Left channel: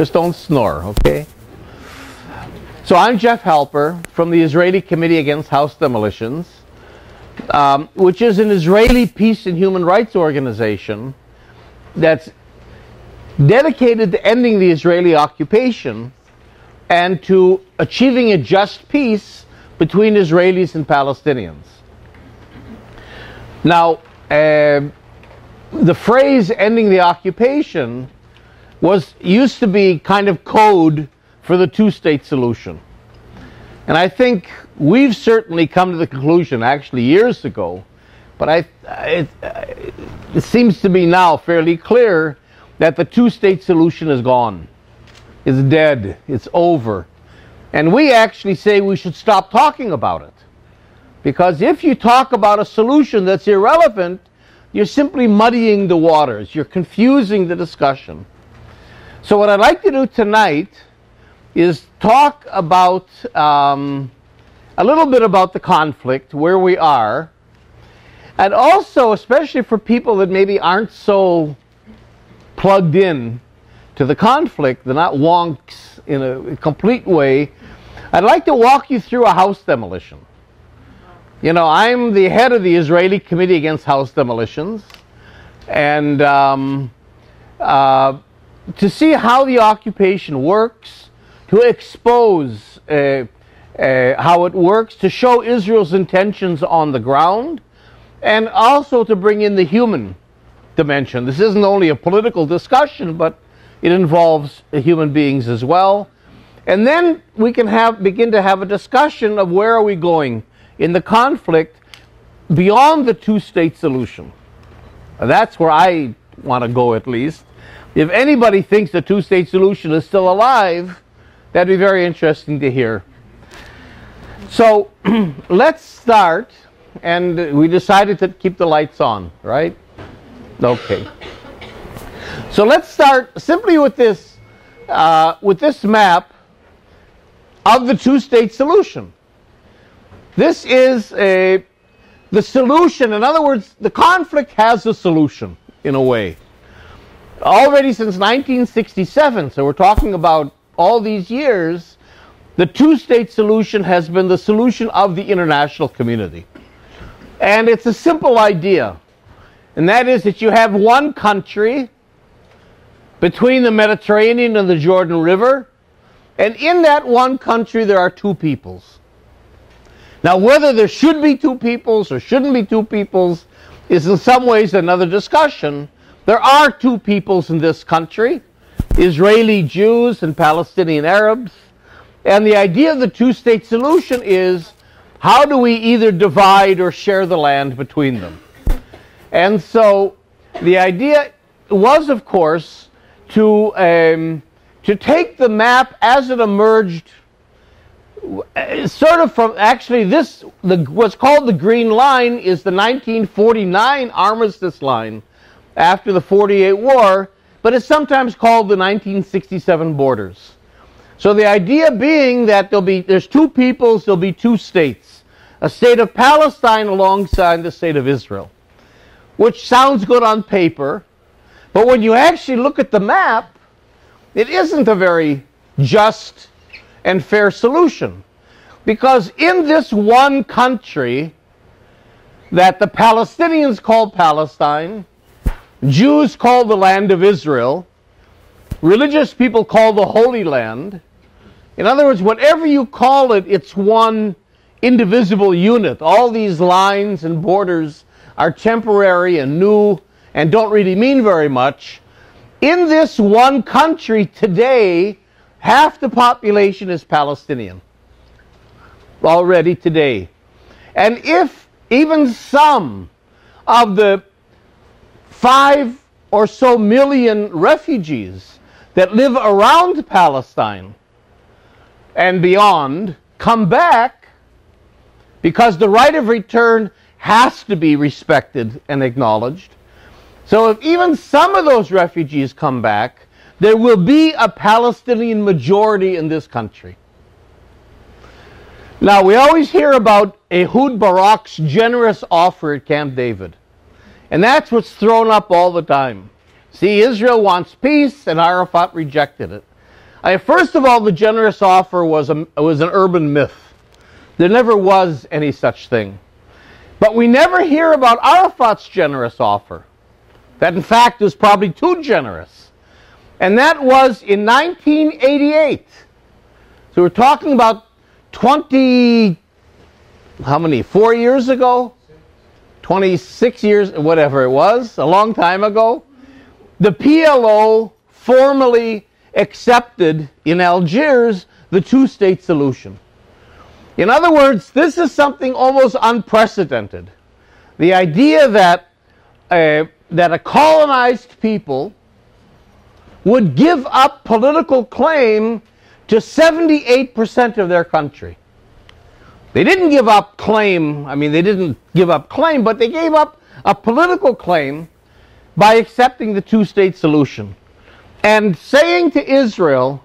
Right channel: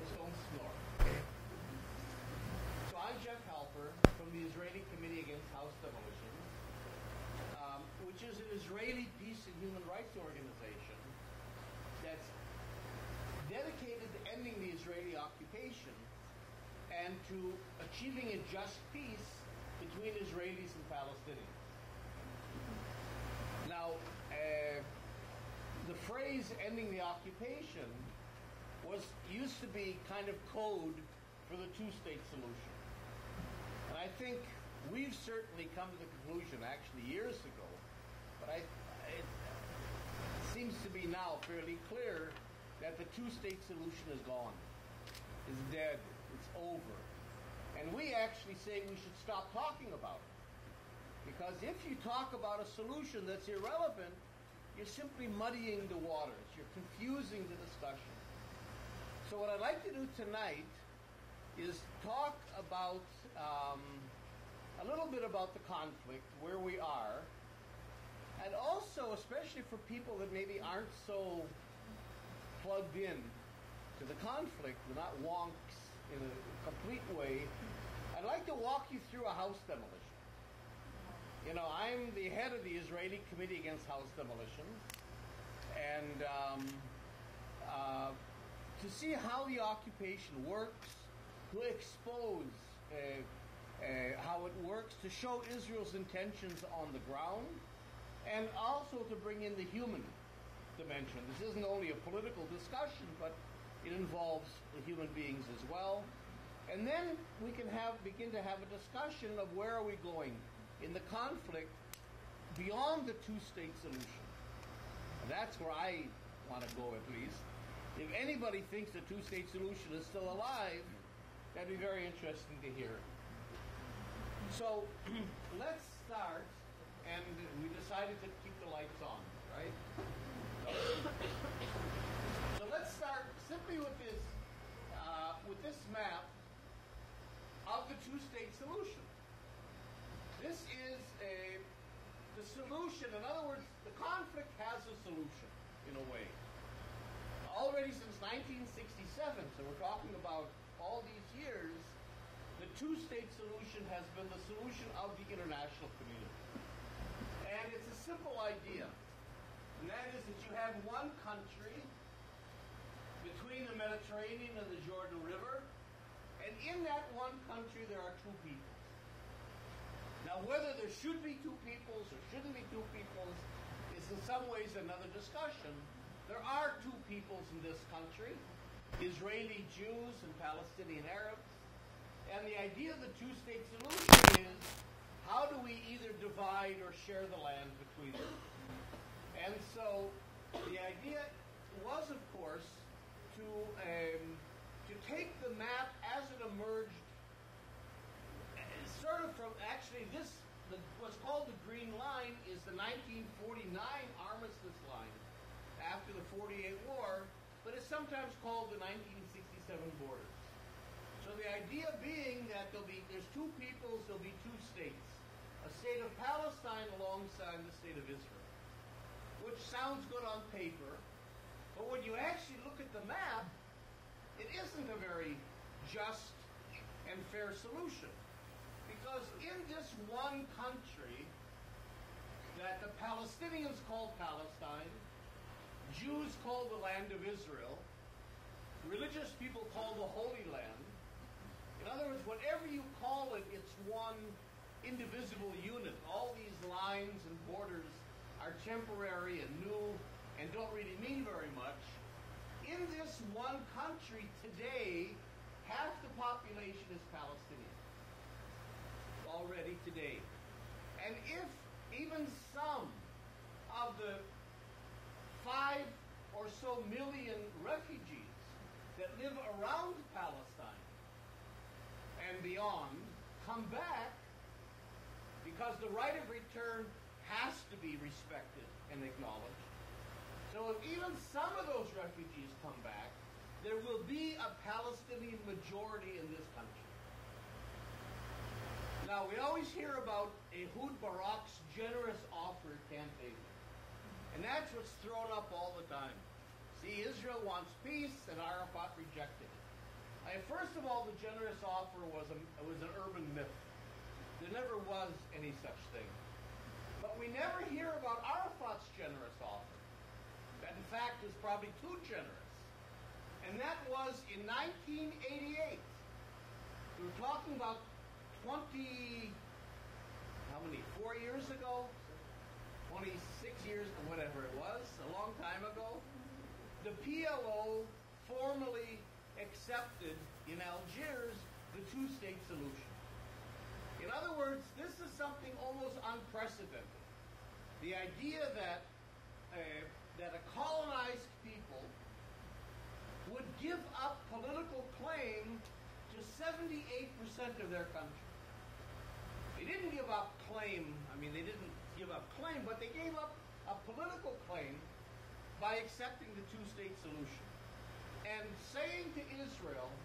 Just don't snore, okay? So I'm Jeff Halper from the Israeli Committee Against House Demolitions, which is an Israeli peace and human rights organization that's dedicated to ending the Israeli occupation and to achieving a just peace between Israelis and Palestinians. Now, the phrase ending the occupation used to be kind of code for the two-state solution. And I think we've certainly come to the conclusion, actually years ago, but it seems to be now fairly clear that the two-state solution is gone. It's dead. It's over. And we actually say we should stop talking about it. Because if you talk about a solution that's irrelevant, you're simply muddying the waters. You're confusing the discussion. So what I'd like to do tonight is talk about a little bit about the conflict, where we are, and also, especially for people that maybe aren't so plugged in to the conflict, they're not wonks in a complete way, I'd like to walk you through a house demolition. You know, I'm the head of the Israeli Committee Against House Demolitions, and to see how the occupation works, to expose how it works, to show Israel's intentions on the ground, and also to bring in the human dimension. This isn't only a political discussion, but it involves human beings as well. And then we can begin to have a discussion of where are we going in the conflict beyond the two-state solution. That's where I want to go, at least. If anybody thinks the two-state solution is still alive, that'd be very interesting to hear. So let's start, and we decided to keep the lights on, right? Okay. So let's start simply with this map of the two-state solution. This is the solution. In other words, the conflict has a solution, in a way. Already since 1967, so we're talking about all these years, the two-state solution has been the solution of the international community. And it's a simple idea, and that is that you have one country between the Mediterranean and the Jordan River, and in that one country there are two peoples. Now, whether there should be two peoples or shouldn't be two peoples is in some ways another discussion. There are two peoples in this country, Israeli Jews and Palestinian Arabs. And the idea of the two-state solution is, how do we either divide or share the land between them? And so the idea was, of course, to take the map as it emerged, sort of from, actually what's called the Green Line is the 1949 armistice line after the 48 war, but it's sometimes called the 1967 borders. So the idea being that there's two peoples, there'll be two states, a state of Palestine alongside the state of Israel, which sounds good on paper, but when you actually look at the map, it isn't a very just and fair solution, because in this one country that the Palestinians call Palestine, Jews call the land of Israel, religious people call the Holy Land. In other words, whatever you call it, it's one indivisible unit. All these lines and borders are temporary and new and don't really mean very much. In this one country today, half the population is Palestinian already today. And if even some of the 5 or so million refugees that live around Palestine and beyond come back, because the right of return has to be respected and acknowledged. So if even some of those refugees come back, there will be a Palestinian majority in this country. Now, we always hear about Ehud Barak's generous offer at Camp David. And that's what's thrown up all the time. See, Israel wants peace, and Arafat rejected it. First of all, the generous offer was an urban myth. There never was any such thing. But we never hear about Arafat's generous offer. That, in fact, was probably too generous. And that was in 1988. So we're talking about 4 years ago? 26 years, whatever it was, a long time ago. The PLO formally accepted in Algiers the two-state solution. In other words, this is something almost unprecedented. The idea that a colonized people would give up political claim to 78% of their country. They didn't give up claim, they didn't give up claim, but they gave up a political claim by accepting the two-state solution. And saying to Israel,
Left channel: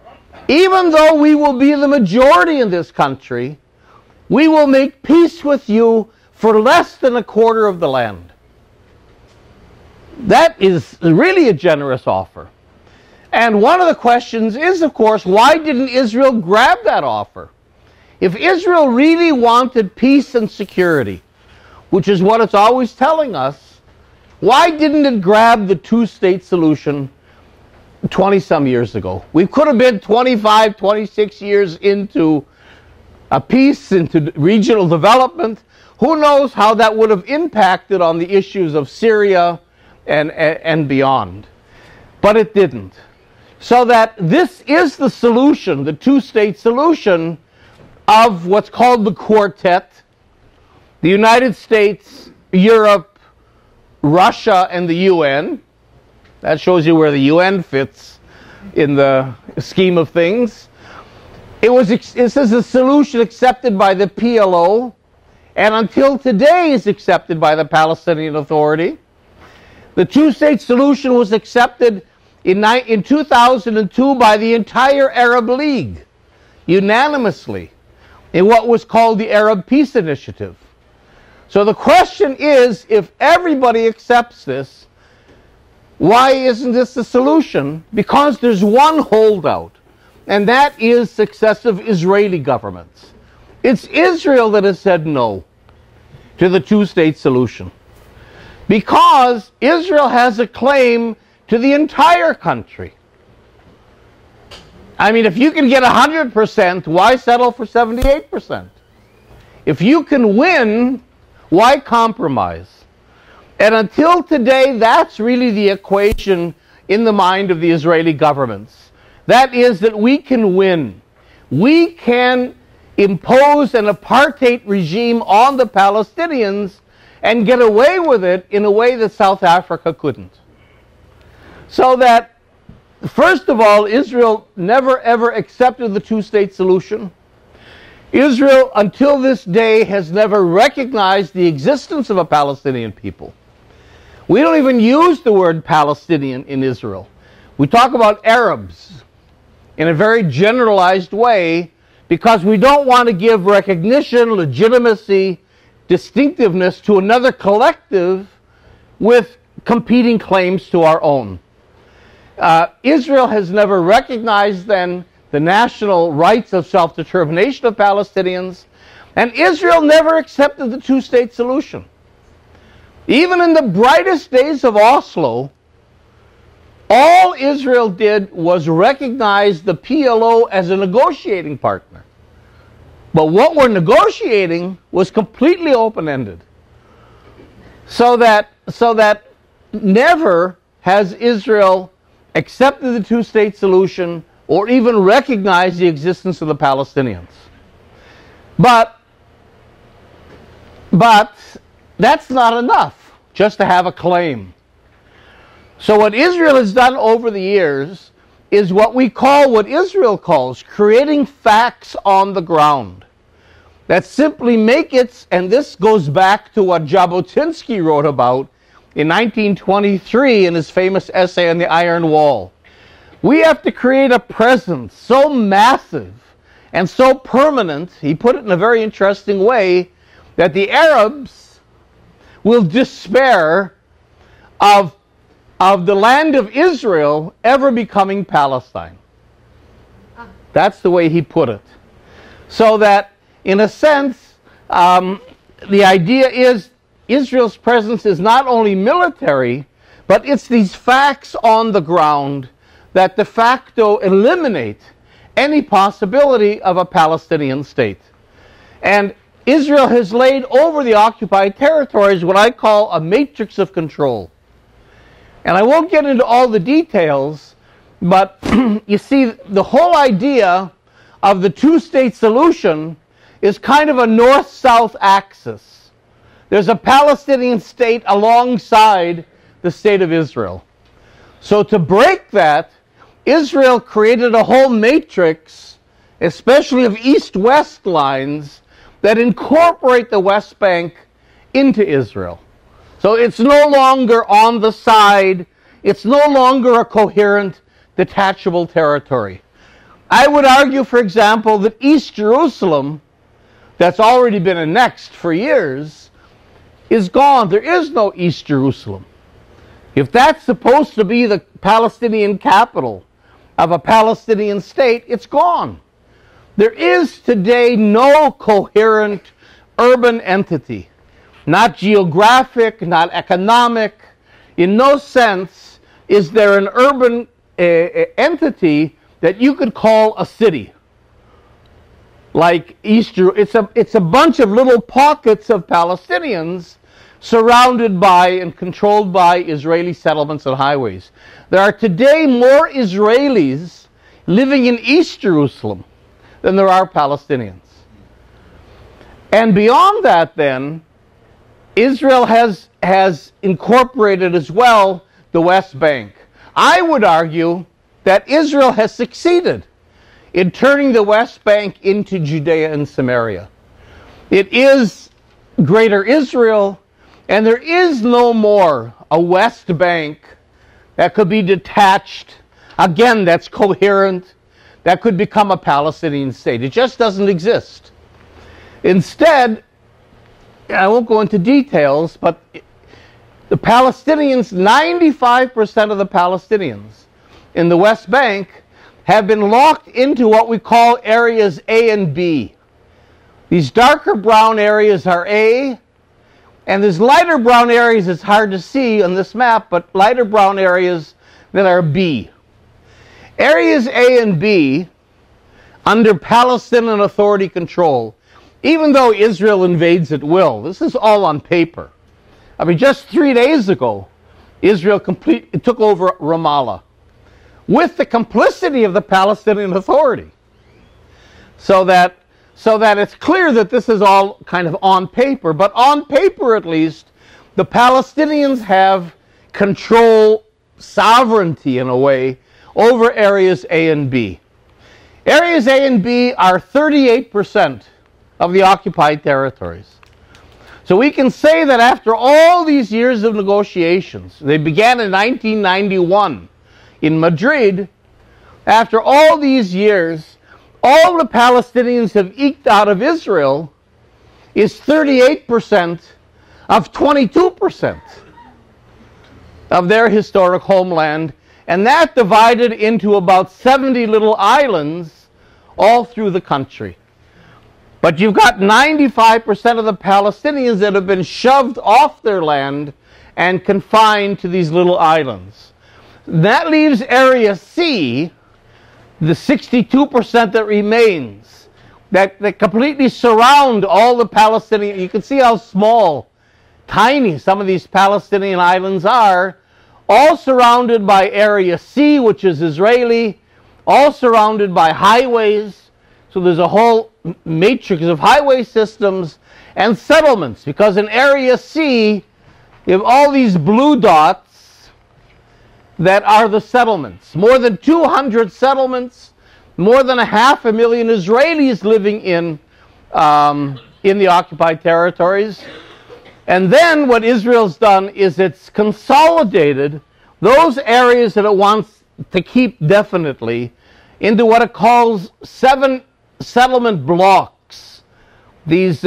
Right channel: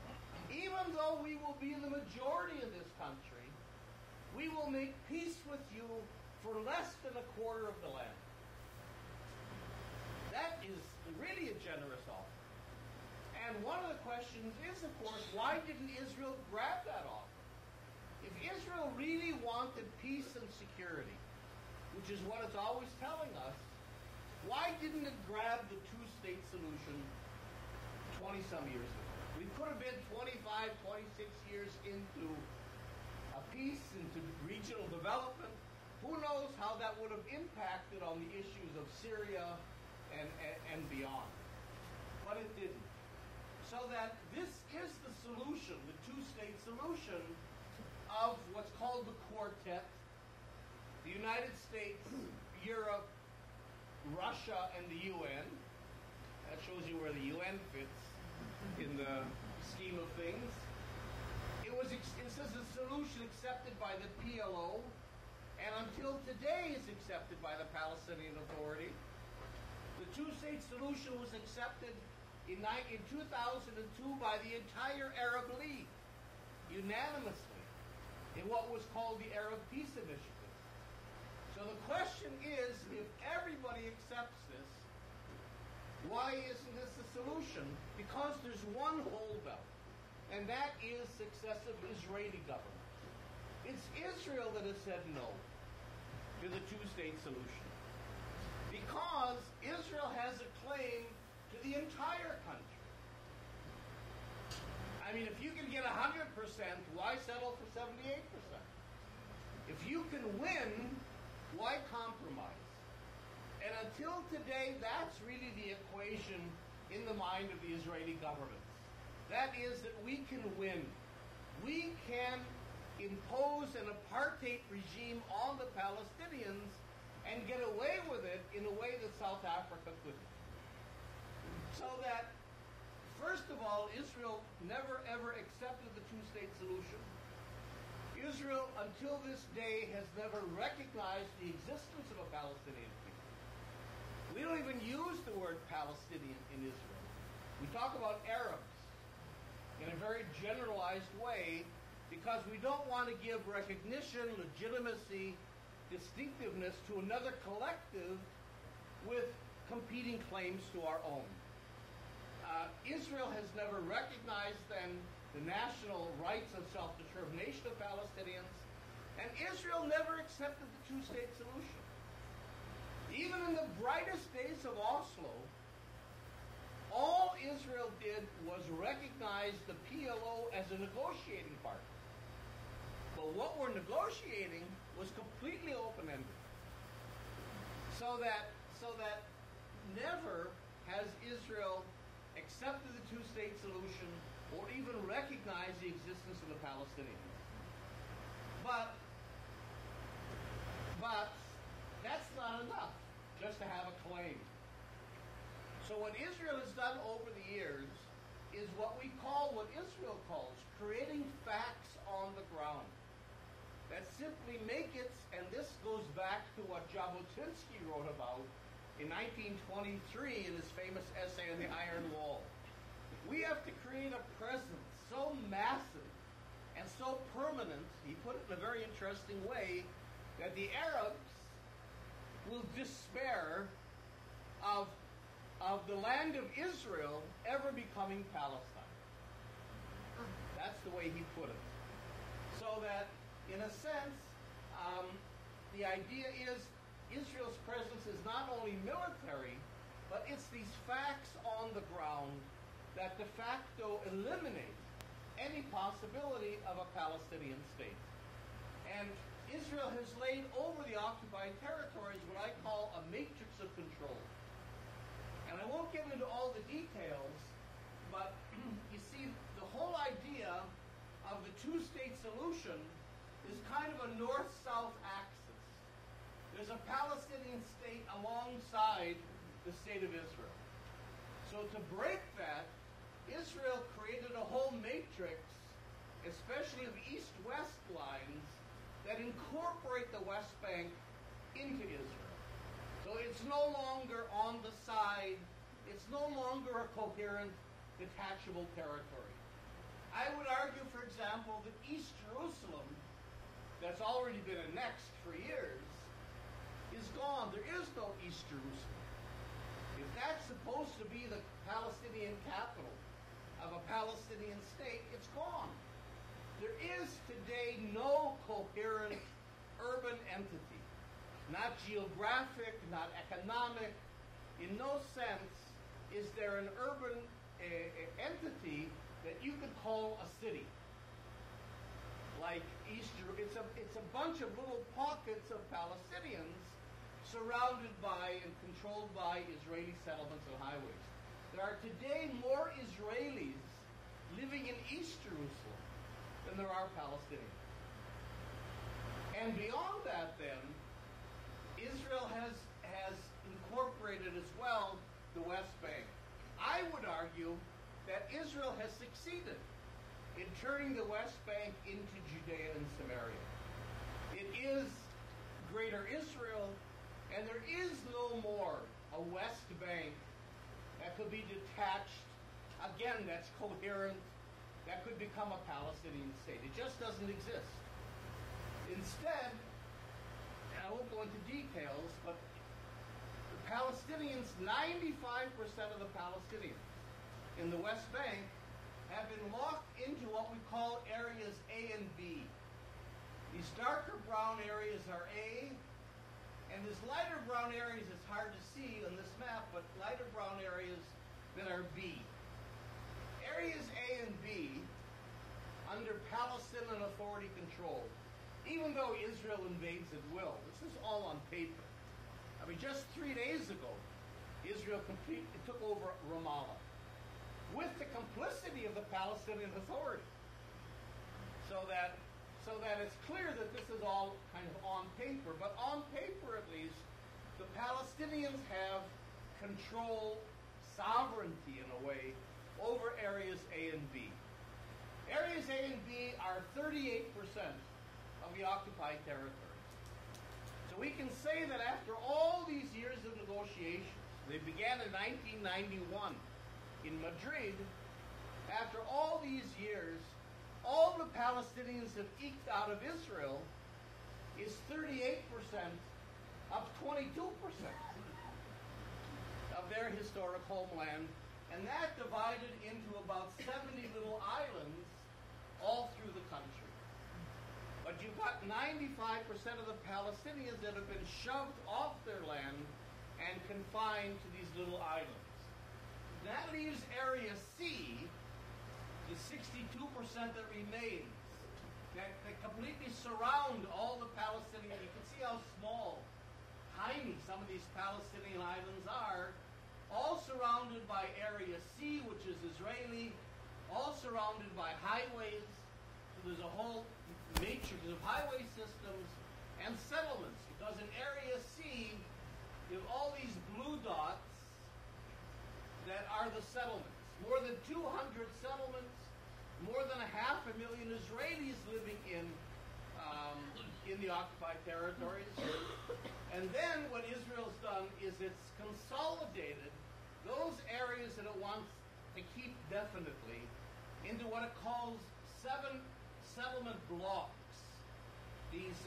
even though we will be the majority in this country, we will make peace with you for less than a quarter of the land. That is really a generous offer. And one of the questions is, of course, why didn't Israel grab that offer? If Israel really wanted peace and security, which is what it's always telling us, why didn't it grab the two-state solution 20-some years ago? We could have been 25, 26 years into a peace, into regional development. Who knows how that would have impacted on the issues of Syria and beyond. But it didn't. So that this is the solution, the two-state solution of what's called the Quartet: the United States, Europe, Russia, and the UN. That shows you where the UN fits in the scheme of things. This is a solution accepted by the PLO, and until today is accepted by the Palestinian Authority. The two-state solution was accepted in 2002 by the entire Arab League, unanimously, in what was called the Arab Peace Initiative. So the question is, if everybody accepts this, why isn't this the solution? Because there's one holdout, and that is successive Israeli governments. It's Israel that has said no to the two-state solution, because Israel has a claim to the entire country. If you can get 100%, why settle for 78%? If you can win, why compromise? And until today, that's really the equation in the mind of the Israeli governments. That is, that we can win. We can impose an apartheid regime on the Palestinians and get away with it in a way that South Africa couldn't. So that, first of all, Israel never ever accepted the two-state solution. Israel, until this day, has never recognized the existence of a Palestinian people. We don't even use the word Palestinian in Israel. We talk about Arabs in a very generalized way because we don't want to give recognition, legitimacy, distinctiveness to another collective with competing claims to our own. Israel has never recognized then the national rights of self-determination of Palestinians, and Israel never accepted the two-state solution. Even in the brightest days of Oslo, all Israel did was recognize the PLO as a negotiating partner. But what we're negotiating was completely open-ended. So that never has Israel accepted the two-state solution or even recognized the existence of the Palestinians. But that's not enough just to have a claim. So what Israel has done over the years is what Israel calls creating facts on the ground that simply make it, and this goes back to what Jabotinsky wrote about in 1923 in his famous essay on the Iron Wall. We have to create a presence so massive and so permanent, he put it in a very interesting way, that the Arabs will despair of the land of Israel ever becoming Palestine. That's the way he put it. So that, in a sense, the idea is Israel's presence is not only military, but it's these facts on the ground that de facto eliminate any possibility of a Palestinian state. And Israel has laid over the occupied territories what I call a matrix of control. And I won't get into all the details, but you see, the whole idea of the two-state solution is kind of a north-south axis. There's a Palestinian state alongside the state of Israel. So to break that, Israel created a whole matrix, especially of east-west lines, that incorporate the West Bank into Israel. So it's no longer on the side, it's no longer a coherent, detachable territory. I would argue, for example, that East Jerusalem, that's already been annexed for years, is gone. There is no East Jerusalem. If that's supposed to be the Palestinian capital of a Palestinian state, it's gone. There is today no coherent urban entity, not geographic, not economic. In no sense is there an urban entity that you could call a city. Like it's a bunch of little pockets of Palestinians surrounded by and controlled by Israeli settlements and highways. There are today more Israelis living in East Jerusalem than there are Palestinians. And beyond that, then, Israel has incorporated as well the West Bank. I would argue that Israel has succeeded in turning the West Bank into Judea and Samaria. It is Greater Israel, and there is no more a West Bank that could be detached, again, that's coherent, that could become a Palestinian state. It just doesn't exist. Instead, I won't go into details, but the Palestinians, 95% of the Palestinians in the West Bank have been locked into what we call areas A and B. These darker brown areas are A, and there's lighter brown areas, it's hard to see on this map, but lighter brown areas that are B. Areas A and B, under Palestinian Authority control, even though Israel invades at will, this is all on paper. I mean, just 3 days ago, Israel took over Ramallah with the complicity of the Palestinian Authority. So that it's clear that this is all kind of on paper, but on paper at least, the Palestinians have control, sovereignty in a way, over areas A and B. Areas A and B are 38% of the occupied territories. So we can say that after all these years of negotiations, they began in 1991 in Madrid, after all these years, all the Palestinians have eked out of Israel is 38% of 22% of their historic homeland, and that divided into about 70 little islands all through the country. But you've got 95% of the Palestinians that have been shoved off their land and confined to these little islands. That leaves Area C, the 62% that remains, that completely surround all the Palestinian. You can see how small, tiny some of these Palestinian islands are, all surrounded by Area C, which is Israeli, all surrounded by highways. So there's a whole matrix of highway systems and settlements, because in Area C, you have all these blue dots that are the settlements. More than 200 settlements, more than 500,000 Israelis living in the occupied territories. And then what Israel's done is it's consolidated those areas that it wants to keep definitely into what it calls 7 settlement blocks. These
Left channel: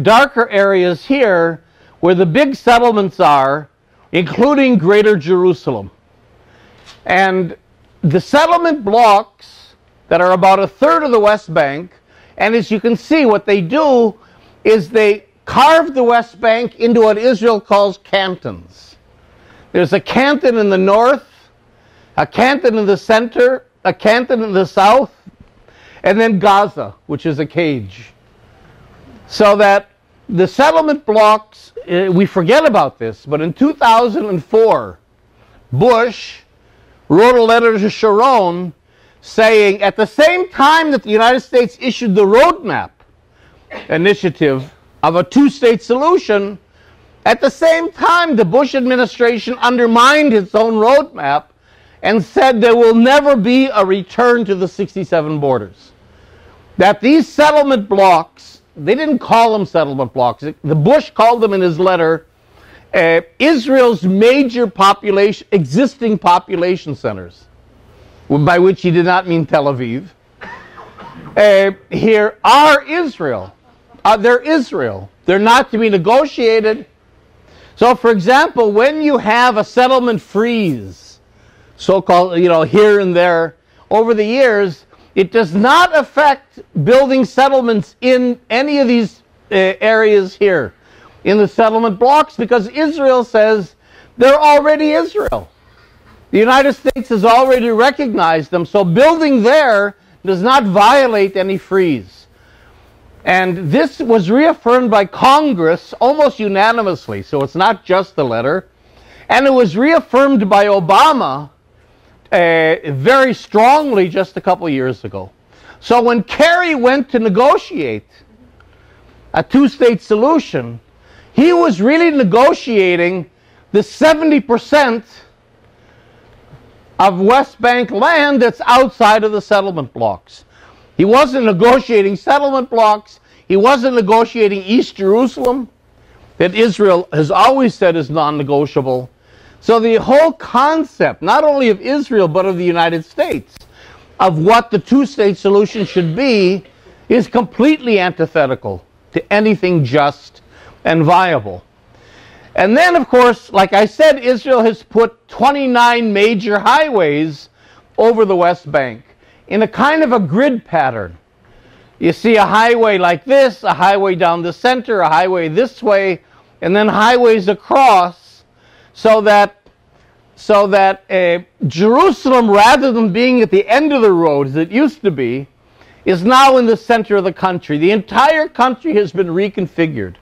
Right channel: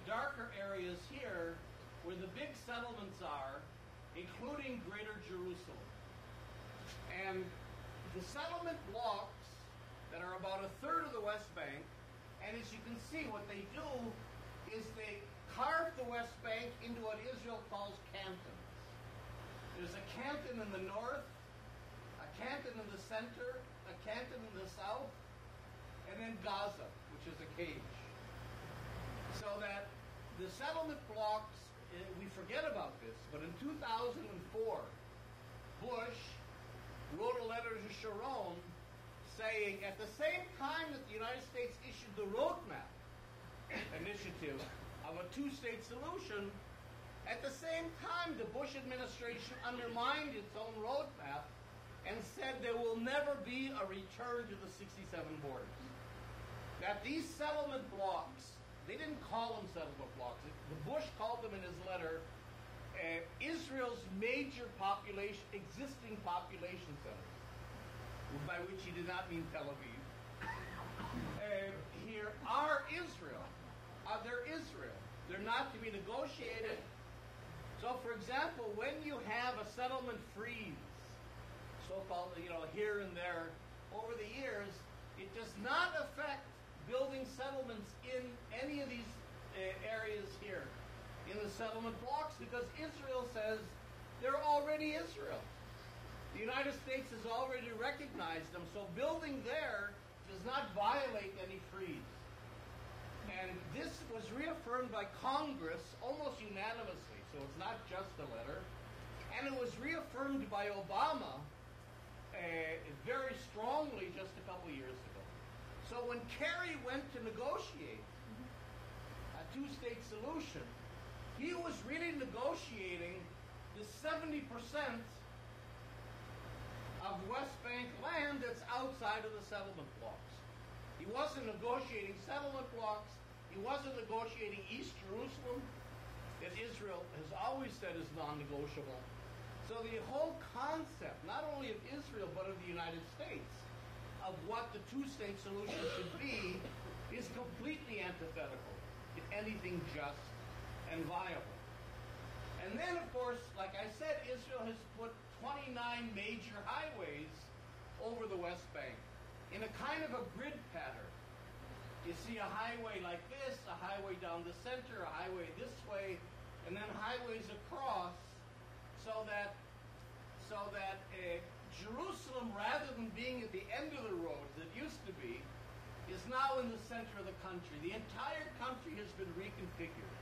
darker areas here where the big settlements are, including Greater Jerusalem. And the settlement blocks that are about a third of the West Bank. And as you can see, what they do is they carve the West Bank into what Israel calls cantons. There's a canton in the north, a canton in the center, a canton in the south, and then Gaza, which is a cage. So that the settlement blocks, we forget about this, but in 2004, Bush wrote a letter to Sharon saying, at the same time that the United States issued the roadmap initiative of a two-state solution, at the same time the Bush administration undermined its own roadmap and said there will never be a return to the 67 borders. That these settlement blocks, they didn't call them settlement blocks, the Bush called them in his letter Israel's major population, existing population centers, by which he did not mean Tel Aviv. Here are Israel. They're Israel. They're not to be negotiated. So, for example, when you have a settlement freeze, so-called, here and there, over the years, it does not affect building settlements in any of these areas here, in the settlement blocks, because Israel says they're already Israel. The United States has already recognized them, so building there does not violate any freeze. And this was reaffirmed by Congress almost unanimously, so it's not just the letter. And it was reaffirmed by Obama very strongly just a couple years ago. So when Kerry went to negotiate a two-state solution, he was really negotiating the 70% of West Bank land that's outside of the settlement blocks. He wasn't negotiating settlement blocks. He wasn't negotiating East Jerusalem, that Israel has always said is non-negotiable. So the whole concept, not only of Israel, but of the United States, of what the two-state solution should be, is completely antithetical to anything just and viable. And then, of course, like I said, Israel has put 29 major highways over the West Bank in a kind of a grid pattern. You see a highway like this, a highway down the center, a highway this way, and then highways across, so that Jerusalem, rather than being at the end of the road as it used to be, is now in the center of the country. The entire country has been reconfigured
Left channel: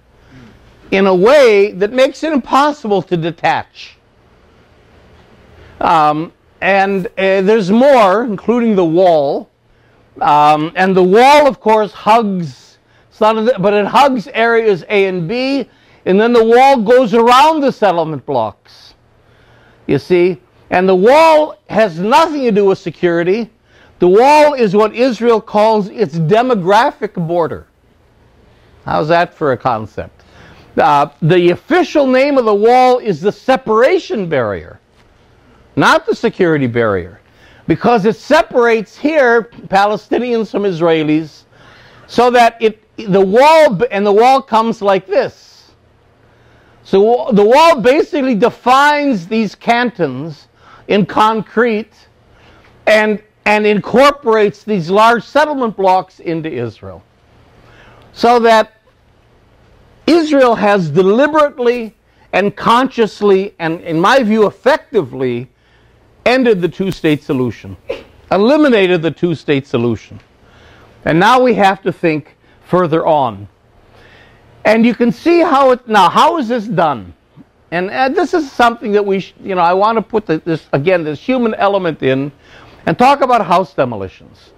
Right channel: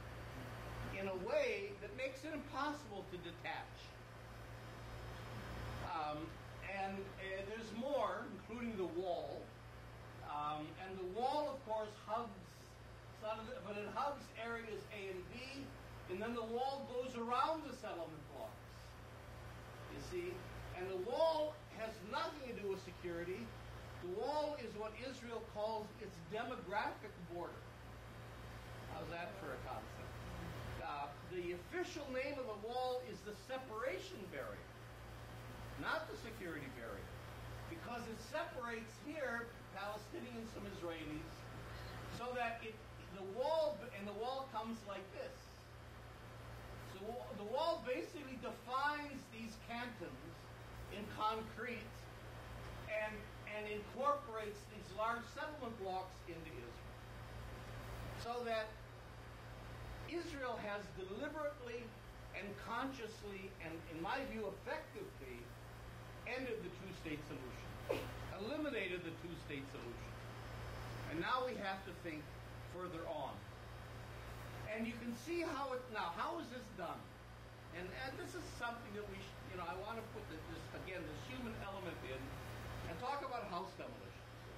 in a way that makes it impossible to detach. And there's more, including the wall. And the wall, of course, hugs, but it hugs areas A and B, and then the wall goes around the settlement blocks, you see. And the wall has nothing to do with security. The wall is what Israel calls its demographic border. How's that for a concept? The official name of the wall is the separation barrier, not the security barrier, because it separates here Palestinians from Israelis, so that the wall comes like this. So the wall basically defines these cantons in concrete and incorporates these large settlement blocks into Israel, so that Israel has deliberately and consciously, and in my view effectively, ended the two-state solution, eliminated the two-state solution. And now we have to think further on. And you can see how how is this done? And this is something that I want to put this human element in and talk about house demolitions.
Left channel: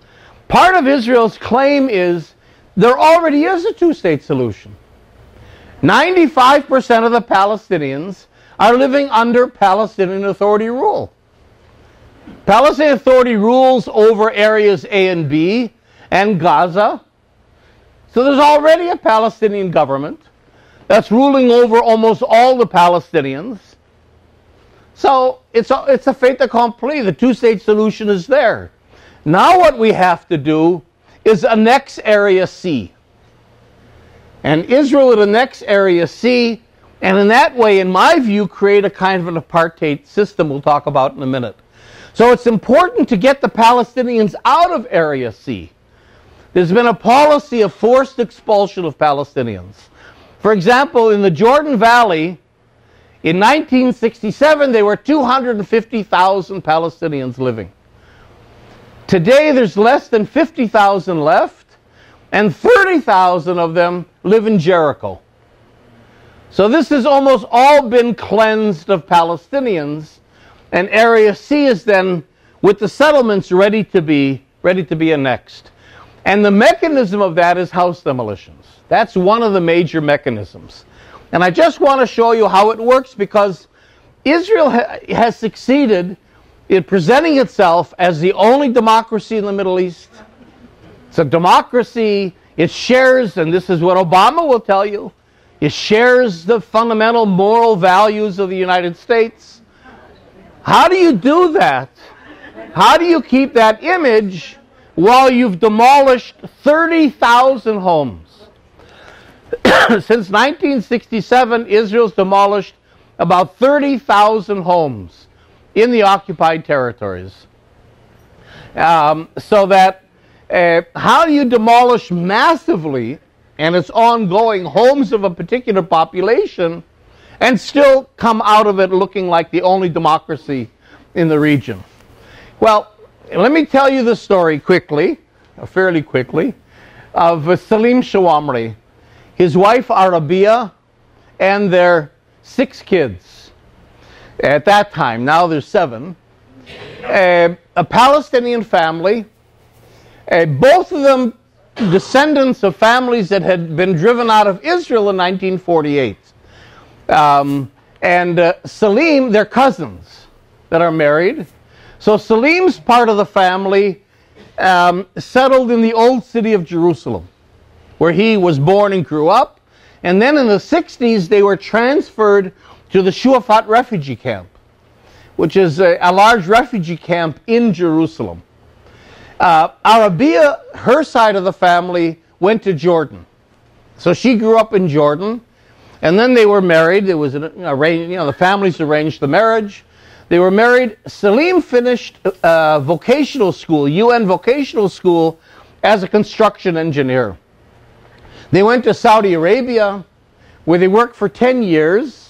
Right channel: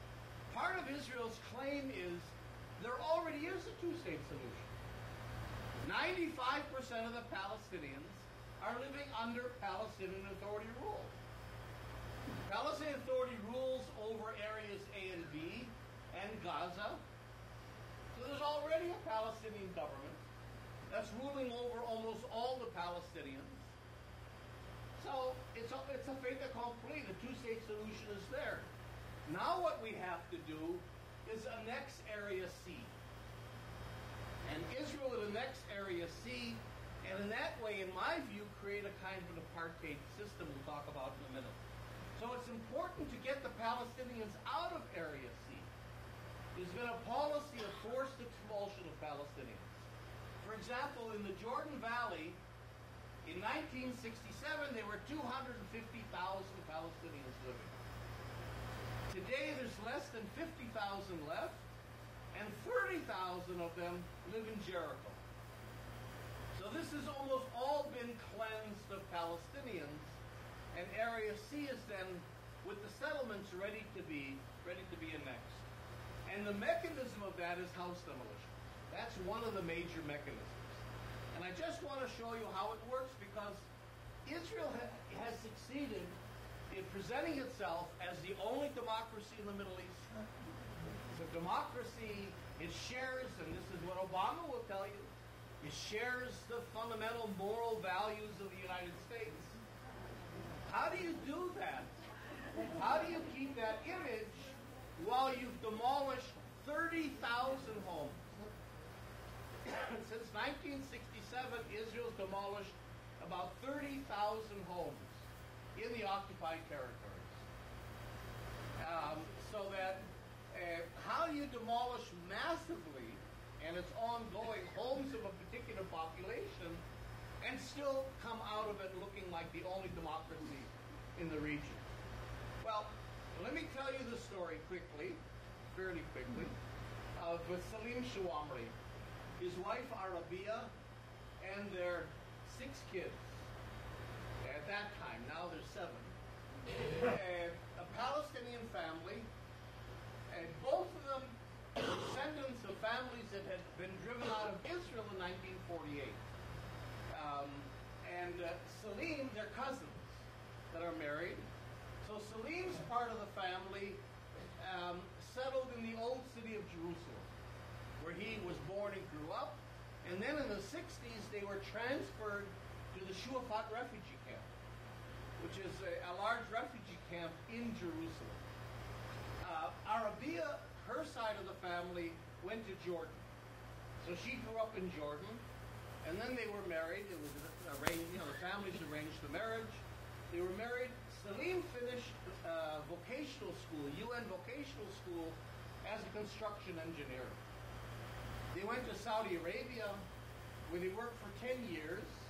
Part of Israel's claim is there already is a two-state solution. 95% of the Palestinians are living under Palestinian Authority rule. Palestinian Authority rules over areas A and B and Gaza. So there's already a Palestinian government that's ruling over almost all the Palestinians. So it's a fait accompli. The two-state solution is there. Now what we have to do is annex Area C. And Israel would annex Area C, and in that way, in my view, create a kind of an apartheid system we'll talk about in a minute. So it's important to get the Palestinians out of Area C. There's been a policy of forced expulsion of Palestinians. For example, in the Jordan Valley, in 1967, there were 250,000 Palestinians living. Today, there's less than 50,000 left, and 30,000 of them live in Jericho. So this has almost all been cleansed of Palestinians, and Area C is then, with the settlements, ready to be annexed. And the mechanism of that is house demolitions. That's one of the major mechanisms. And I just want to show you how it works, because Israel has succeeded in presenting itself as the only democracy in the Middle East. It's a democracy. It shares, and this is what Obama will tell you, it shares the fundamental moral values of the United States. How do you do that? How do you keep that image while you've demolished 30,000 homes? Since 1967, Israel's demolished about 30,000 homes in the occupied territories. So that how do you demolish massively, and it's ongoing, homes of a particular population and still come out of it looking like the only democracy in the region? Well, let me tell you the story quickly, fairly quickly, of Salim Shawamri, his wife Arabia, and their 6 kids. At that time, now there's 7. A Palestinian family, both of them descendants of families that had been driven out of Israel in 1948. Salim, they're cousins that are married. So Salim's part of the family settled in the old city of Jerusalem, where he was born and grew up. And then in the 60s, they were transferred to the Shuafat refugee camp, which is a large refugee camp in Jerusalem. Arabia, her side of the family, went to Jordan. So she grew up in Jordan, and then they were married. There was the families arranged the marriage. They were married. Salim finished vocational school, UN vocational school, as a construction engineer. They went to Saudi Arabia, where they worked for 10 years.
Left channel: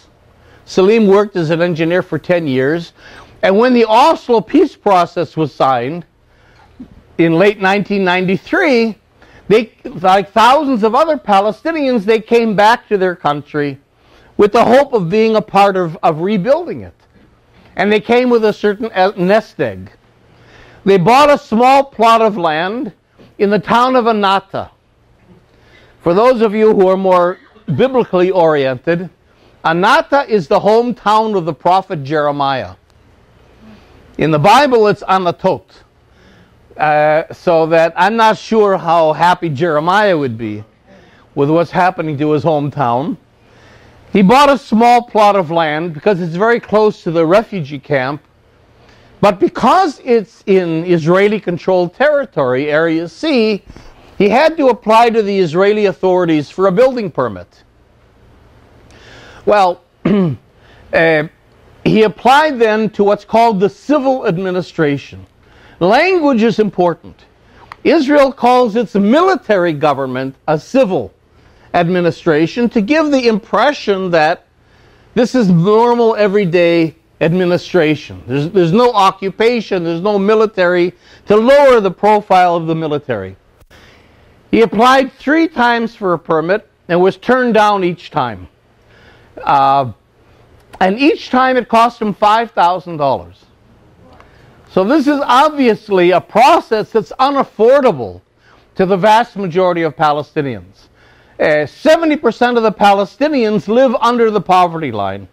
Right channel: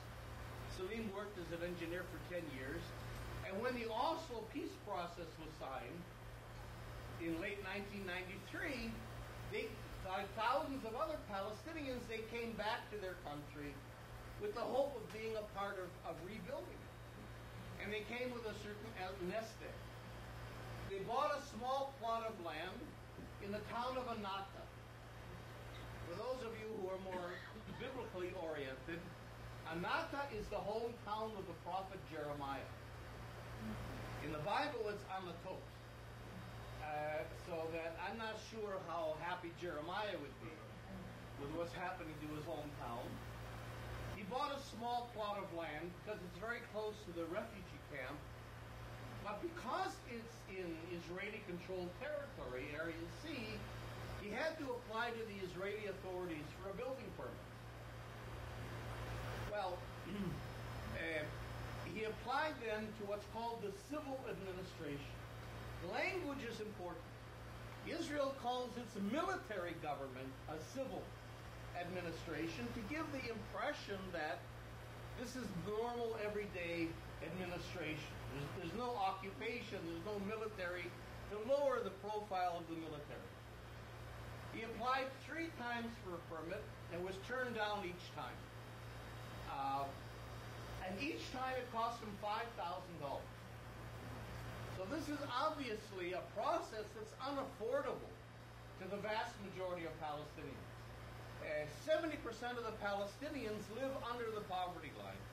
Salim worked as an engineer for 10 years. And when the Oslo peace process was signed in late 1993, they, like thousands of other Palestinians, they came back to their country with the hope of being a part of rebuilding it. And they came with a certain nest egg. They bought a small plot of land in the town of Anata. For those of you who are more biblically oriented, Anata is the hometown of the prophet Jeremiah. In the Bible, it's Anatot. So that I'm not sure how happy Jeremiah would be with what's happening to his hometown. He bought a small plot of land because it's very close to the refugee camp. But because it's in Israeli-controlled territory, Area C, he had to apply to the Israeli authorities for a building permit. Well, he applied then to what's called the civil administration. Language is important. Israel calls its military government a civil administration to give the impression that this is normal, everyday administration. There's no occupation, there's no military, to lower the profile of the military. He applied 3 times for a permit and was turned down each time. And each time it cost him $5,000. So this is obviously a process that's unaffordable to the vast majority of Palestinians. 70% of the Palestinians live under the poverty line,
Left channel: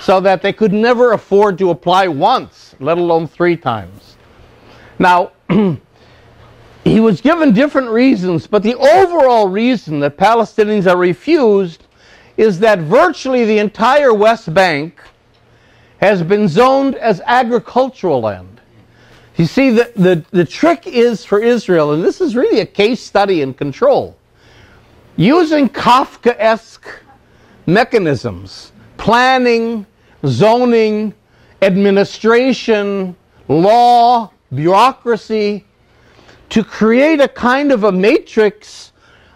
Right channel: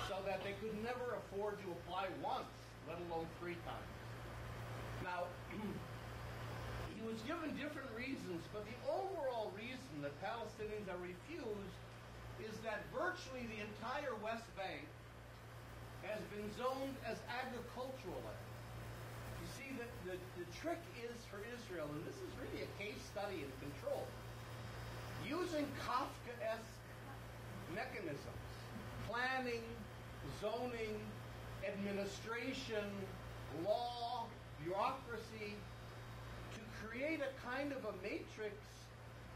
so that they could never afford to apply once, let alone 3 times. Now, he was given different reasons, but the overall reason that Palestinians are refused is that virtually the entire West Bank has been zoned as agricultural land. You see, the trick is for Israel, and this is really a case study in control, using Kafkaesque mechanisms, planning, zoning, administration, law, bureaucracy, to create a kind of a matrix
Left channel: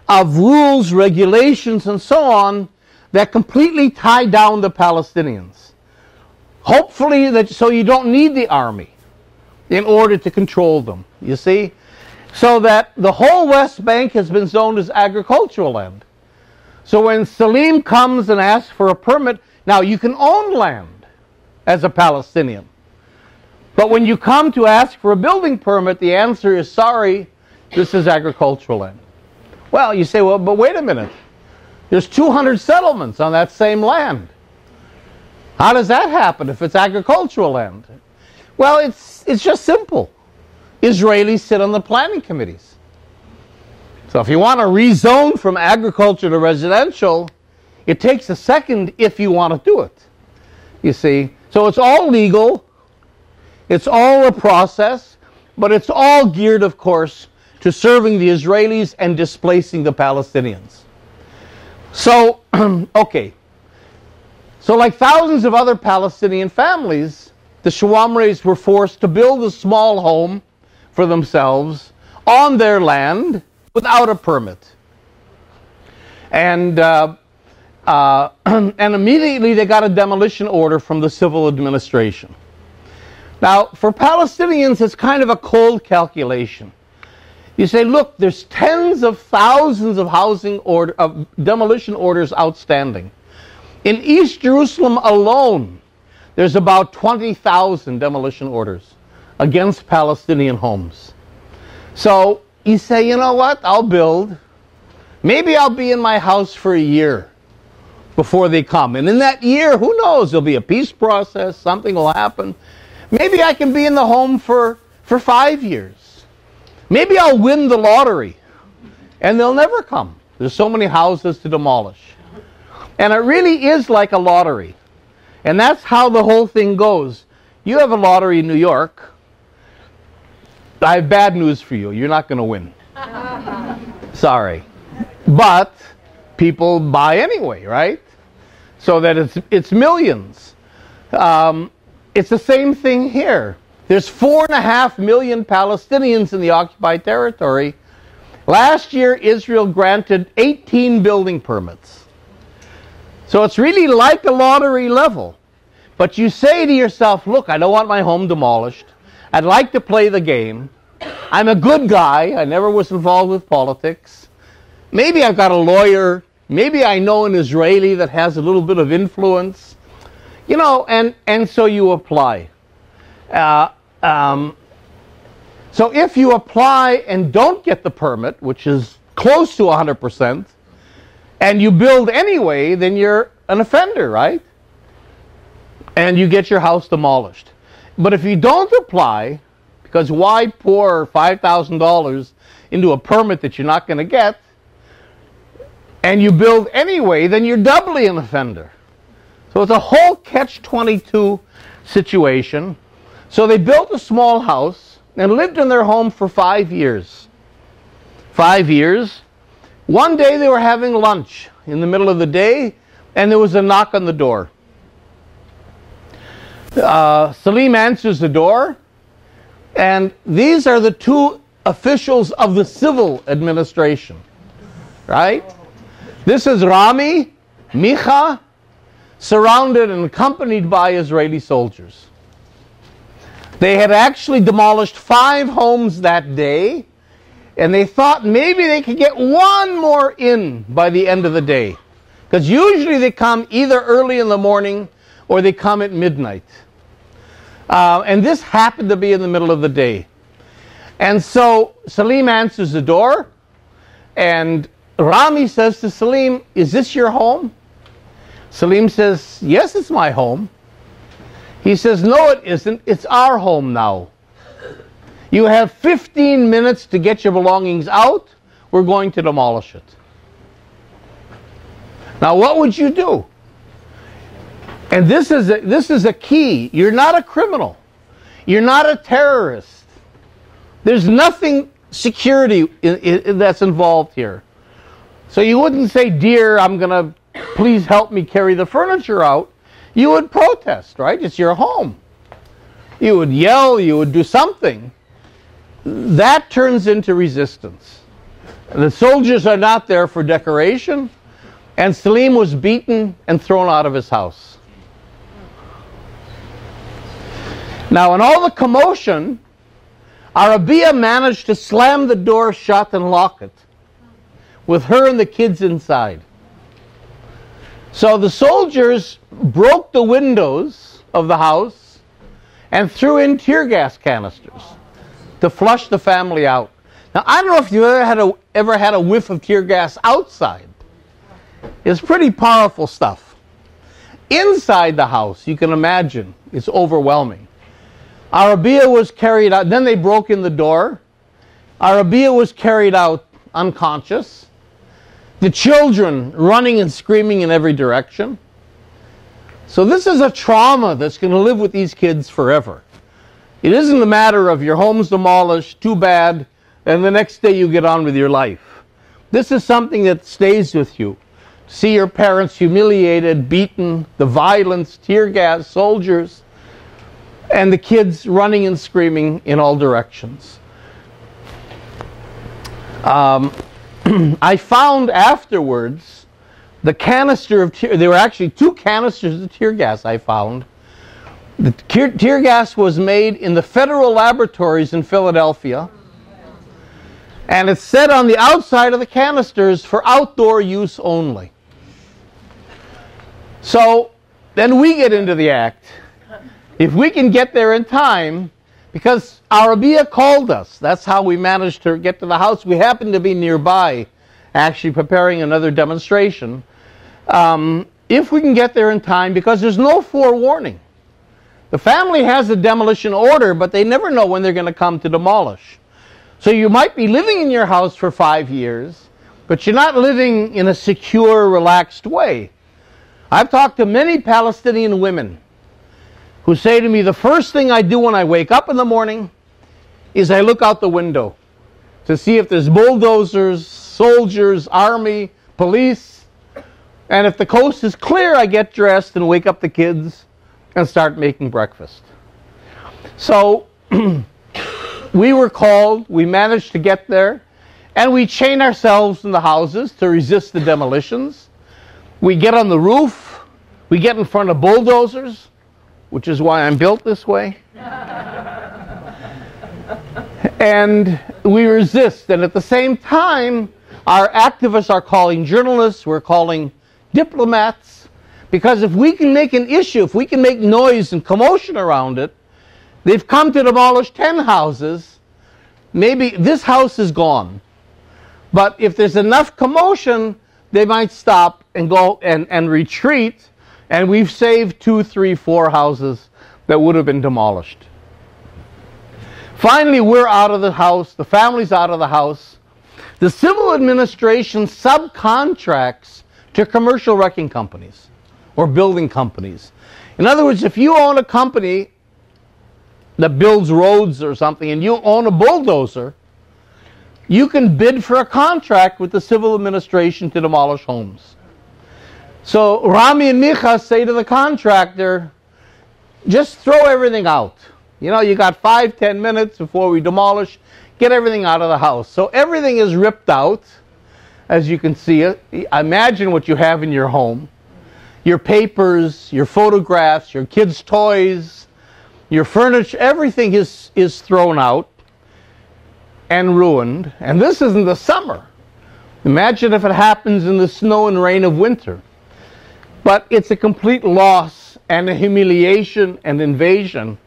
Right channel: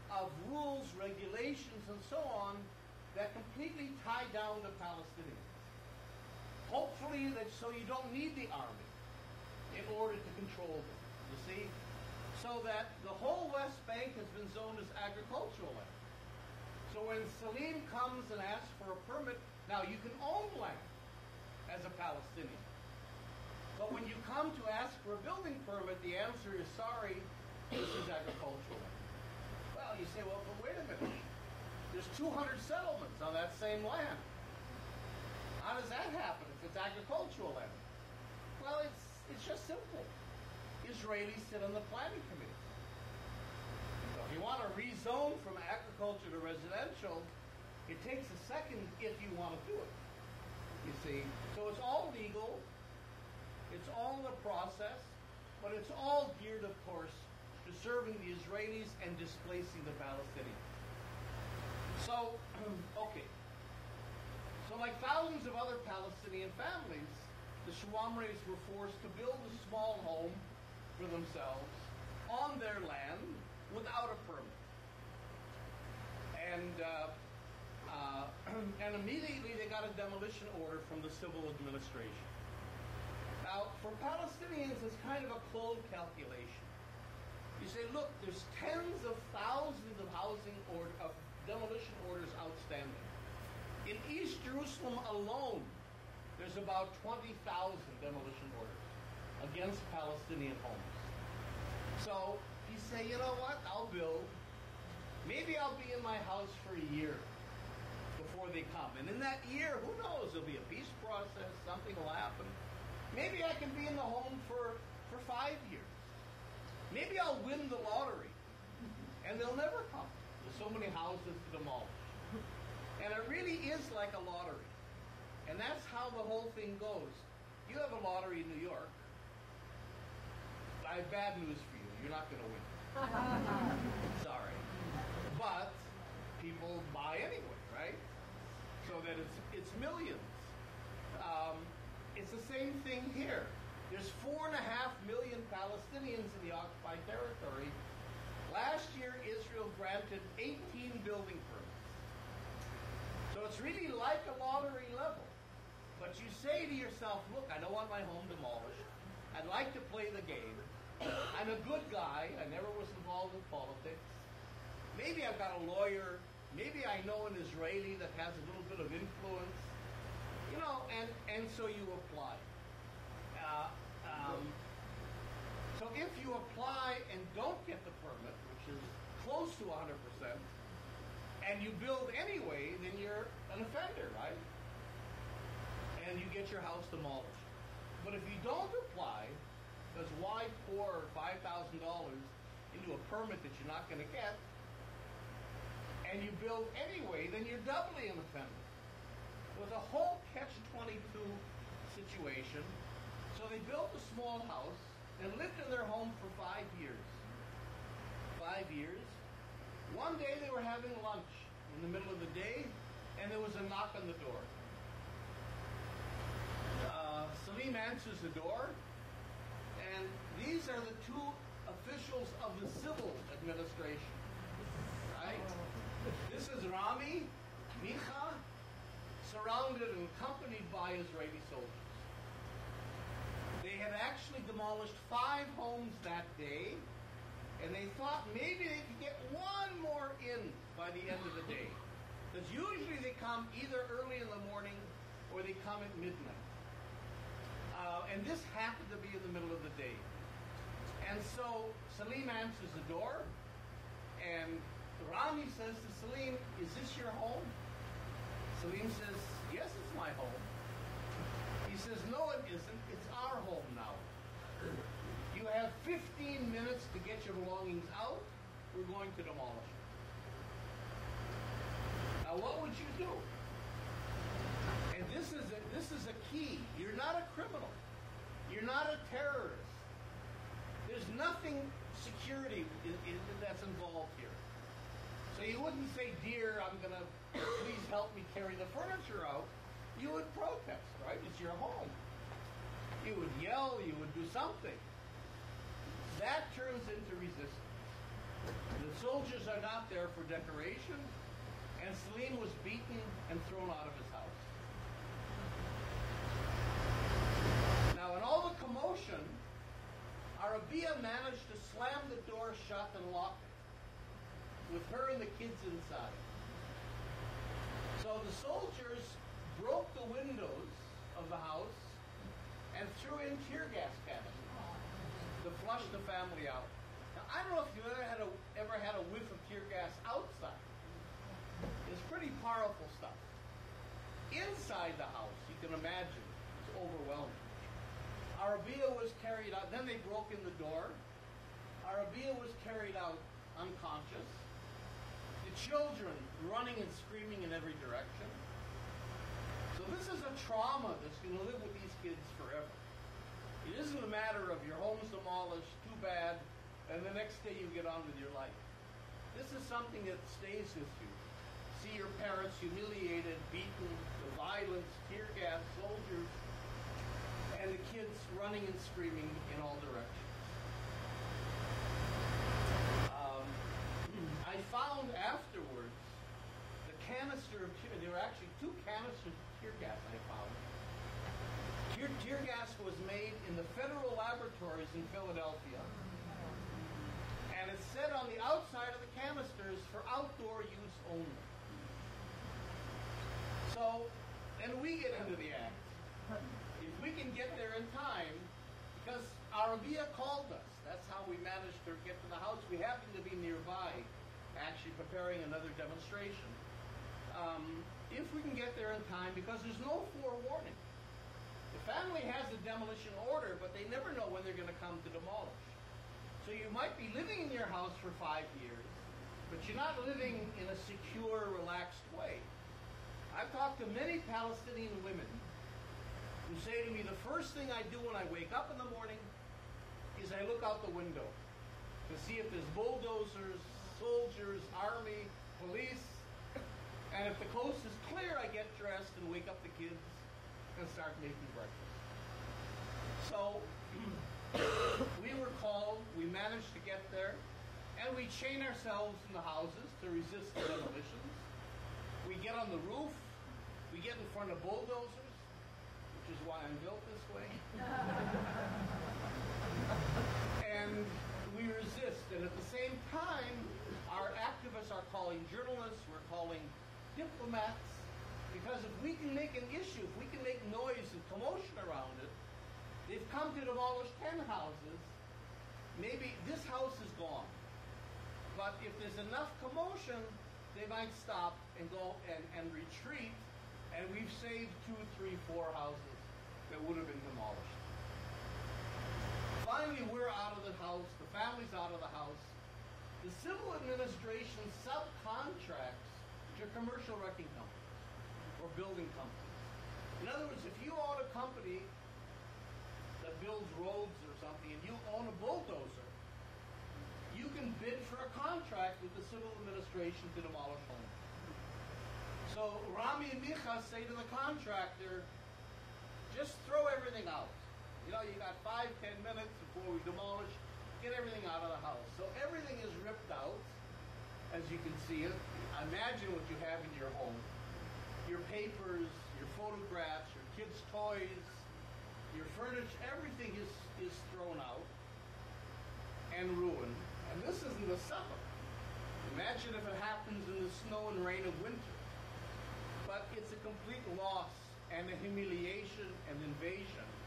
of rules, regulations, and so on that completely tie down the Palestinians. Hopefully, so you don't need the army in order to control them, you see? So that the whole West Bank has been zoned as agricultural land. So when Salim comes and asks for a permit, now you can own land as a Palestinian. But when you come to ask for a building permit, the answer is, sorry, this is agricultural land. Well, you say, well, but wait a minute. There's 200 settlements on that same land. How does that happen if it's agricultural land? Well, it's just simple. Israelis sit on the planning committees. So if you want to rezone from agriculture to residential, it takes a second if you want to do it. You see? So it's all legal. It's all a process, but it's all geared, of course, to serving the Israelis and displacing the Palestinians. So, okay. So like thousands of other Palestinian families, the Shawamris were forced to build a small home for themselves on their land without a permit. And immediately they got a demolition order from the civil administration. Now, for Palestinians, it's kind of a cold calculation. You say, look, there's tens of thousands of demolition orders outstanding. In East Jerusalem alone, there's about 20,000 demolition orders against Palestinian homes. So you say, you know what, I'll build. Maybe I'll be in my house for a year before they come. And in that year, who knows, there'll be a peace process, something will happen. Maybe I can be in the home for 5 years. Maybe I'll win the lottery and they'll never come. There's so many houses to demolish. And it really is like a lottery. And that's how the whole thing goes. You have a lottery in New York. I have bad news for you. You're not going to win. Sorry. But people buy anyway, right? So that it's millions. It's the same thing here. There's 4.5 million Palestinians in the occupied territory. Last year, Israel granted 18 building permits. So it's really like a lottery level. But you say to yourself, look, I don't want my home demolished. I'd like to play the game. I'm a good guy. I never was involved with politics. Maybe I've got a lawyer. Maybe I know an Israeli that has a little bit of influence. You know, and so you apply. So if you apply and don't get the permit, which is close to 100%, and you build anyway, then you're an offender, right? And you get your house demolished. But if you don't apply, because why pour $5,000 into a permit that you're not going to get, and you build anyway, then you're doubly an offender. So it's a whole catch-22 situation. So they built a small house and lived in their home for 5 years. 5 years. One day they were having lunch in the middle of the day, and there was a knock on the door. Salim answers the door, and these are the two officials of the civil administration, right? This is Rami, Micha, surrounded and accompanied by Israeli soldiers. They had actually demolished 5 homes that day, and they thought maybe they could get one more in by the end of the day. Because usually they come either early in the morning or they come at midnight. And this happened to be in the middle of the day. And so Salim answers the door, and Rami says to Salim, "Is this your home?" Salim says, "Yes, it's my home." He says, "No, it isn't. It's our home now. You have 15 minutes to get your belongings out. We're going to demolish it." Now, what would you do? And this is a key. You're not a criminal. You're not a terrorist. There's nothing security that's involved here. So you wouldn't say, "Dear, I'm going to, please help me carry the furniture out." You would protest, right? It's your home. you would yell, you would do something. That turns into resistance. The soldiers are not there for decoration, and Salim was beaten and thrown out of his house. Now, in all the commotion, Arabia managed to slam the door shut and lock it, with her and the kids inside. So the soldiers broke the windows of the house and threw in tear gas canisters to flush the family out. Now, I don't know if you ever had a whiff of tear gas outside. It's pretty powerful stuff. Inside the house, you can imagine, it's overwhelming. Arabia was carried out, then they broke in the door. Arabia was carried out unconscious. The children running and screaming in every direction. So this is a trauma that's going to live with these kids forever. It isn't a matter of your home's demolished, too bad, and the next day you get on with your life. This is something that stays with you. See your parents humiliated, beaten, the violence, tear gas, soldiers, and the kids running and screaming in all directions. I found afterwards the canister of tear, there were actually 2 canisters of tear gas I found. The tear gas was made in the federal laboratories in Philadelphia, and it's set on the outside of the canisters for outdoor use only. So then we get into the act. If we can get there in time, because Arabia called us. That's how we managed to get to the house. We happened to be nearby, actually preparing another demonstration. If we can get there in time, because there's no forewarning. The family has a demolition order, but they never know when they're going to come to demolish. So you might be living in your house for 5 years, but you're not living in a secure, relaxed way. I've talked to many Palestinian women who say to me, the first thing I do when I wake up in the morning is I look out the window to see if there's bulldozers, soldiers, army, police, and if the coast is clear, I get dressed and wake up the kids and start making breakfast. So we were called, we managed to get there, and we chain ourselves in the houses to resist the demolitions. We get on the roof, we get in front of bulldozers, which is why I'm built this way. And we resist. And at the same time, our activists are calling journalists, we're calling diplomats, because if we can make an issue, if we can make noise and commotion around it, they've come to demolish 10 houses, maybe this house is gone. But if there's enough commotion, they might stop and go and retreat, and we've saved 2, 3, 4 houses that would have been demolished. Finally, we're out of the house, the family's out of the house. The civil administration subcontracts to commercial wrecking companies or building companies. In other words, if you own a company that builds roads or something and you own a bulldozer, you can bid for a contract with the civil administration to demolish homes. So Rami and Micha say to the contractor, just throw everything out. You know, you got 5, 10 minutes before we demolish, get everything out of the house. So everything is ripped out, as you can see it. Imagine what you have in your home. Your papers, your photographs, your kids' toys, your furniture, everything is thrown out and ruined. And this is in the summer. Imagine if it happens in the snow and rain of winter. But it's a complete loss and a humiliation and invasion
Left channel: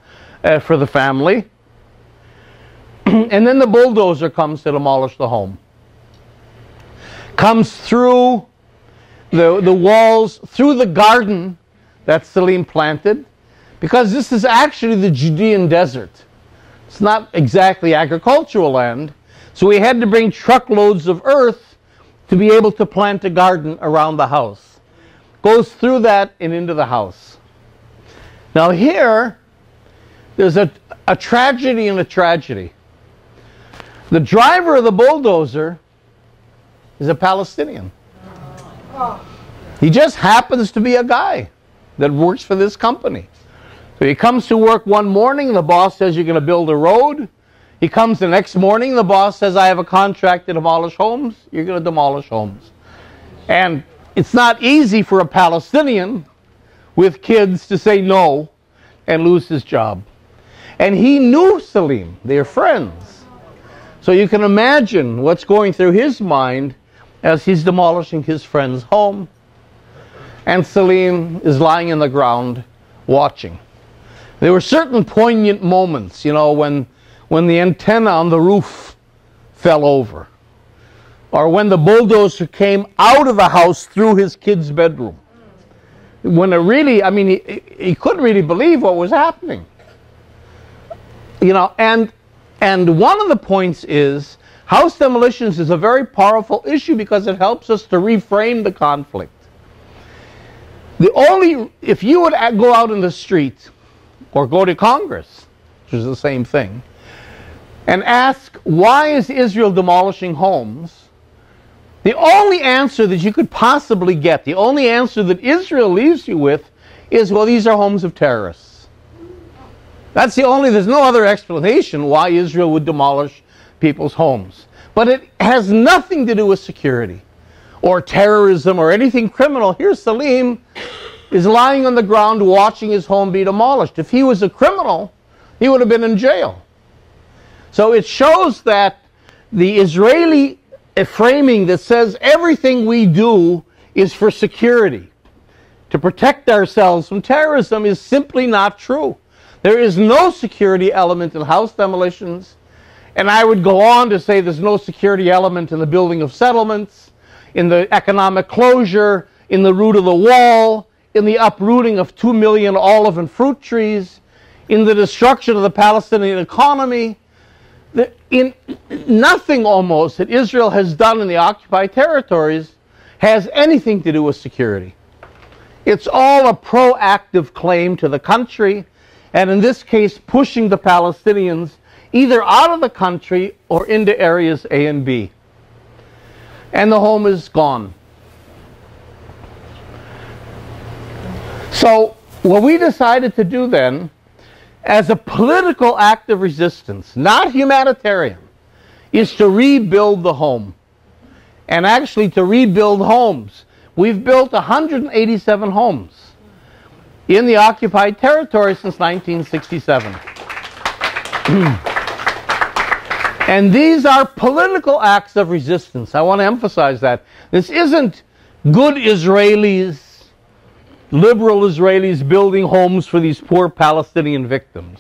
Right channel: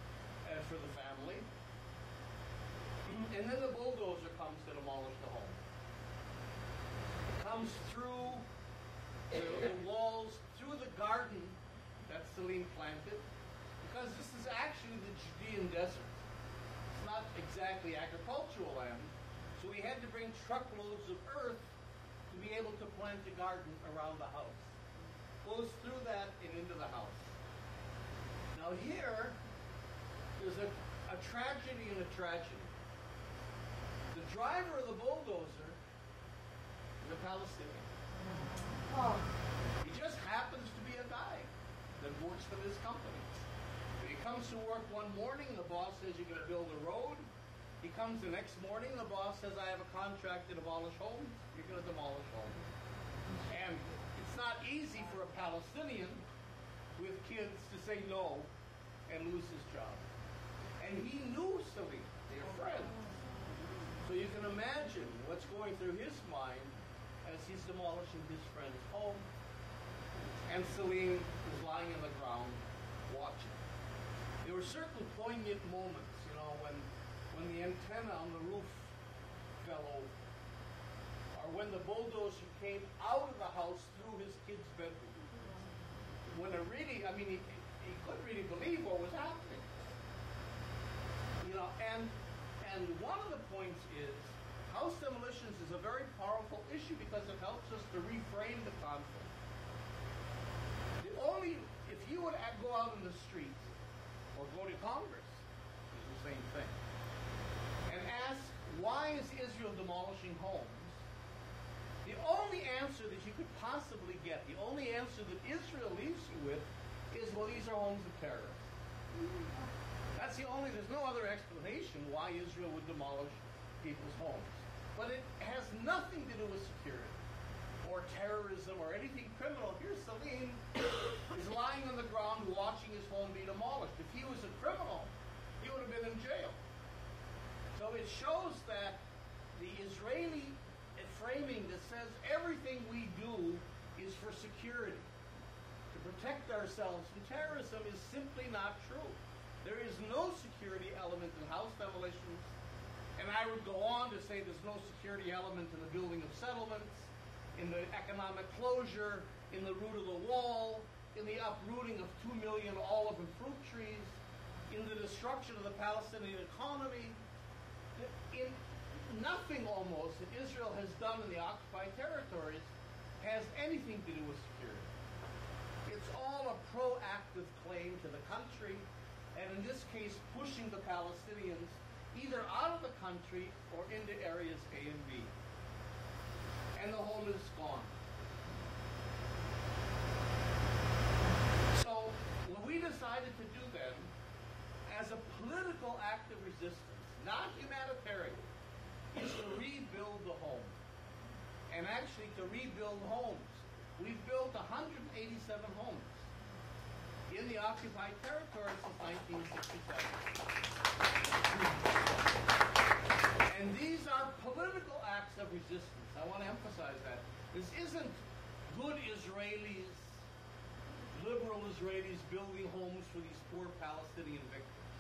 for the family. And then the bulldozer comes to demolish the home. Comes through the walls, through the garden that Salim planted, because this is actually the Judean desert. It's not exactly agricultural land, so we had to bring truckloads of earth to be able to plant a garden around the house. Goes through that and into the house. Now here, there's a tragedy and a tragedy. The driver of the bulldozer is a Palestinian. He just happens to be a guy that works for this company. So he comes to work one morning, the boss says you're going to build a road. He comes the next morning, the boss says I have a contract to demolish homes. You're going to demolish homes. And it's not easy for a Palestinian with kids to say no and lose his job. And he knew Salim. They're friends. So you can imagine what's going through his mind as he's demolishing his friend's home. And Salim is lying in the ground watching. There were certain poignant moments, you know, when the antenna on the roof fell over, or when the bulldozer came out of the house through his kid's bedroom. When it really, I mean, he couldn't really believe what was happening. You know, and one of the points is, house demolitions is a very powerful issue because it helps us to reframe the conflict. If you would go out in the street, or go to Congress, which is the same thing, and ask, why is Israel demolishing homes? The only answer that you could possibly get, the only answer that Israel leaves you with is, well, these are homes of terrorists. That's the only, there's no other explanation why Israel would demolish people's homes. But it has nothing to do with security or terrorism or anything criminal. Here's Salim is lying on the ground watching his home be demolished. If he was a criminal, he would have been in jail. So it shows that the Israeli framing that says everything we do is for security, to protect ourselves from terrorism, is simply not true. There is no security element in house demolitions, and I would go on to say there's no security element in the building of settlements, in the economic closure, in the root of the wall, in the uprooting of 2 million olive and fruit trees, in the destruction of the Palestinian economy. In nothing almost that Israel has done in the occupied territories has anything to do with security. It's all a proactive claim to the country, and in this case pushing the Palestinians either out of the country or into areas A and B. And the home is gone. So what we decided to do then, as a political act of resistance, not humanitarian, is to rebuild the home. And actually to rebuild homes. We've built 187 homes in the occupied territory since 1967. And these are political acts of resistance. I want to emphasize that. This isn't good Israelis, liberal Israelis building homes for these poor Palestinian victims.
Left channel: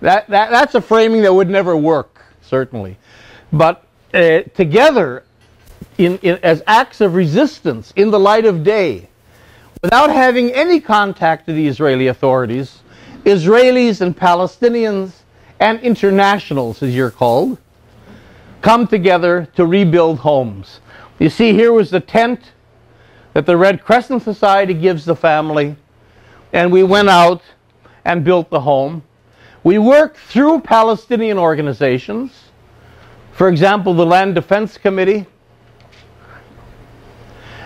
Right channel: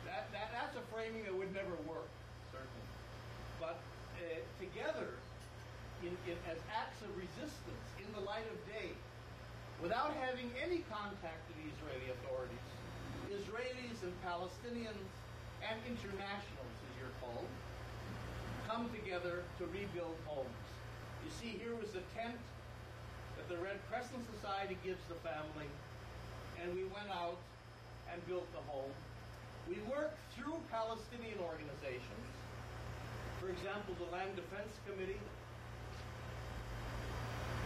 That's a framing that would never work, certainly. But together, as acts of resistance in the light of day, without having any contact to the Israeli authorities, Israelis and Palestinians and internationals, as you're called, come together to rebuild homes. You see, here was the tent that the Red Crescent Society gives the family, and we went out and built the home. We worked through Palestinian organizations, for example, the Land Defense Committee,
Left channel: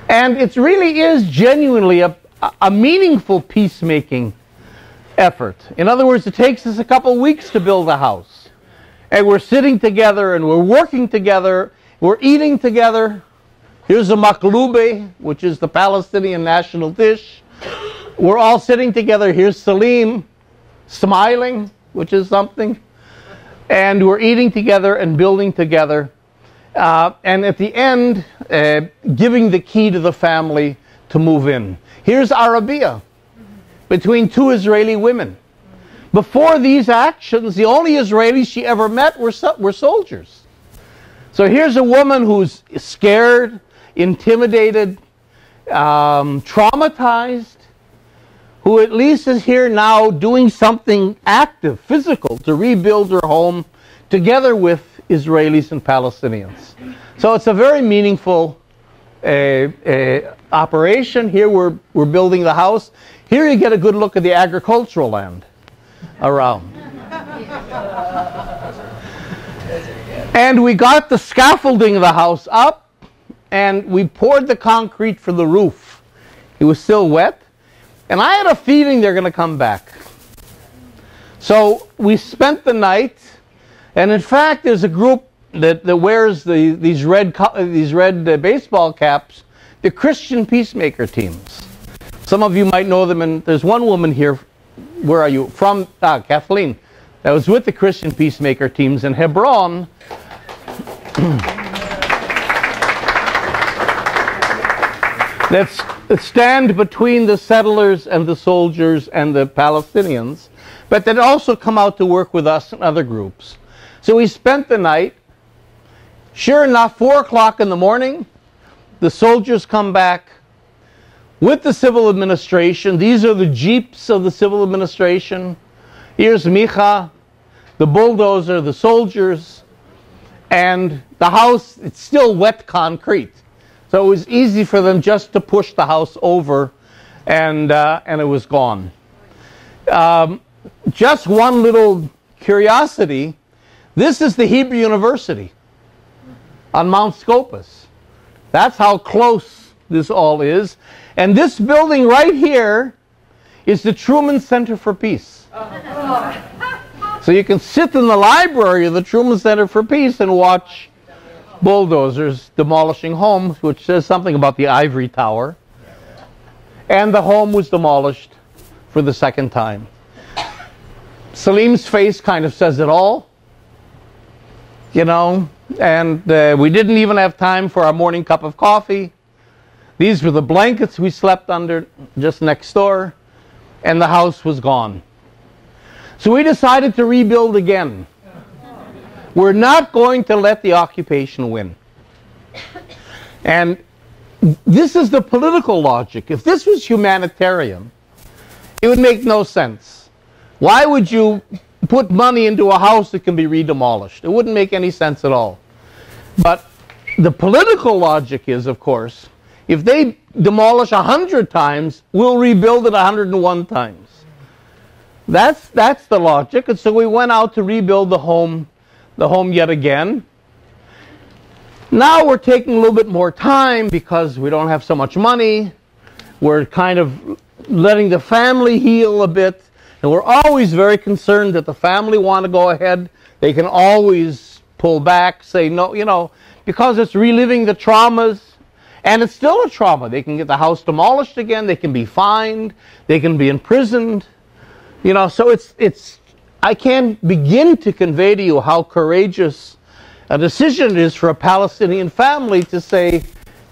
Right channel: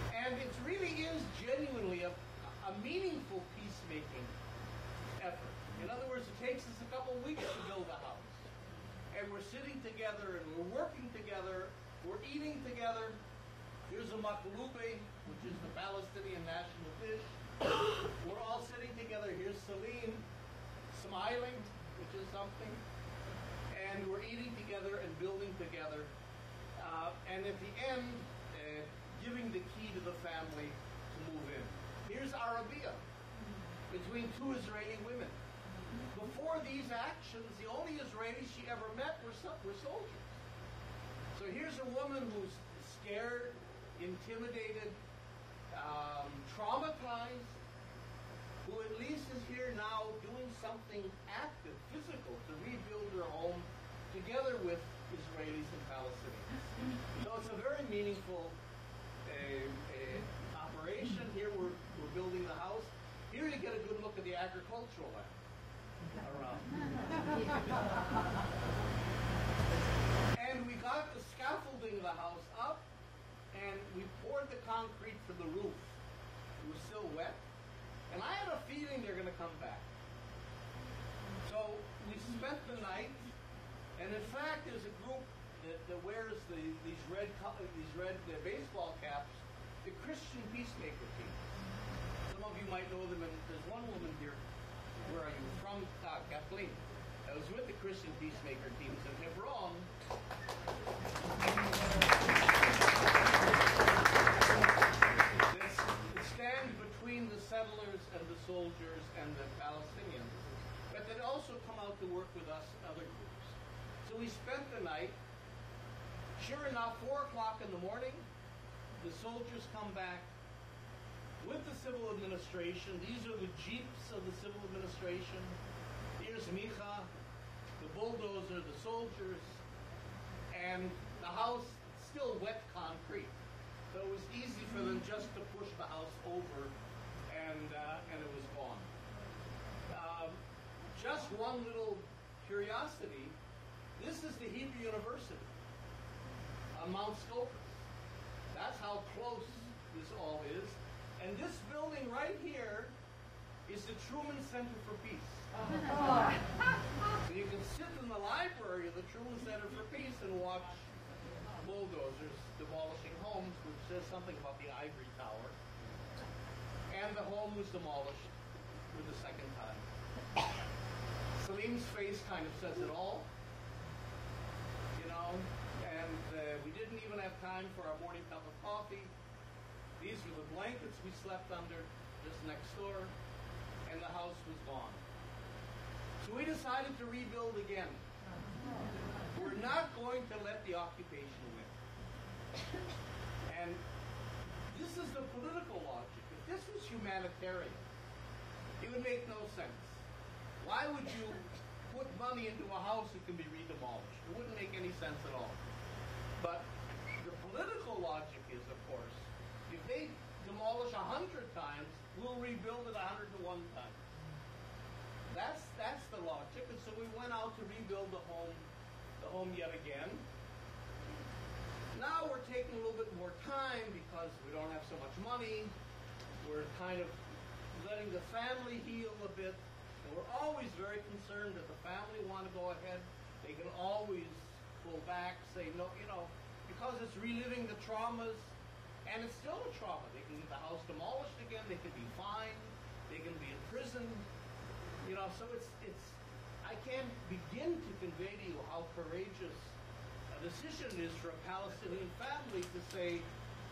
and it really is genuinely a meaningful peacemaking effort. In other words, it takes us a couple weeks to build a house, and we're sitting together and we're working together, we're eating together. Here's a maklube, which is the Palestinian national dish. We're all sitting together. Here's Salim, smiling, which is something. And we're eating together and building together. And at the end, giving the key to the family to move in. Here's Arabia, between two Israeli women. Before these actions, the only Israelis she ever met were soldiers. So here's a woman who's scared, intimidated, traumatized, who at least is here now doing something active, physical, to rebuild her home together with Israelis and Palestinians. So it's a very meaningful operation. Here we're building the house. Here you get a good look at the agricultural land around. And we got the scaffolding of the house up, and we poured the concrete for the roof. It was still wet, and I had a feeling they're going to come back. So we spent the night, and in fact, there's a group that wears these red baseball caps, the Christian peacemaker teams. Some of you might know them, and there's one woman here. Where are you from? Kathleen. That was with the Christian peacemaker teams in Hebron. that stand between the settlers and the soldiers and the Palestinians, but that also come out to work with us and other groups. So we spent the night. Sure enough, 4 o'clock in the morning, the soldiers come back with the civil administration. These are the jeeps of the civil administration. Here's Micha, the bulldozer, the soldiers, and the house, it's still wet concrete. So it was easy for them just to push the house over, and it was gone. Just one little curiosity, this is the Hebrew University on Mount Scopus. That's how close this all is. And this building right here is the Truman Center for Peace. So you can sit in the library of the Truman Center for Peace and watch bulldozers demolishing homes, which says something about the ivory tower. And the home was demolished for the second time. Salim's face kind of says it all, you know, and we didn't even have time for our morning cup of coffee. These were the blankets we slept under just next door, and the house was gone. So we decided to rebuild again. We're not going to let the occupation win. And this is the political logic. If this was humanitarian, it would make no sense. Why would you put money into a house that can be re-demolished? It wouldn't make any sense at all. But the political logic is, of course, if they demolish 100 times, we'll rebuild it 101 times. That's the logic. And so we went out to rebuild the home yet again. Now we're taking a little bit more time because we don't have so much money. We're kind of letting the family heal a bit. And we're always very concerned that the family want to go ahead. They can always pull back, say no, you know, because it's reliving the traumas. And it's still a trauma. They can get the house demolished again. They can be fined. They can be imprisoned. You know, so it's I can't begin to convey to you how courageous a decision it is for a Palestinian family to say,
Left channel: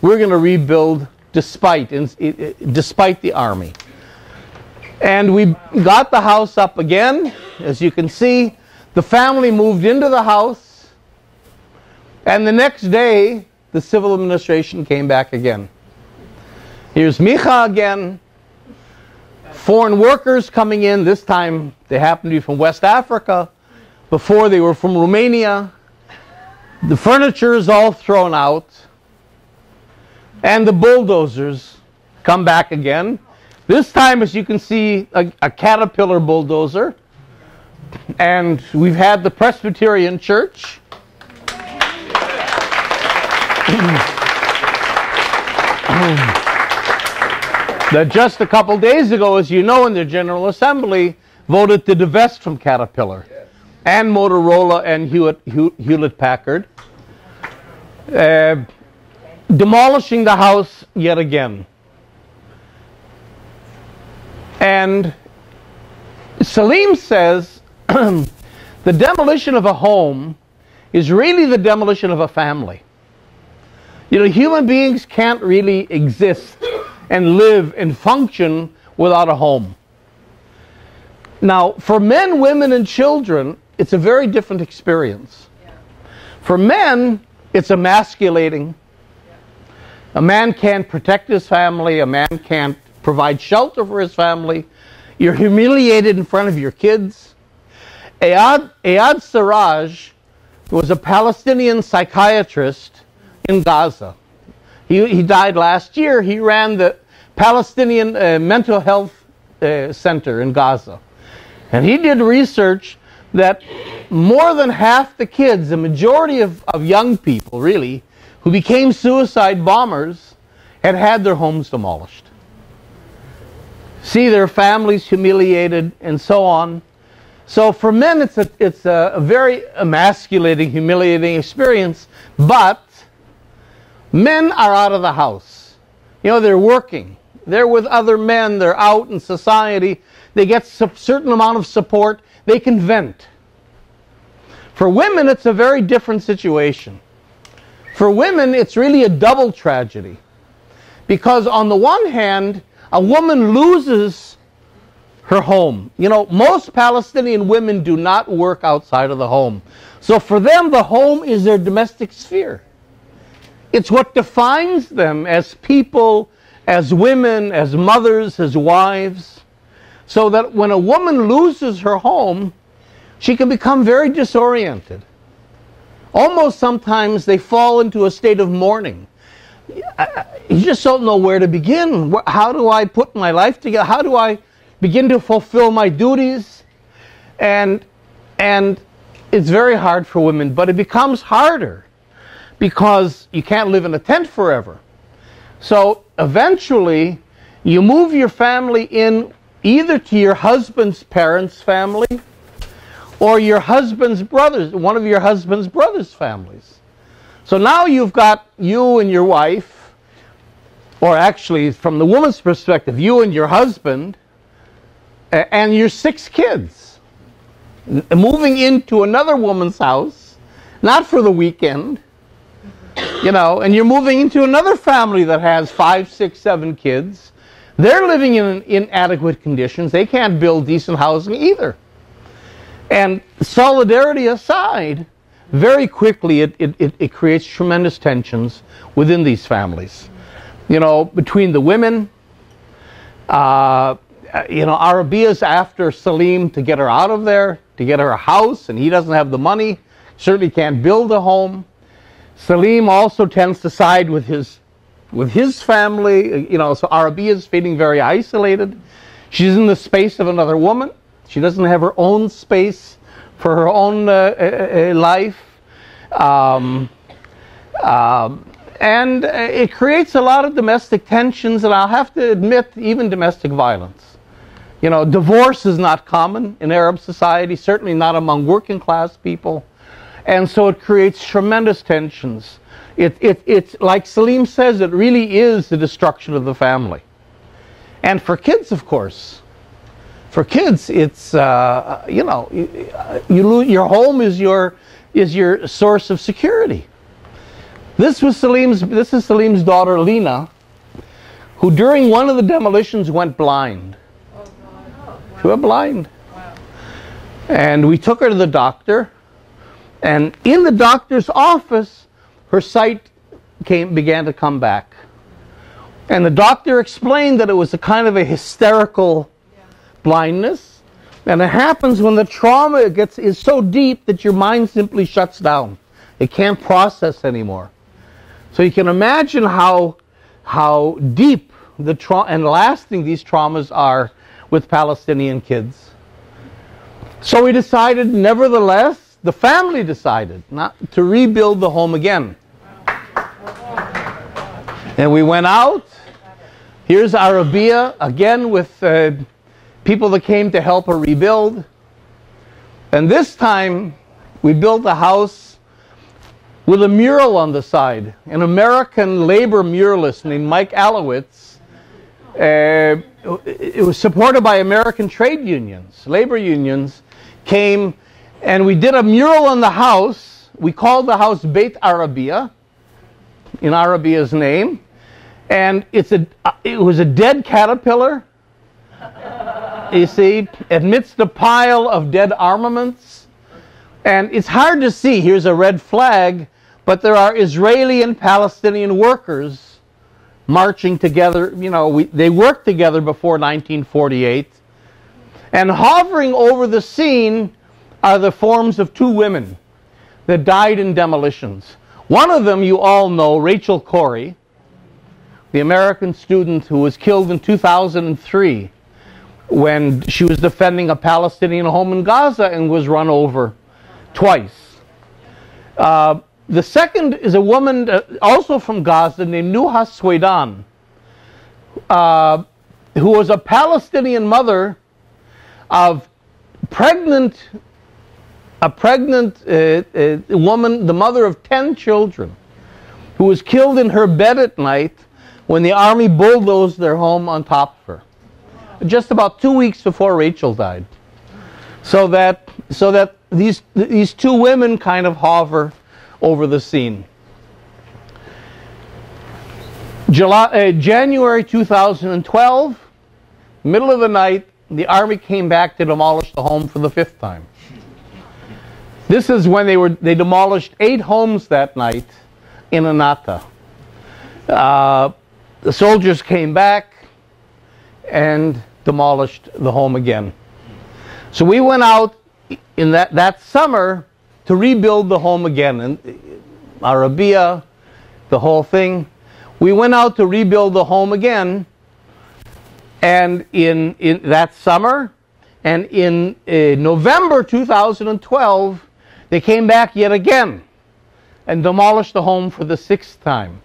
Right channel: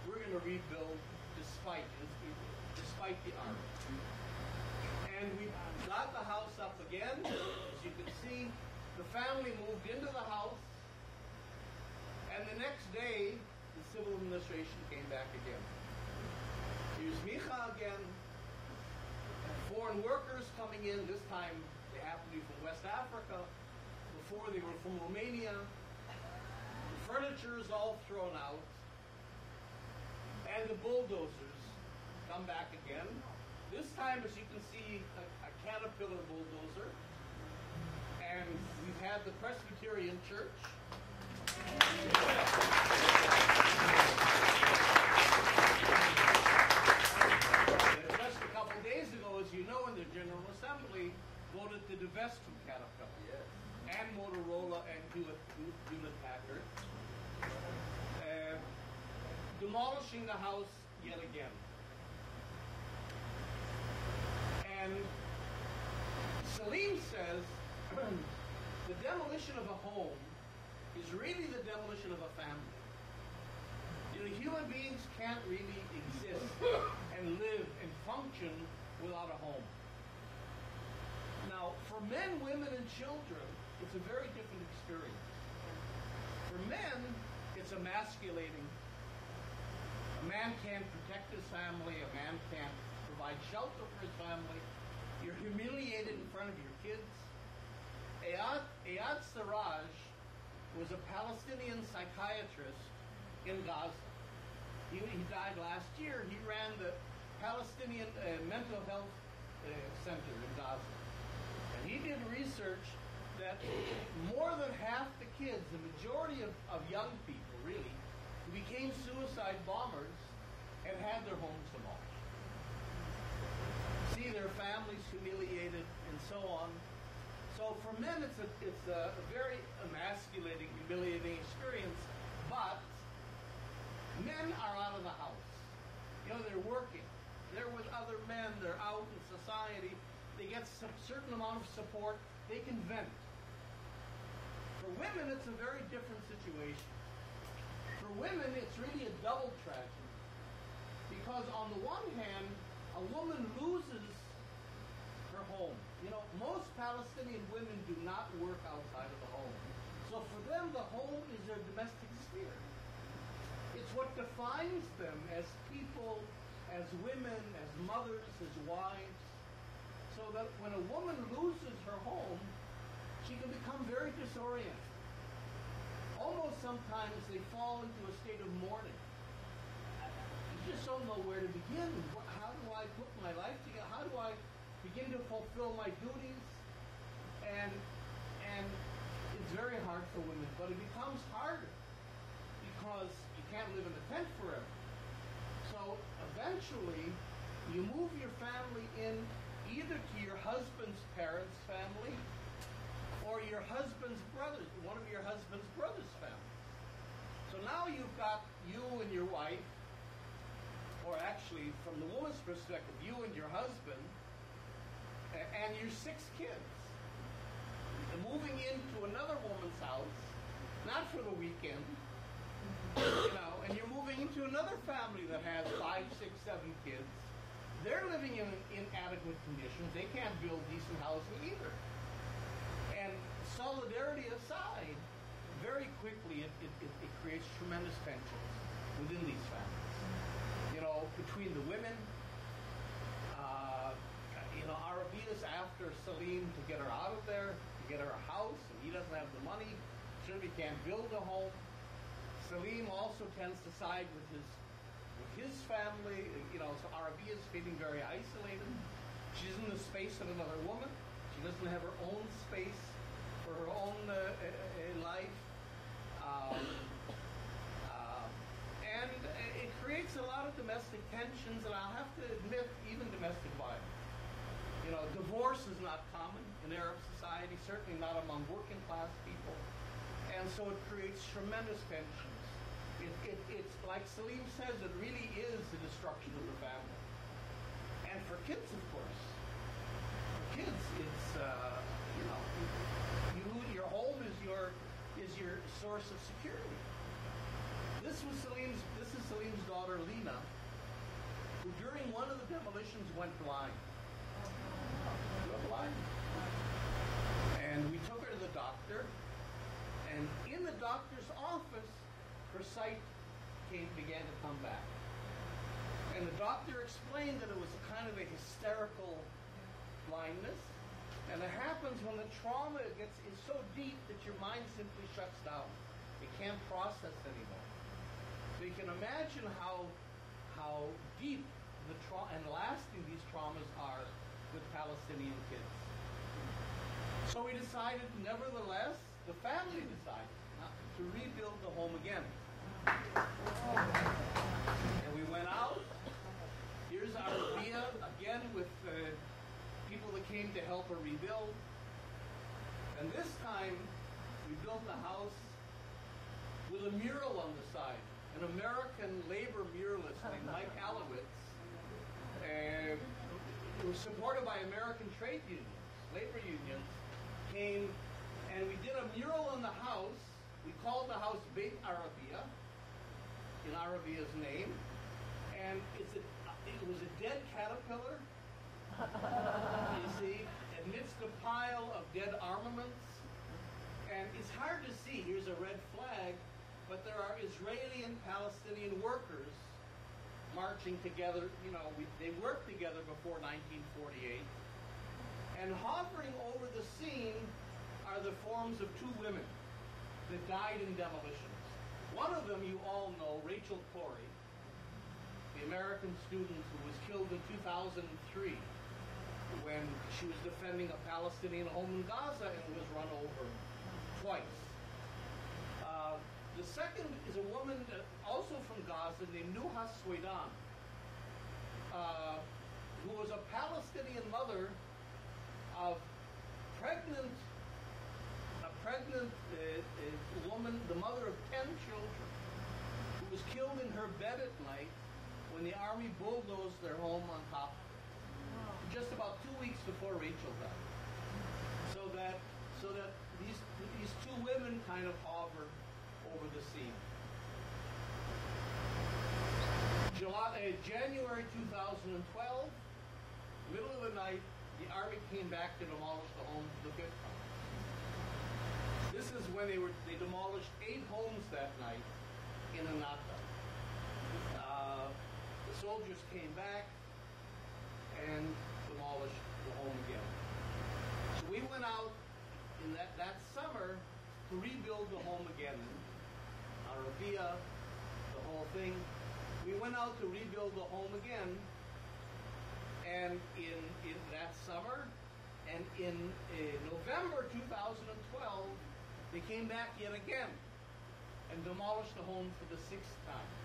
we're going to rebuild despite the army. And we got the house up again. As you can see, the family moved into the house. And the next day, the civil administration came back again. Here's Micha again. Foreign workers coming in. This time they happened to be from West Africa. Before they were from Romania. The furniture is all thrown out. And the bulldozers come back again. This time, as you can see, a Caterpillar bulldozer. And we've had the Presbyterian Church. That just a couple days ago, as you know, in their General Assembly, voted to divest from Caterpillar and Motorola and Hewlett-Packard, demolishing the house yet again. And Salim says the demolition of a home is really the demolition of a family. You know, human beings can't really exist and live and function without a home. Now, for men, women, and children, it's a very different experience. For men, it's emasculating. A man can't protect his family. A man can't provide shelter for his family. You're humiliated in front of your kids. Ayad Siraj was a Palestinian psychiatrist in Gaza. He died last year. He ran the Palestinian mental health center in Gaza. And he did research that more than half the kids, the majority of young people really, who became suicide bombers, had had their homes demolished. See their families humiliated and so on. So for men, it's a very emasculating, humiliating experience, but men are out of the house. You know, they're working. They're with other men. They're out in society. They get a certain amount of support. They can vent. For women, it's a very different situation. For women, it's really a double tragedy. Because on the one hand, a woman loses her home. You know, most Palestinian women do not work outside of the home. So for them, the home is their domestic sphere. It's what defines them as people, as women, as mothers, as wives. So that when a woman loses her home, she can become very disoriented. Almost sometimes they fall into a state of mourning. You just don't know where to begin. How do I put my life together? How do I begin to fulfill my duties? And it's very hard for women, but it becomes harder because you can't live in a tent forever. So eventually, you move your family in either to your husband's parents' family or your husband's brothers, one of your husband's brothers' families. So now you've got you and your wife, or actually from the woman's perspective, you and your husband, and your 6 kids, moving into another woman's house, not for the weekend, you know, and you're moving into another family that has 5, 6, 7 kids. They're living in inadequate conditions. They can't build decent housing either. And solidarity aside, very quickly it creates tremendous tensions within these families. You know, between the women, you know, Arabia's after Salim to get her out of there, to get her a house, and he doesn't have the money, certainly can't build a home. Salim also tends to side with his family, you know, so Arabia's feeling very isolated. She's in the space of another woman. She doesn't have her own space for her own life. And it creates a lot of domestic tensions, and I'll have to admit, even domestic violence. You know, divorce is not common in Arab society, certainly not among working class people. And so it creates tremendous tensions. It's like Salim says, it really is the destruction of the family. And for kids, of course, for kids, it's you know, your home is your source of security. This is Salim's daughter Lena, who during one of the demolitions went blind. She went blind. And we took her to the doctor, and in the doctor's office, her sight began to come back. And the doctor explained that it was a kind of a hysterical blindness, and it happens when the trauma is so deep that your mind simply shuts down. It can't process anymore. So you can imagine how deep and lasting these traumas are with Palestinian kids. So we decided, nevertheless, the family decided not to rebuild the home again. And we went out. Here's Arabia, again with people that came to help her rebuild. And this time, we built a house with a mural on the side. An American labor muralist named Mike Alowitz. It was supported by American trade unions, labor unions, came, and we did a mural on the house. We called the house Beit Arabia, in Arabia's name. And it was a dead caterpillar, you see, amidst a pile of dead armaments. And it's hard to see. Here's a red flag, but there are Israeli and Palestinian workers marching together. You know, they worked together before 1948. And hovering over the scene are the forms of 2 women that died in demolitions. One of them you all know, Rachel Corrie, the American student who was killed in 2003 when she was defending a Palestinian home in Gaza and was run over twice. The second is a woman also from Gaza named Nuha Swaidan, who was a Palestinian mother of pregnant woman, the mother of 10 children, who was killed in her bed at night when the army bulldozed their home on top of her, just about 2 weeks before Rachel died. So that these two women kind of hover over the scene. January 2012, middle of the night, the army came back to demolish the home for the 5th time. This is when they demolished 8 homes that night in Anata. The soldiers came back and demolished the home again. So we went out in that summer to rebuild the home again. And Arabia, the whole thing. We went out to rebuild the home again, and in that summer, and in November 2012, they came back yet again and demolished the home for the 6th time.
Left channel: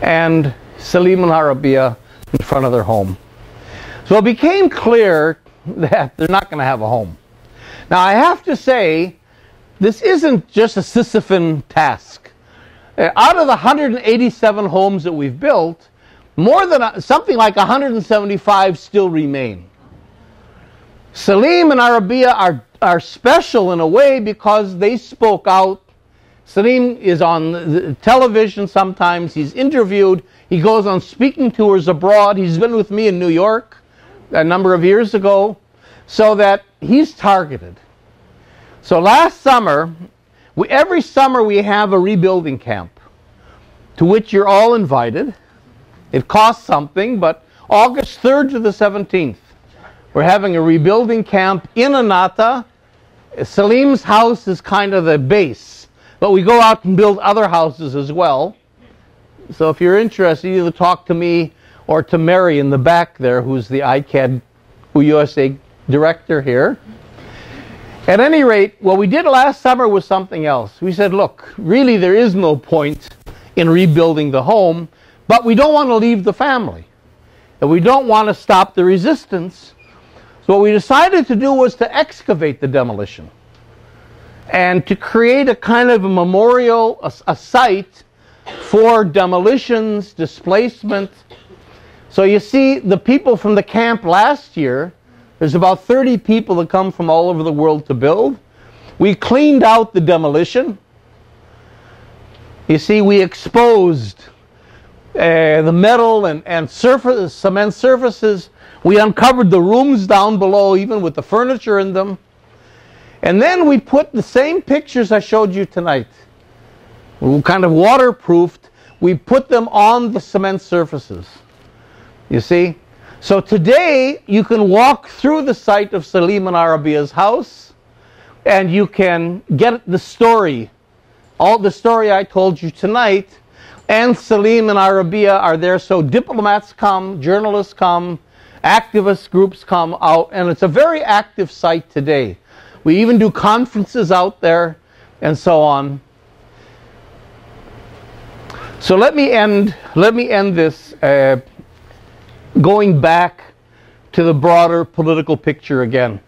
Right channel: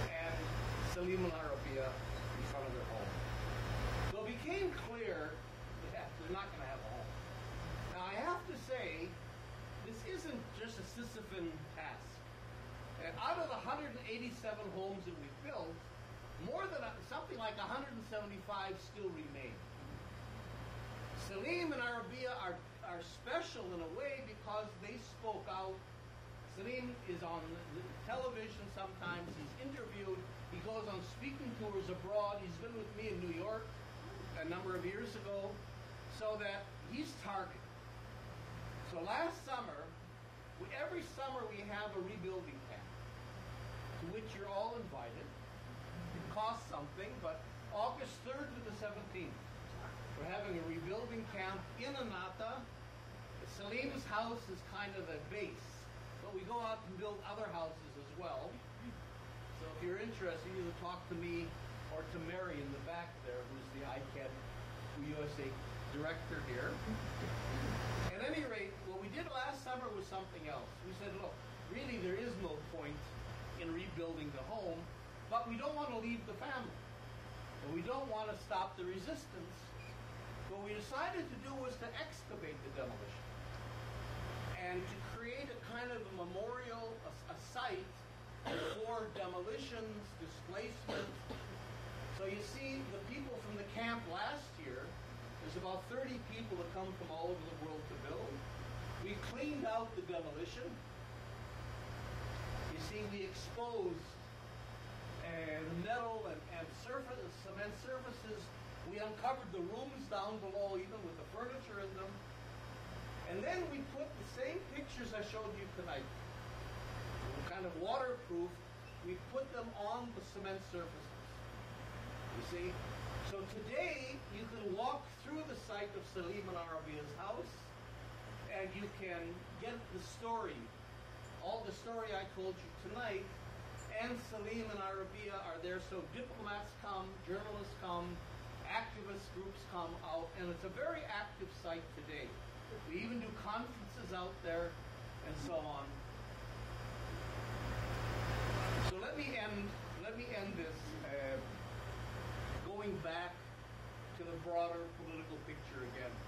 And Salim and Arabia in front of their home. So it became clear that they're not going to have a home. Now I have to say, this isn't just a Sisyphean task. Out of the 187 homes that we've built, more than something like 175 still remain. Salim and Arabia are special in a way because they spoke out. Salim is on the television sometimes, he's interviewed, he goes on speaking tours abroad, he's been with me in New York a number of years ago, so that he's targeted. So last summer, every summer we have a rebuilding camp to which you're all invited. It costs something, but August 3rd to the 17th, we're having a rebuilding camp in Anata. Salim's house is kind of the base, but we go out and build other houses as well. So if you're interested, either talk to me or to Mary in the back there, who's the ICAD USA director here. At any rate, what we did last summer was something else. We said, look, really there is no point in rebuilding the home, but we don't want to leave the family, and we don't want to stop the resistance. So what we decided to do was to excavate the demolition and to create a kind of a memorial, a site for demolitions, displacement. So you see, the people from the camp last year, there's about 30 people that come from all over the world to build. We cleaned out the demolition. You see, we exposed the metal and cement surfaces. We uncovered the rooms down below, even with the furniture in them. And then we put the same pictures I showed you tonight, kind of waterproofed. We put them on the cement surfaces. You see? So today, you can walk through the site of Salim and Arabia's house, and you can get the story, all the story I told you tonight. And Salim and Arabia are there, so diplomats come, journalists come, activist groups come out, and it's a very active site today. We even do conferences out there, and so on. So let me end this going back to the broader political picture again.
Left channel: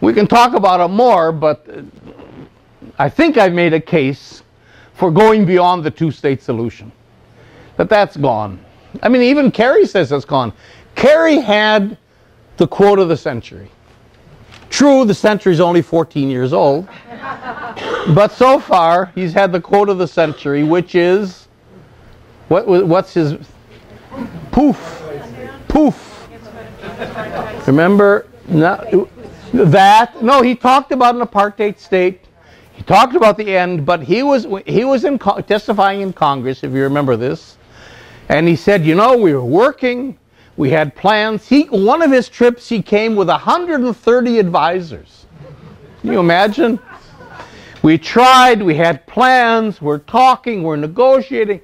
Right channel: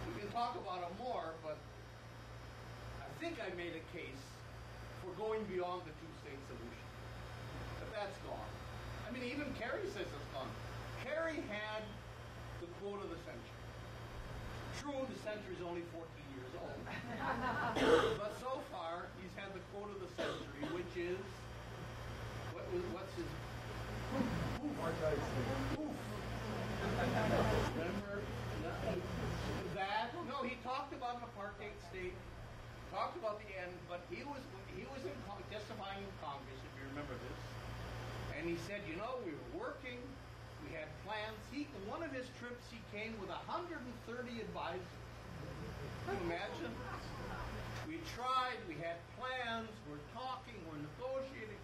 We can talk about it more, but I think I've made a case for going beyond the two-state solution. But that's gone. I mean, even Kerry says it's gone. Kerry had the quote of the century. True, the century's only 14 years old. But so far, he's had the quote of the century, which is, what's his? Poof. Poof. Remember that? No, he talked about an apartheid state. He talked about the end, but he was testifying in Congress, if you remember this, and he said, you know, we were working, we had plans. One of his trips, he came with 130 advisors. Can you imagine? We tried, we had plans, we're talking, we're negotiating,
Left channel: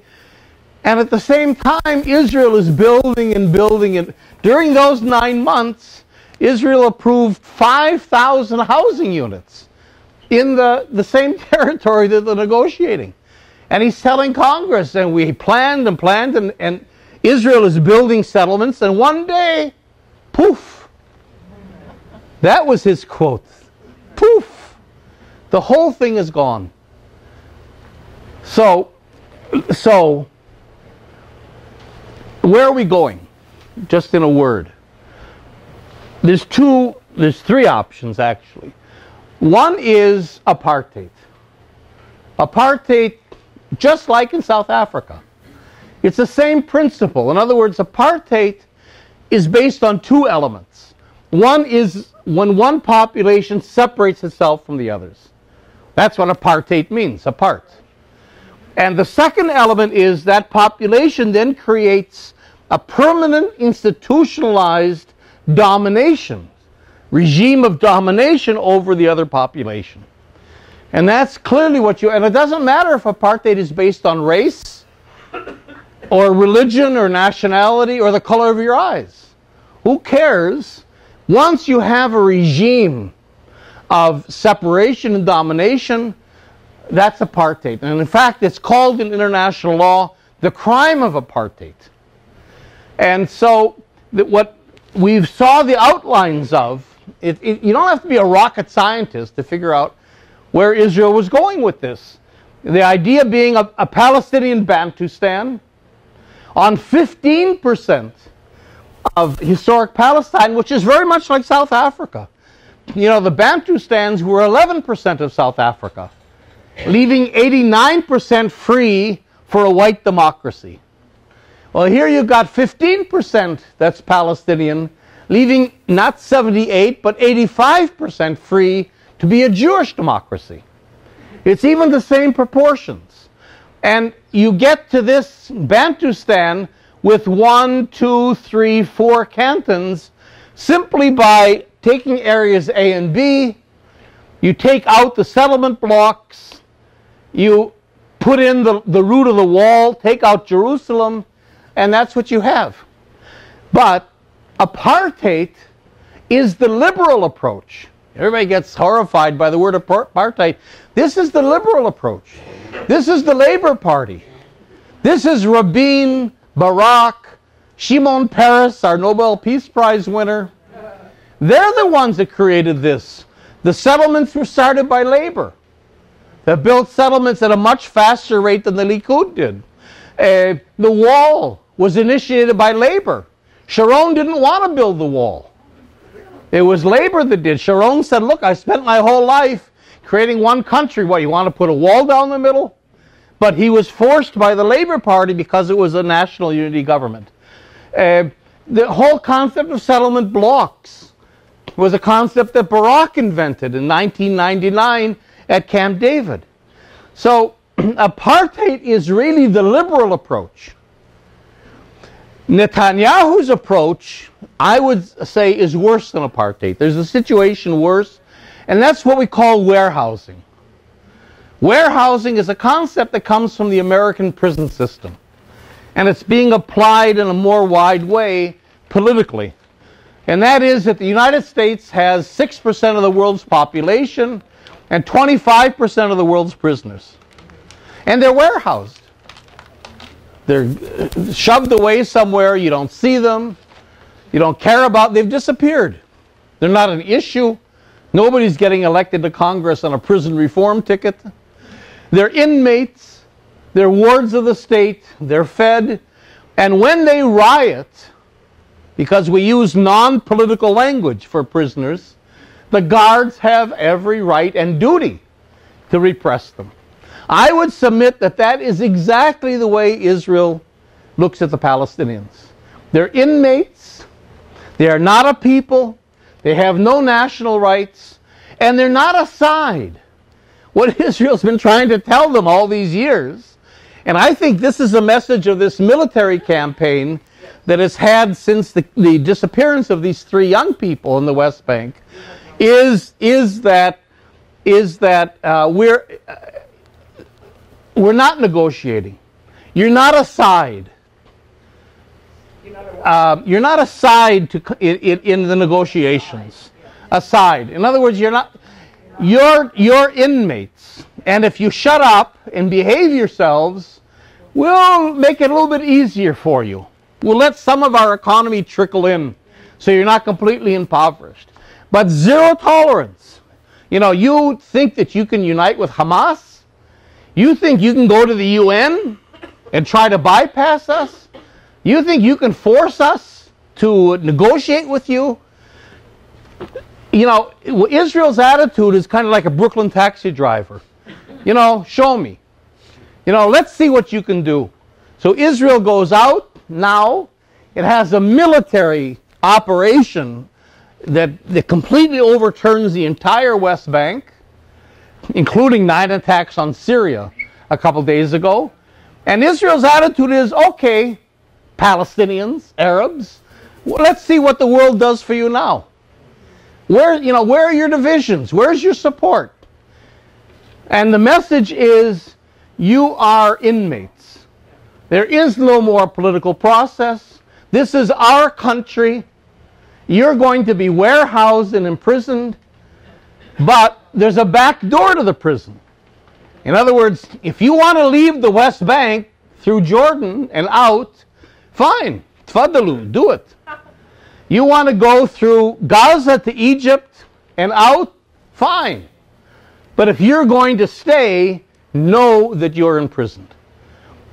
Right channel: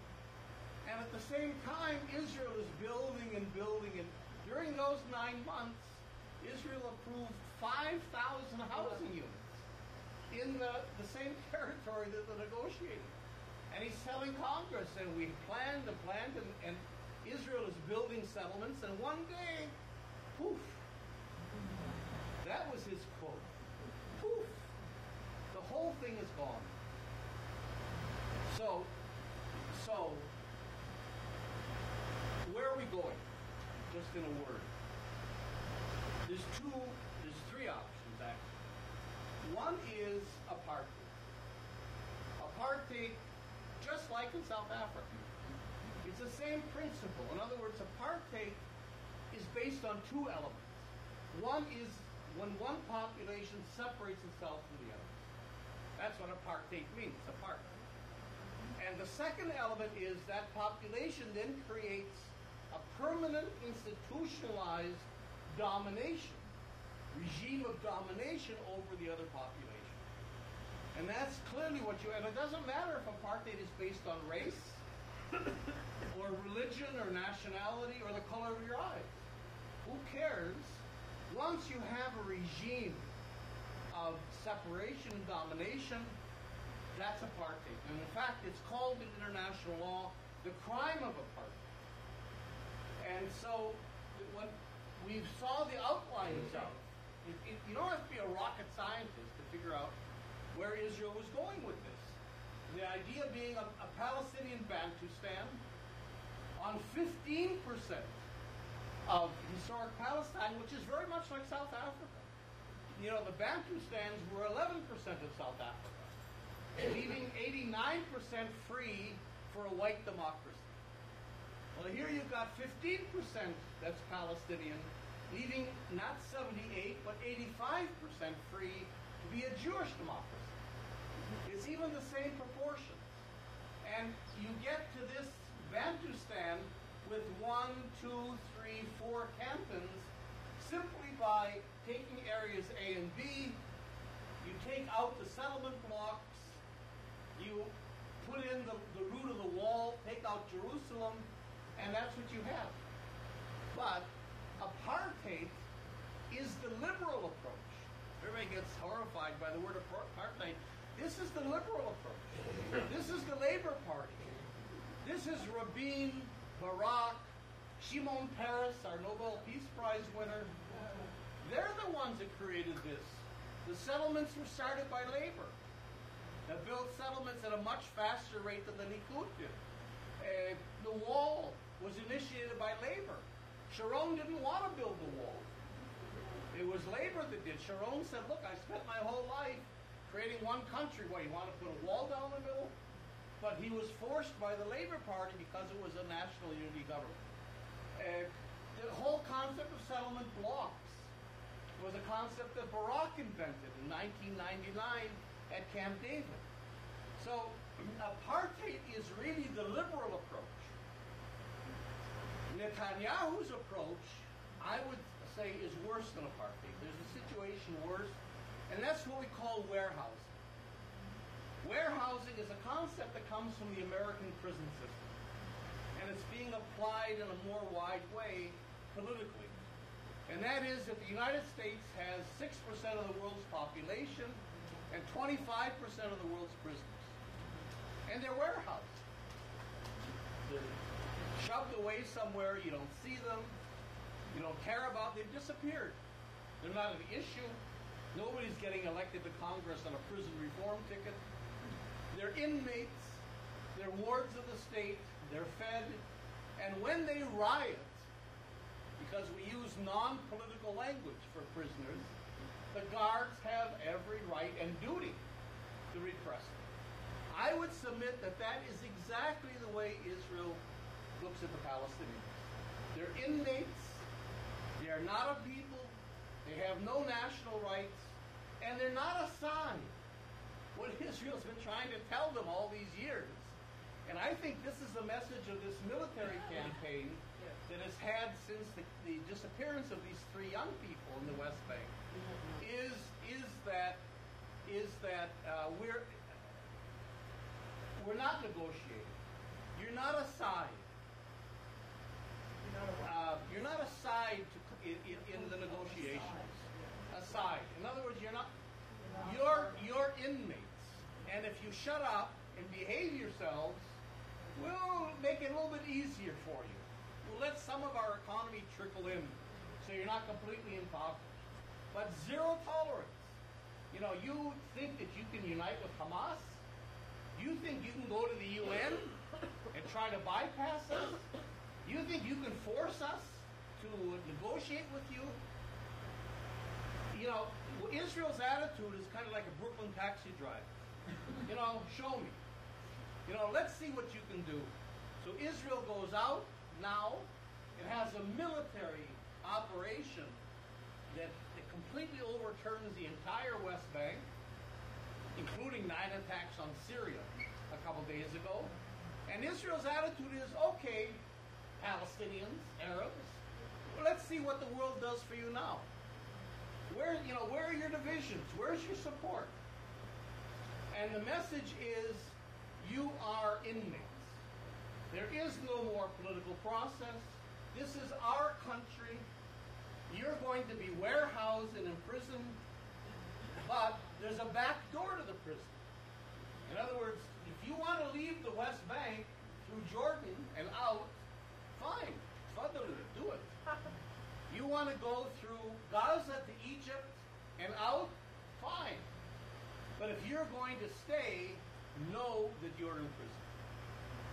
and at the same time, Israel is building and building, and during those 9 months, Israel approved 5,000 housing units in the same territory that they're negotiating. And he's telling Congress, and we planned and planned, and Israel is building settlements, and one day, poof. That was his quote. Poof. The whole thing is gone. So where are we going? Just in a word. There's three options, actually. One is apartheid. Apartheid, just like in South Africa. It's the same principle. In other words, apartheid is based on two elements. One is when one population separates itself from the others. That's what apartheid means, apart. And the second element is that population then creates a permanent institutionalized domination, regime of domination over the other population. And that's clearly what and it doesn't matter if apartheid is based on race or religion or nationality or the color of your eyes. Who cares? Once you have a regime of separation and domination, that's apartheid. And in fact, it's called in international law the crime of apartheid. And so what we saw the outlines of, you don't have to be a rocket scientist to figure out where Israel was going with this. The idea being a Palestinian Bantustan on 15% of historic Palestine, which is very much like South Africa. You know, the Bantustans were 11% of South Africa, leaving 89% free for a white democracy. Well, here you've got 15% that's Palestinian, leaving not 78, but 85% free to be a Jewish democracy. It's even the same proportions. And you get to this Bantustan with 1, 2, 3, 4 cantons simply by taking areas A and B, you take out the settlement blocks, you put in the root of the wall, take out Jerusalem, and that's what you have. But apartheid is the liberal approach. Everybody gets horrified by the word apartheid. This is the liberal approach. This is the Labour Party. This is Rabin, Barak, Shimon Peres, our Nobel Peace Prize winner. They're the ones that created this. The settlements were started by Labour. They built settlements at a much faster rate than the Likud did. The wall was initiated by Labour. Sharon didn't want to build the wall. It was Labour that did. Sharon said, look, I spent my whole life creating one country. What, you want to put a wall down the middle? But he was forced by the Labour Party because it was a national unity government. The whole concept of settlement blocks was a concept that Barak invented in 1999 at Camp David. So apartheid is really the liberal approach. Netanyahu's approach, I would say, is worse than apartheid. There's a situation worse, and that's what we call warehousing. Warehousing is a concept that comes from the American prison system, and it's being applied in a more wide way politically. And that is that the United States has 6% of the world's population and 25% of the world's prisoners. And they're warehoused. They're shoved away somewhere, you don't see them, you don't care about, they've disappeared. They're not an issue. Nobody's getting elected to Congress on a prison reform ticket. They're inmates, they're wards of the state, they're fed, and when they riot, because we use non-political language for prisoners, the guards have every right and duty to repress them. I would submit that that is exactly the way Israel looks at the Palestinians. They're inmates, they are not a people, they have no national rights, and they're not a side. What Israel's been trying to tell them all these years, and I think this is a message of this military campaign that has had since the disappearance of these 3 young people in the West Bank, is that we're not negotiating. You're not a side. You're not a side in the negotiations. A side. In other words, you're inmates. And if you shut up and behave yourselves, we'll make it a little bit easier for you. We'll let some of our economy trickle in so you're not completely impoverished. But zero tolerance. You know, you think that you can unite with Hamas? You think you can go to the UN and try to bypass us? You think you can force us to negotiate with you? You know, Israel's attitude is kind of like a Brooklyn taxi driver. You know, show me. You know, let's see what you can do. So Israel goes out now. It has a military operation that completely overturns the entire West Bank, including 9 attacks on Syria a couple days ago. And Israel's attitude is, okay, Palestinians, Arabs, well, let's see what the world does for you now. Where are your divisions? Where's your support? And the message is, you are inmates. There is no more political process. This is our country. You're going to be warehoused and imprisoned, but there's a back door to the prison. In other words, if you want to leave the West Bank through Jordan and out, fine, tfaddalu, do it. You want to go through Gaza to Egypt and out, fine. But if you're going to stay, know that you're imprisoned.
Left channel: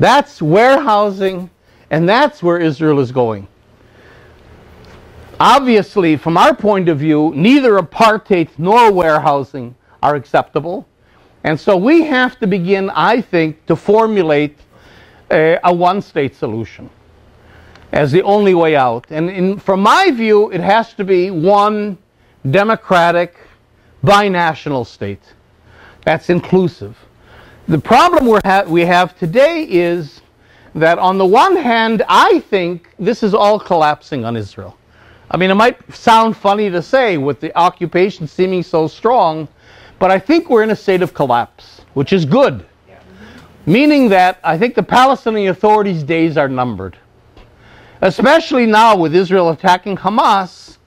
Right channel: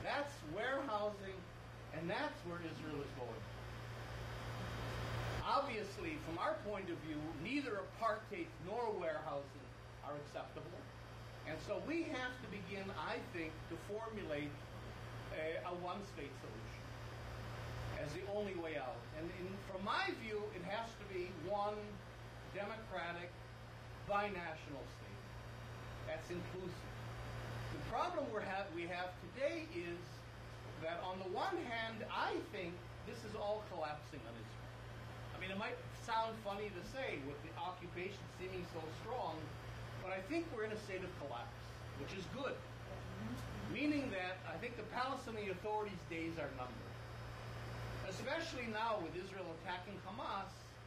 That's warehousing, and that's where Israel is going. Obviously, from our point of view, neither apartheid nor warehousing are acceptable. And so we have to begin, I think, to formulate a one-state solution as the only way out. And from my view, it has to be one democratic, binational state that's inclusive. The problem we have today is that on the one hand, I think this is all collapsing on Israel. I mean, it might sound funny to say with the occupation seeming so strong, but I think we're in a state of collapse, which is good. Meaning that I think the Palestinian Authority's days are numbered. Especially now with Israel attacking Hamas,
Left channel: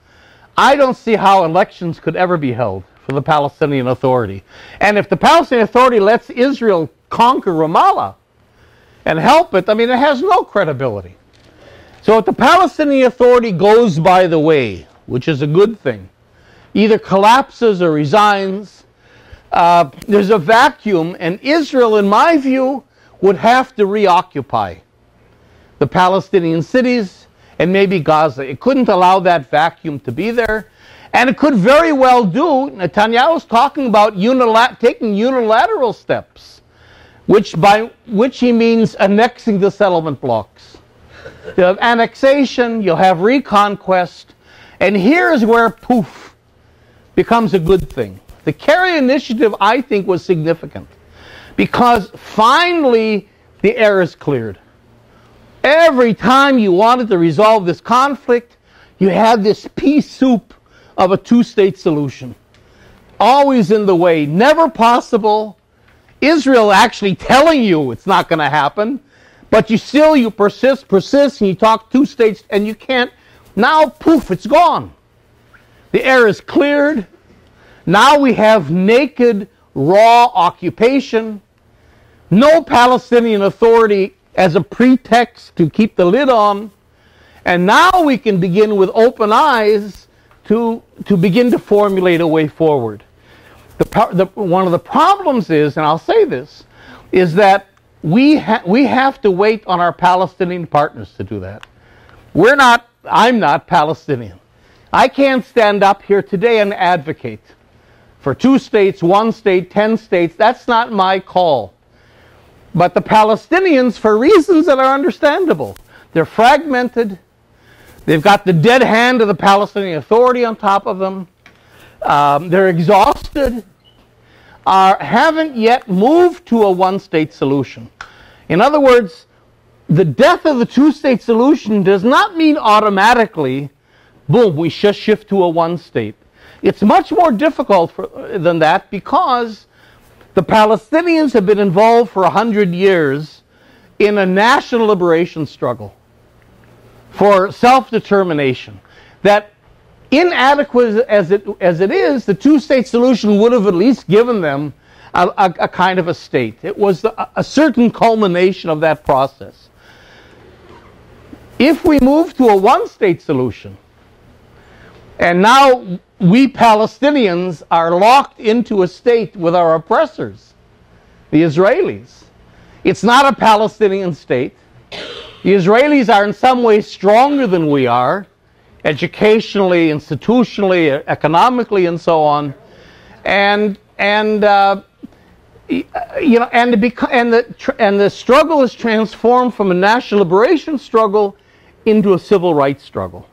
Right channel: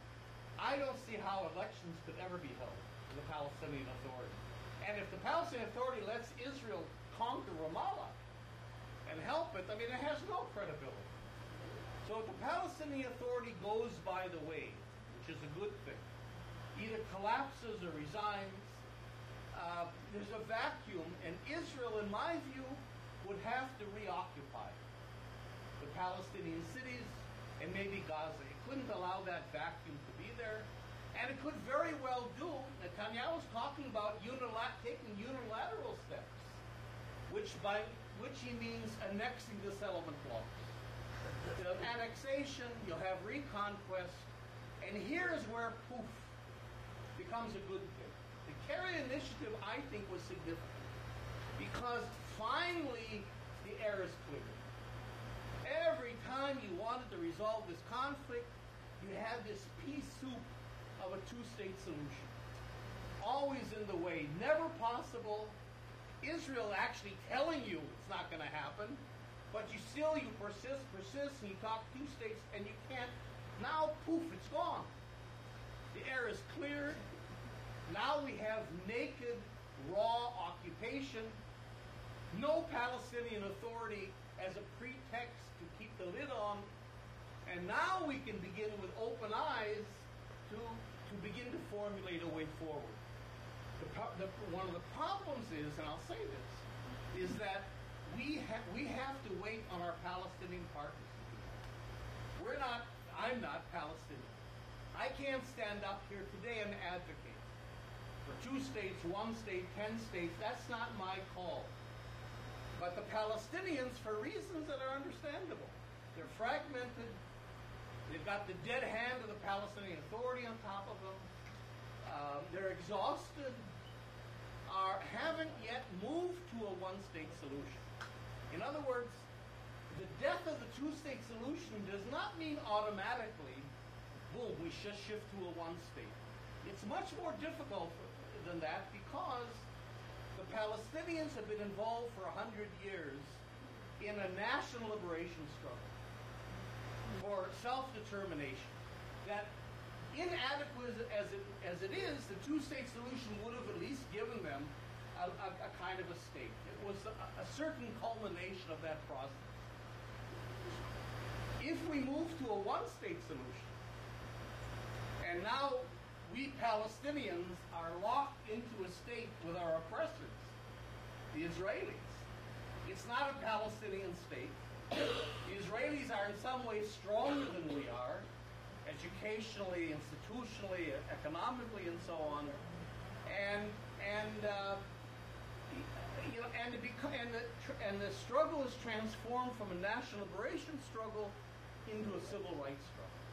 I don't see how elections could ever be held for the Palestinian Authority. And if the Palestinian Authority lets Israel conquer Ramallah and help it, I mean, it has no credibility. So if the Palestinian Authority goes by the way, which is a good thing, either collapses or resigns, there's a vacuum, and Israel, in my view, would have to reoccupy the Palestinian cities and maybe Gaza. It couldn't allow that vacuum to be there. And it could very well do, Netanyahu's talking about taking unilateral steps, by which he means annexing the settlement blocks. You'll have annexation, you'll have reconquest, and here's where poof becomes a good thing. The Kerry initiative, I think, was significant because finally the air is cleared. Every time you wanted to resolve this conflict, you had this pea soup of a two-state solution. Always in the way, never possible. Israel actually telling you it's not going to happen, but you persist, and you talk two states, and you can't. Now, poof, it's gone. The air is cleared. Now we have naked, raw occupation. No Palestinian Authority as a pretext to keep the lid on. And now we can begin with open eyes to begin to formulate a way forward. One of the problems is, and I'll say this, is that we have to wait on our Palestinian partners to do that. I'm not Palestinian. I can't stand up here today and advocate for 2 states, 1 state, 10 states. That's not my call. But the Palestinians, for reasons that are understandable, they're fragmented. They've got the dead hand of the Palestinian Authority on top of them. They're exhausted. Haven't yet moved to a one-state solution. In other words, the death of the 2-state solution does not mean automatically, boom, we just shift to a one-state. It's much more difficult than that because the Palestinians have been involved for 100 years in a national liberation struggle for self-determination. That inadequate as it is, the 2-state solution would have at least given them a kind of a state. It was a certain culmination of that process. if we move to a one-state solution, and now we Palestinians are locked into a state with our oppressors, the Israelis. It's not a Palestinian state. The Israelis are in some ways stronger than we are, educationally, institutionally, economically, and so on. And the struggle is transformed from a national liberation struggle into a civil rights struggle.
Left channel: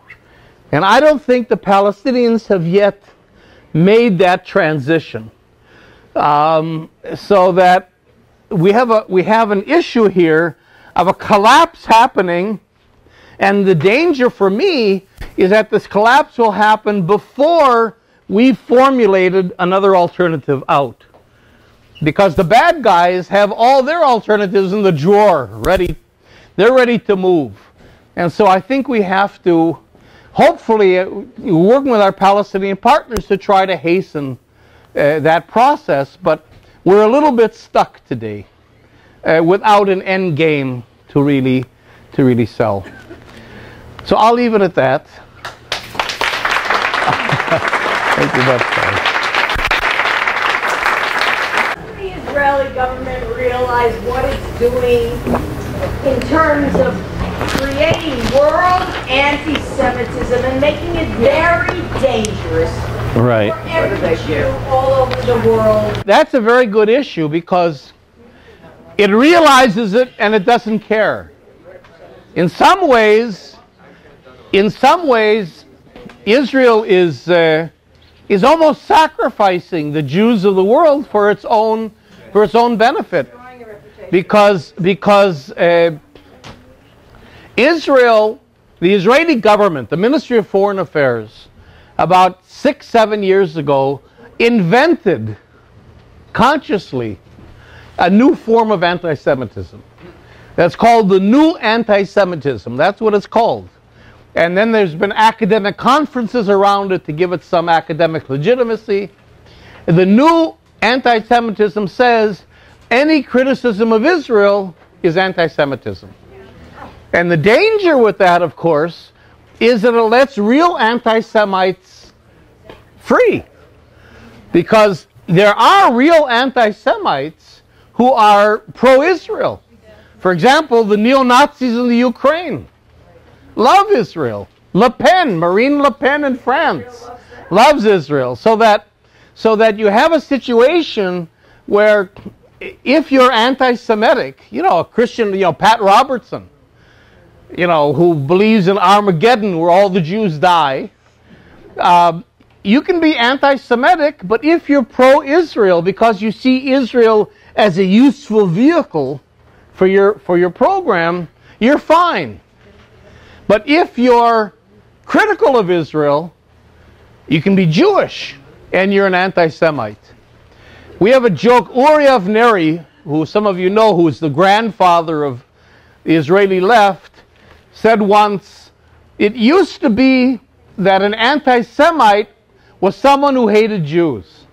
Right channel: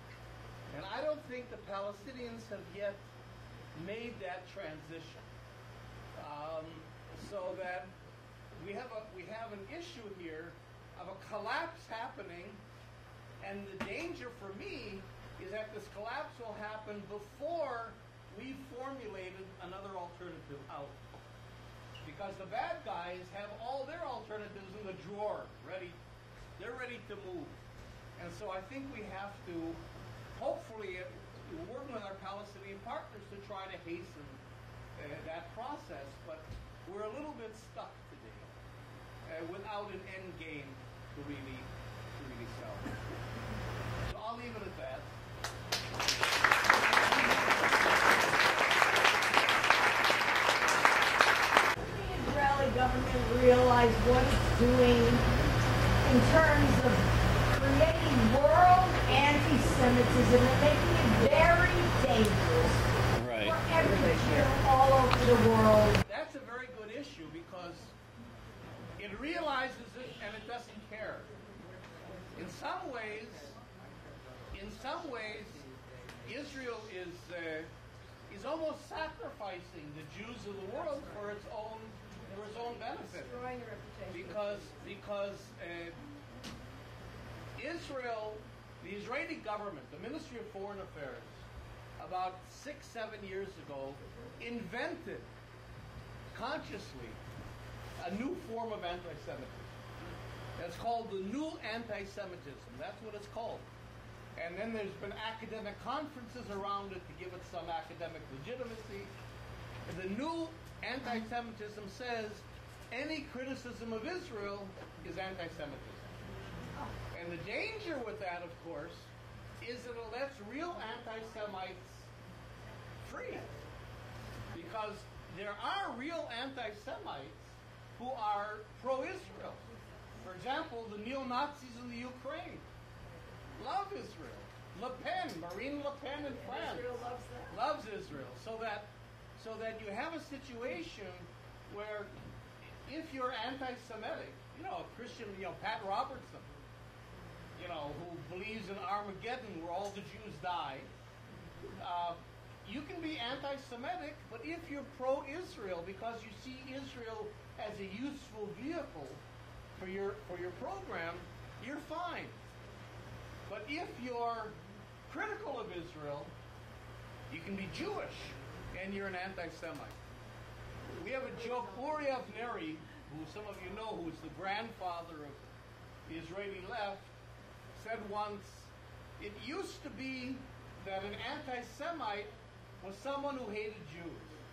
And I don't think the Palestinians have yet made that transition. So that we have an issue here of a collapse happening, and the danger for me is that this collapse will happen before we've formulated another alternative out. Because the bad guys have all their alternatives in the drawer, ready. They're ready to move. And so I think we have to, hopefully, working with our Palestinian partners to try to hasten that process. But we're a little bit stuck today without an end game to really sell. So I'll leave it at that. Thank you much, guys. The Israeli government realize what it's doing in terms of creating world anti-Semitism and making it very dangerous for every Jew all over the world. That's a very good issue because it realizes it and it doesn't care. In some ways, Israel is almost sacrificing the Jews of the world for its own benefit, because Israel, the Israeli government, the Ministry of Foreign Affairs, about 6-7 years ago, invented consciously a new form of anti-Semitism. That's called the new anti-Semitism. That's what it's called. And then there's been academic conferences around it to give it some academic legitimacy. The new anti-Semitism says any criticism of Israel is anti-Semitism. And the danger with that, of course, is that it lets real anti-Semites free. Because there are real anti-Semites who are pro-Israel. For example, the neo-Nazis in the Ukraine love Israel. Marine Le Pen in France loves Israel. So that you have a situation where if you're anti-Semitic, a Christian, Pat Robertson, who believes in Armageddon where all the Jews die, you can be anti-Semitic, but if you're pro-Israel because you see Israel as a useful vehicle for your program, you're fine. But if you're critical of Israel, you can be Jewish and you're an anti-Semite. We have a joke. Uri Avneri, who some of you know, who's the grandfather of the Israeli left, said once, it used to be that an anti-Semite was someone who hated Jews.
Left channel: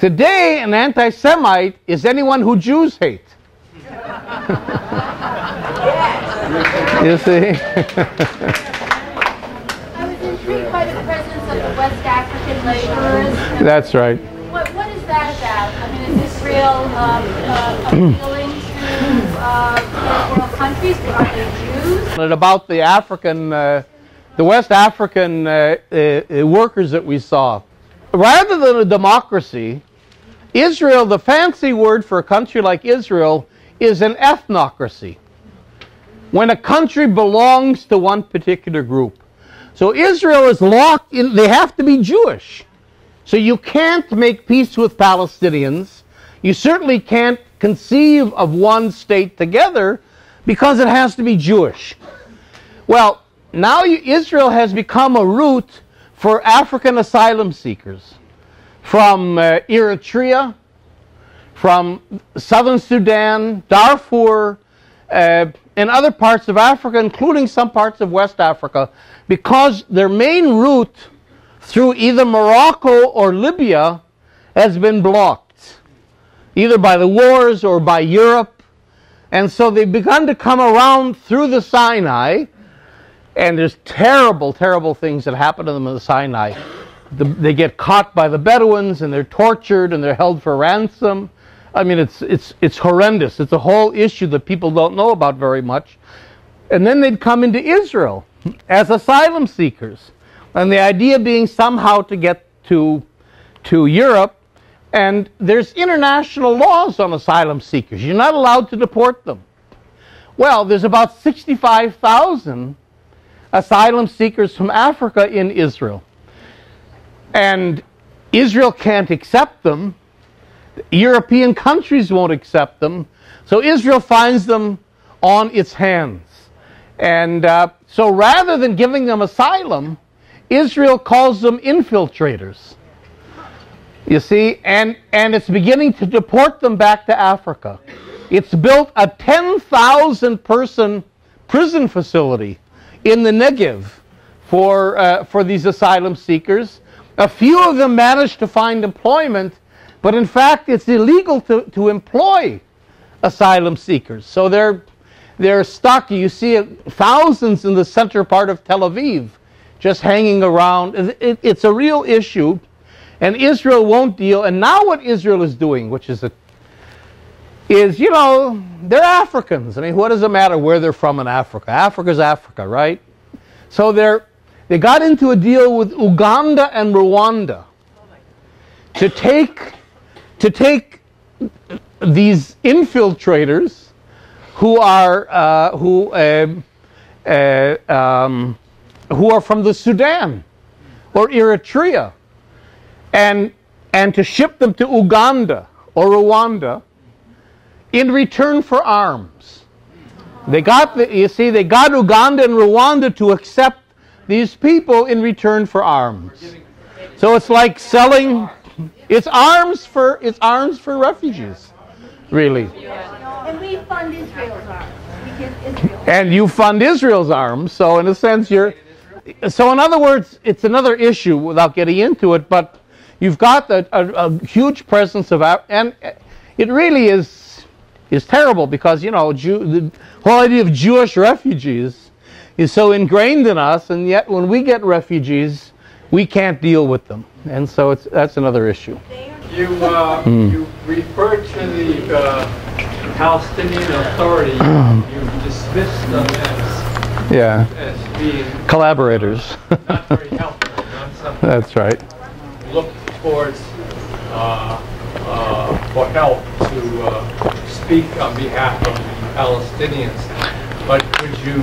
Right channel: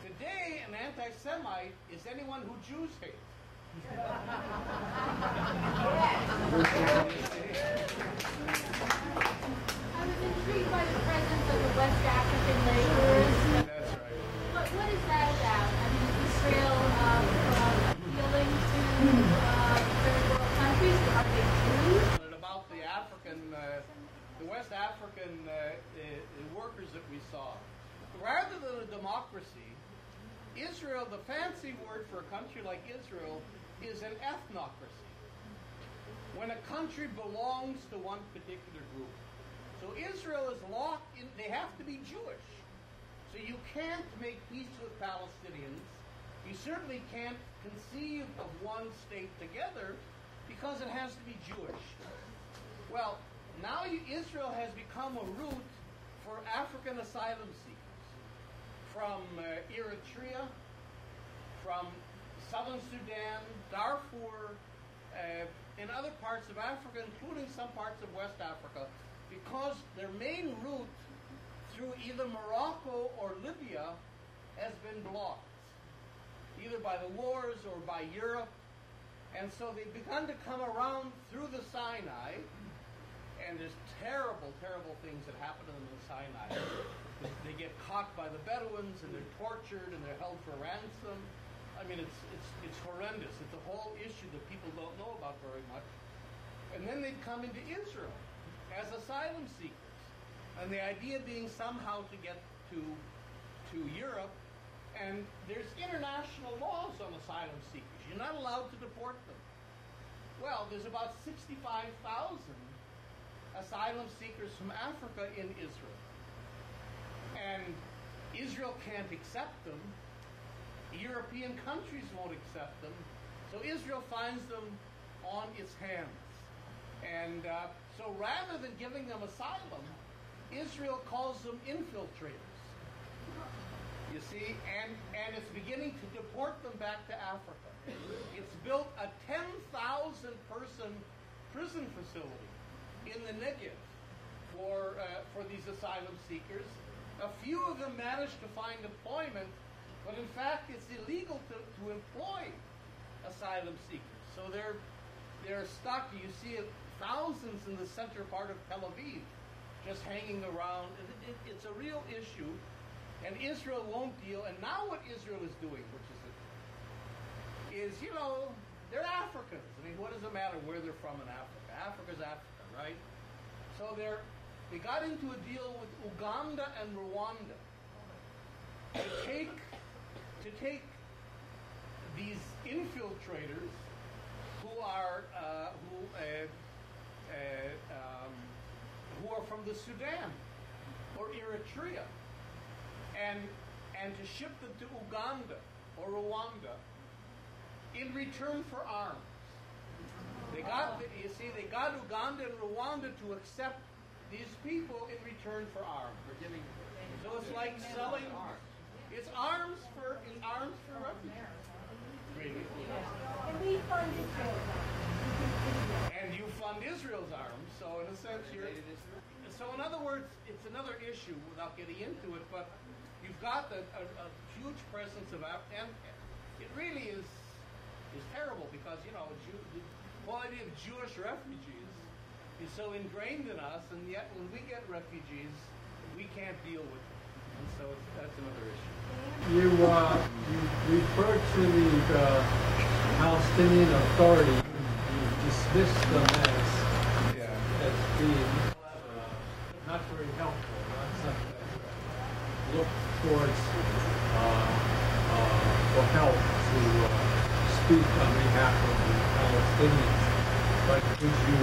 Today, an anti-Semite is anyone who Jews hate. You see? I was intrigued by the presence of the West African laborers. That's right. What is that about? I mean, is Israel appealing to third world countries? Are they Jews? And about the the West African workers that we saw. Rather than a democracy, Israel, the fancy word for a country like Israel, is an ethnocracy. When a country belongs to one particular group. So Israel is locked in, they have to be Jewish. So you can't make peace with Palestinians. You certainly can't conceive of one state together because it has to be Jewish. Well, now Israel has become a route for African asylum seekers from Eritrea, from southern Sudan, Darfur, and other parts of Africa, including some parts of West Africa, because their main route through either Morocco or Libya has been blocked, either by the wars or by Europe. And so they've begun to come around through the Sinai, And there's terrible, terrible things that happen to them in the Sinai. They get caught by the Bedouins, and they're tortured, and they're held for ransom. I mean, it's horrendous. It's a whole issue that people don't know about very much. And then they'd come into Israel as asylum seekers. And the idea being somehow to get to Europe. And there's international laws on asylum seekers. You're not allowed to deport them. Well, there's about 65,000 asylum seekers from Africa in Israel. And Israel can't accept them. European countries won't accept them. So Israel finds them on its hands. And so rather than giving them asylum, Israel calls them infiltrators. You see, and it's beginning to deport them back to Africa. It's built a 10,000-person prison facility in the Negev for these asylum seekers. A few of them managed to find employment, but in fact it's illegal to employ asylum seekers. So they're stuck. You see thousands in the center part of Tel Aviv just hanging around. It's a real issue, and Israel won't deal. And now what Israel is doing, which is you know, they're Africans. I mean, what does it matter where they're from in Africa? Africa's Africa, right? So they got into a deal with Uganda and Rwanda to take these infiltrators who are from the Sudan or Eritrea, and to ship them to Uganda or Rwanda in return for arms. They got Uganda and Rwanda to accept these people in return for arms. So it's like selling. It's arms for refugees, really. And we fund Israel's arms. We give Israel. And you fund Israel's arms, so in a sense so in other words, it's another issue without getting into it, but you've got a huge presence of, and it really is terrible because, you know, the whole idea of Jewish refugees is so ingrained in us, and yet when we get refugees, we can't deal with them. And so that's another issue. You referred to the Palestinian Authority. You dismissed them as being collaborators. not very helpful. Not something That's right. look towards for help to speak on behalf of the Palestinians. But could you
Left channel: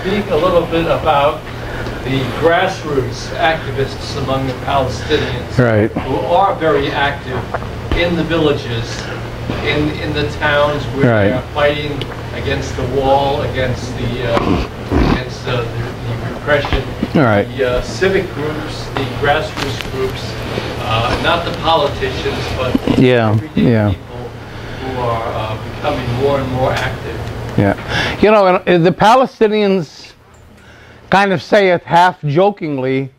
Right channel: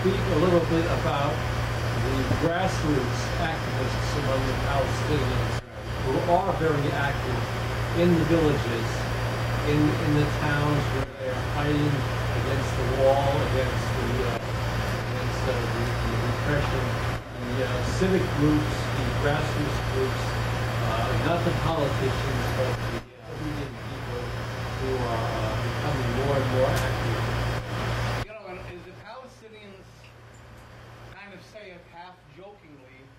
speak a little bit about the grassroots activists among the Palestinians, Right. who are very active in the villages, in the towns where Right. they're fighting against the wall, against the repression, Right. the civic groups, the grassroots groups, not the politicians, but the everyday people who are becoming more and more active. Yeah. You know, the Palestinians kind of say it half jokingly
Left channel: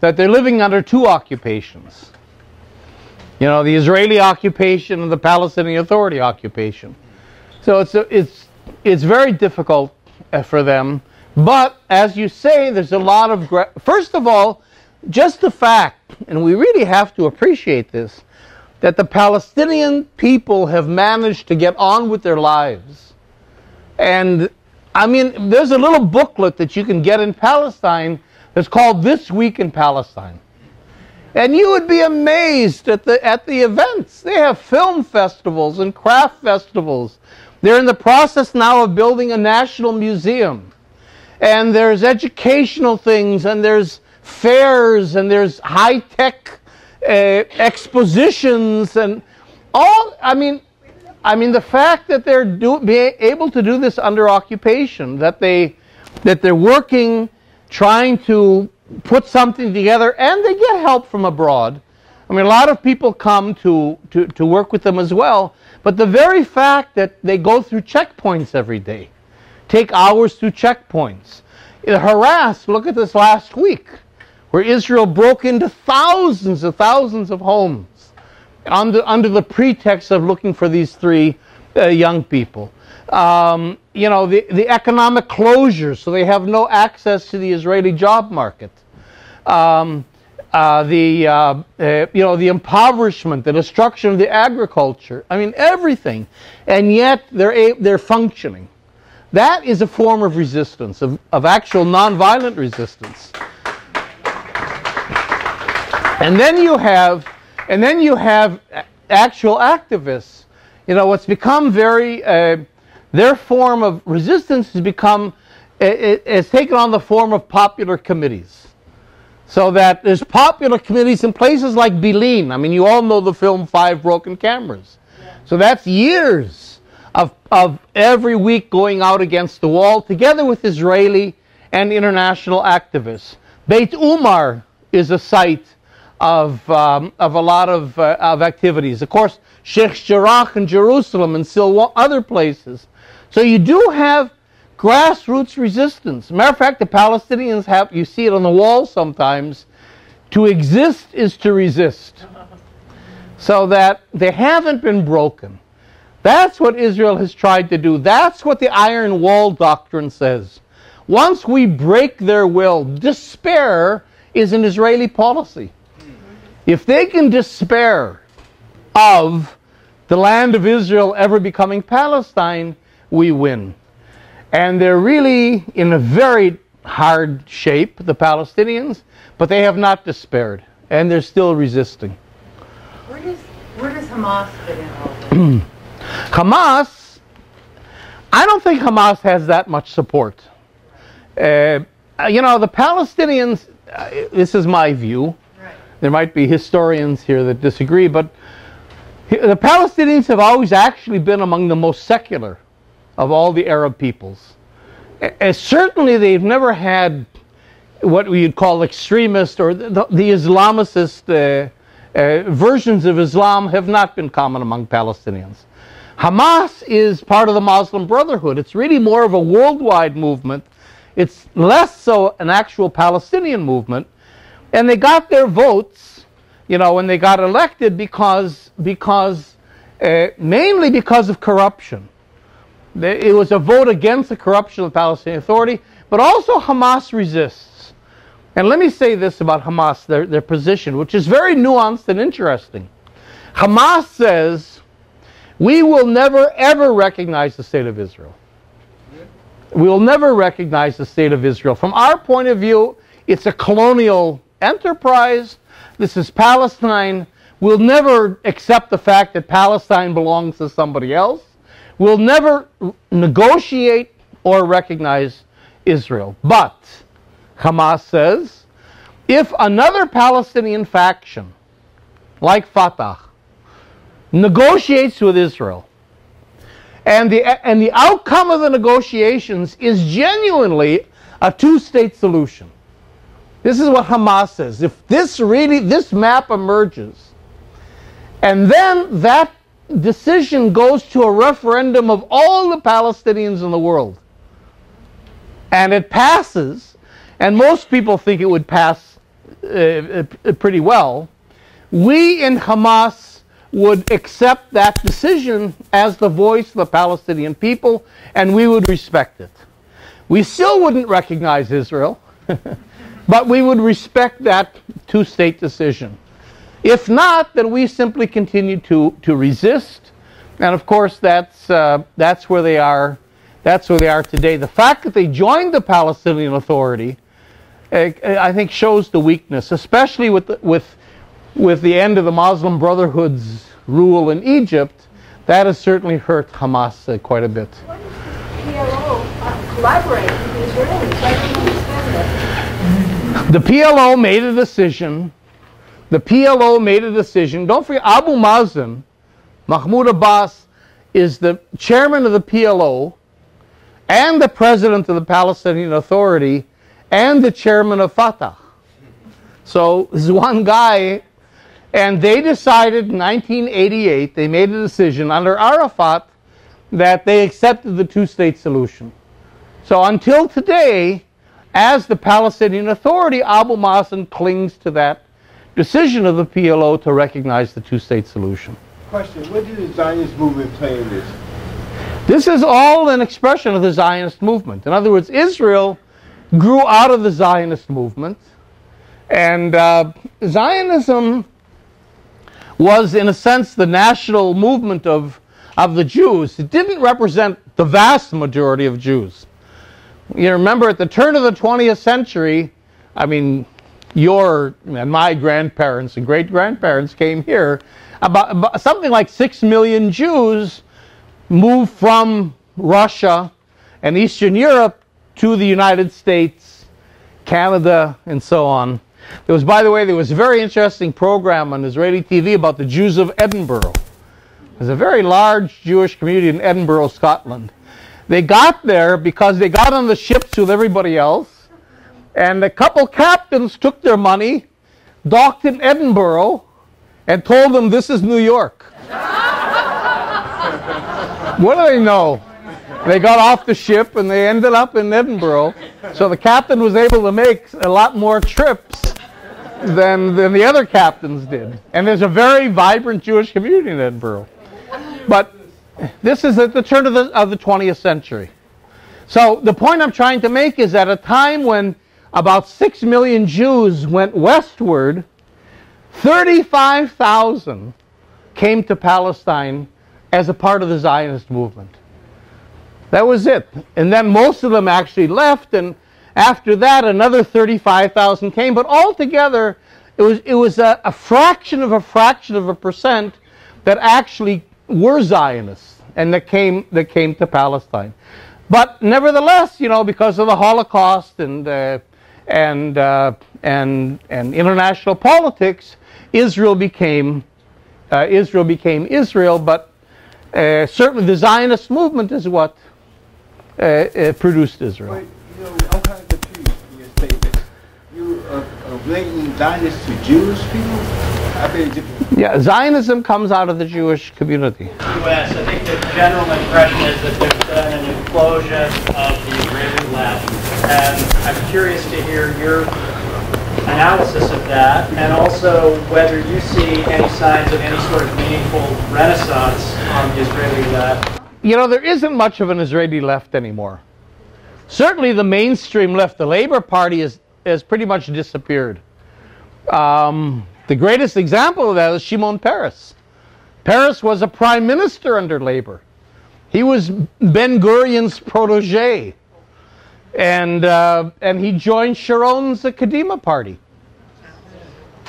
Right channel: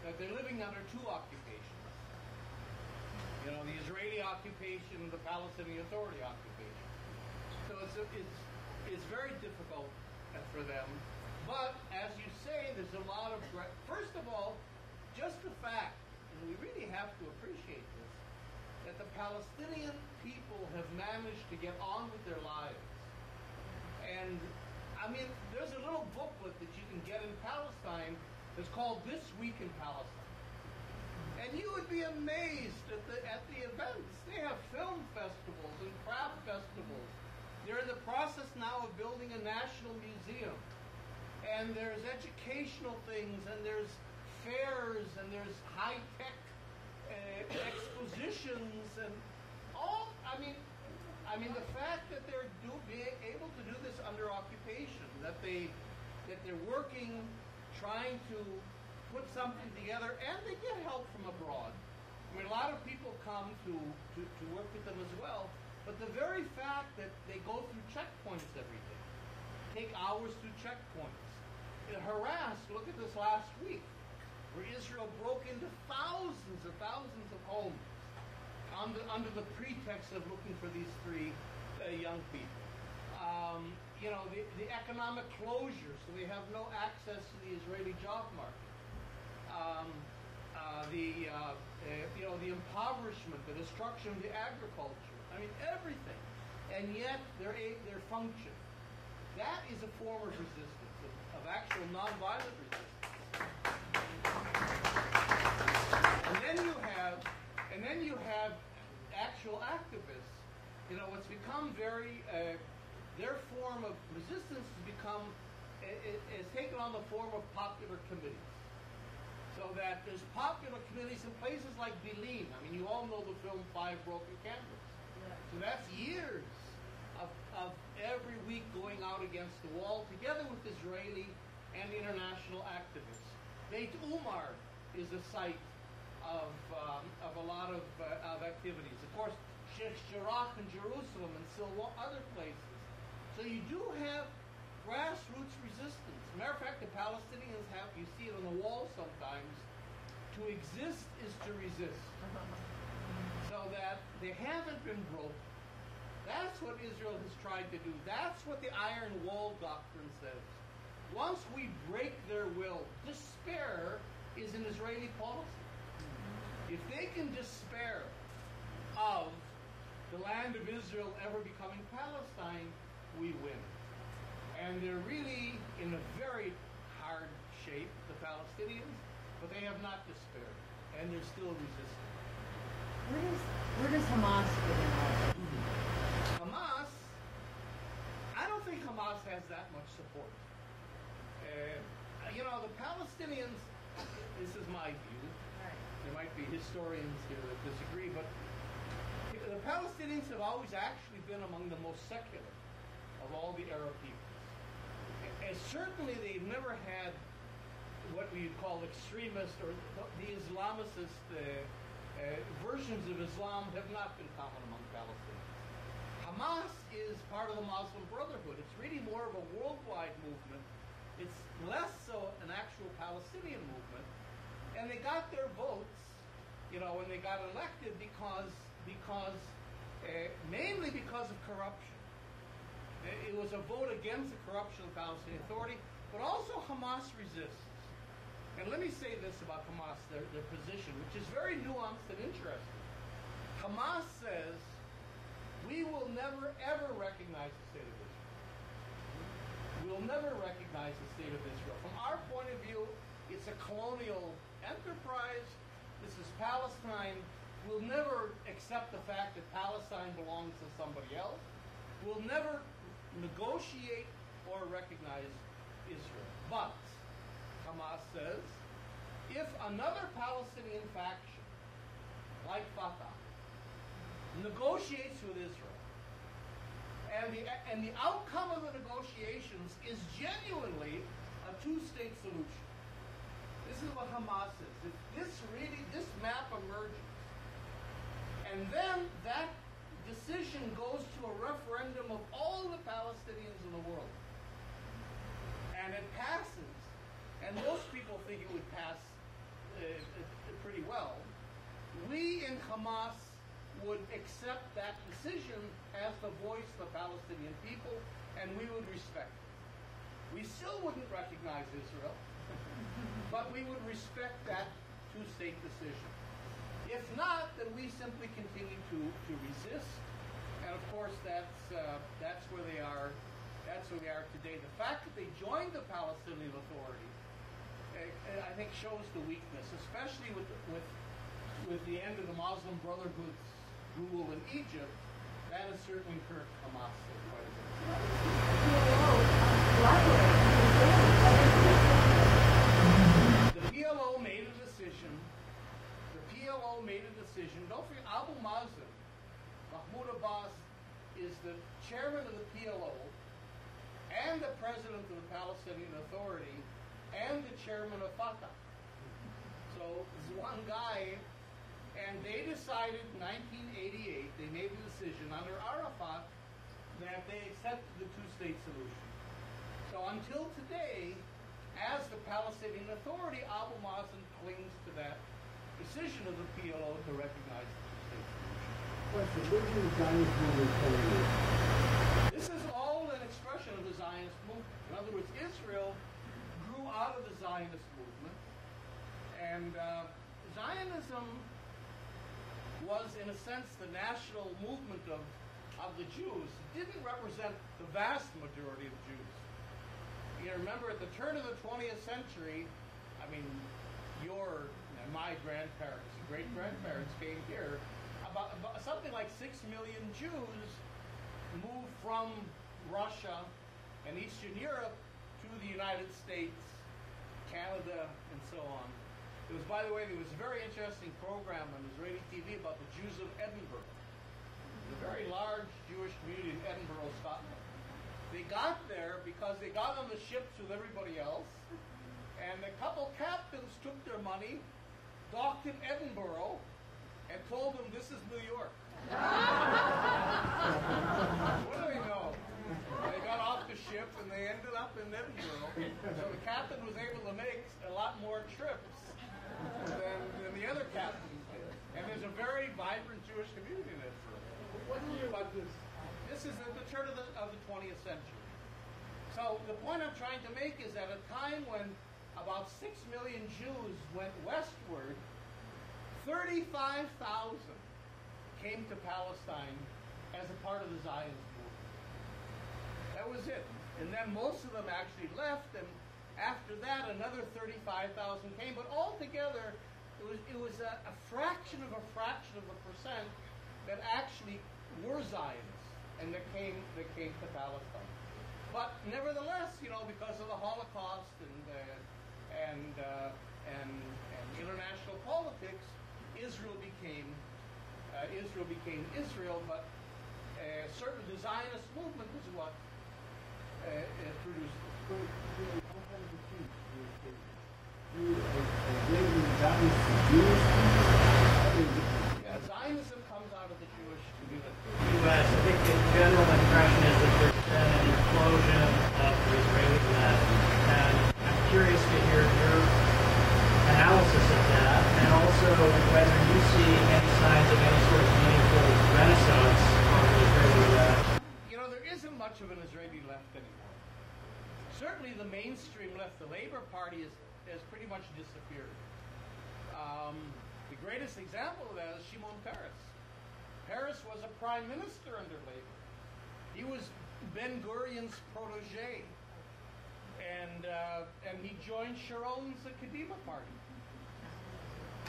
that they're living under two occupations. You know, the Israeli occupation and the Palestinian Authority occupation. So it's very difficult for them. But as you say, there's a lot of first of all, just the fact, and we really have to appreciate this, that the Palestinian people have managed to get on with their lives. And I mean, there's a little booklet that you can get in Palestine that's called This Week in Palestine. And you would be amazed at the events. They have film festivals and craft festivals. They're in the process now of building a national museum. And there's educational things, and there's fairs, and there's high-tech expositions, and all. I mean, the fact that they're being able to do this under occupation, that they're working, trying to put something together, and they get help from abroad. I mean, a lot of people come to work with them as well, but the very fact that they go through checkpoints every day, take hours through checkpoints, harass. Look at this last week, where Israel broke into thousands of homes under the pretext of looking for these three young people. You know, the economic closure, so they have no access to the Israeli job market. You know, the impoverishment, the destruction of the agriculture. I mean, everything. And yet they're functioning. That is a form of resistance, of actual nonviolent resistance. And then you have actual activists. You know, what's become very, their form of resistance has become, has taken on the form of popular committees. So that there's popular committees in places like Bilin. I mean, you all know the film Five Broken Cameras. So that's years of every week going out against the wall, together with Israeli and international activists. Beit Umar is a site of a lot of activities. Of course, Sheikh Jarrah in Jerusalem and still other places. So you do have grassroots resistance. Matter of fact, the Palestinians have, you see it on the wall sometimes, to exist is to resist. So that they haven't been broken. That's what Israel has tried to do. That's what the Iron Wall doctrine says. Once we break their will, despair is an Israeli policy. If they can despair of the land of Israel ever becoming Palestine, we win. And they're really in a very hard shape, the Palestinians, but they have not despaired, and they're still resisting. Where does Hamas fit in all this? Hamas, I don't think Hamas has that much support. You know, the Palestinians, this is my view. Right. There might be historians here that disagree, but the Palestinians have always actually been among the most secular of all the Arab peoples. Certainly they've never had what we'd call extremist or the Islamicist versions of Islam have not been common among Palestinians. Hamas is part of the Muslim Brotherhood. It's really more of a worldwide movement. It's less so an actual Palestinian movement. And they got their votes, you know, when they got elected mainly because of corruption. It was a vote against the corruption of the Palestinian Authority, but also Hamas resists. And let me say this about Hamas, their position, which is very nuanced and interesting. Hamas says, we will never, ever recognize the state of Israel. We will never recognize the state of Israel. From our point of view, it's a colonial enterprise. This is Palestine. We'll never accept the fact that Palestine belongs to somebody else. We'll never negotiate or recognize Israel. But, Hamas says, if another Palestinian faction, like Fatah, negotiates with Israel, and the outcome of the negotiations is genuinely a two-state solution. This is what Hamas says. If this map emerges, and then that decision goes to a referendum of all the Palestinians in the world, and it passes, and most people think it would pass pretty well, we in Hamas would accept that decision as the voice of the Palestinian people, and we would respect it. We still wouldn't recognize Israel, but we would respect that two-state decision. If not, then we simply continue to resist, and of course that's where they are. That's where they are today. The fact that they joined the Palestinian Authority, I think, shows the weakness, especially with the end of the Muslim Brotherhood's rule in Egypt. That has certainly hurt Hamas quite a bit. Why does the PLO collaborate with the Israelis? I don't understand that. The PLO made a decision. The PLO made a decision. Don't forget, Abu Mazen, Mahmoud Abbas, is the chairman of the PLO and the president of the Palestinian Authority and the chairman of Fatah. So this is one guy, and they decided in 1988, they made a decision under Arafat that they accepted the two-state solution. So until today, as the Palestinian Authority, Abu Mazen clings to that decision of the PLO to recognize the two-state solution. Question, what did the Zionist movement play in this? This is all an expression of the Zionist movement. In other words, Israel grew out of the Zionist movement, and Zionism was, in a sense, the national movement of the Jews. It didn't represent the vast majority of Jews. You remember, at the turn of the 20th century, I mean, your and my grandparents and great-grandparents came here. About something like 6 million Jews moved from Russia and Eastern Europe to the United States, Canada, and so on. There was, by the way, there was a very interesting program on Israeli TV about the Jews of Edinburgh. There's a very large Jewish community in Edinburgh, Scotland. They got there because they got on the ships with everybody else, and a couple captains took their money, docked in Edinburgh, and told them this is New York. What do they know? They got off the ship and they ended up in Edinburgh. So the captain was able to make a lot more trips than the other captains did. And there's a very vibrant Jewish community in Edinburgh. But this is at the turn of the 20th century. So the point I'm trying to make is at a time when about 6 million Jews went westward, 35,000 came to Palestine as a part of the Zionist movement. That was it. And then most of them actually left, and after that another 35,000 came. But altogether, it was a fraction of a percent that actually were Zionists and that came to Palestine. But nevertheless, you know, because of the Holocaust and international politics, Israel became Israel. But certainly the Zionist movement is what produced Israel. But, you know, I'm kind of confused in your statement. You are linking Zionists to Jewish people? Yeah, Zionism comes out of the Jewish community. U.S. I think the general impression is that there's been an implosion of the Israeli left, and I'm curious to hear your analysis of that, and also whether you see any signs of any sort of meaningful renaissance on the Israeli left. You know, there isn't much of an Israeli left anymore. Certainly the mainstream left, the Labour Party, has pretty much disappeared. The greatest example of that is Shimon Peres. Peres was a prime minister under Labour. He was Ben-Gurion's protege. And he joined Sharon's Kadima party.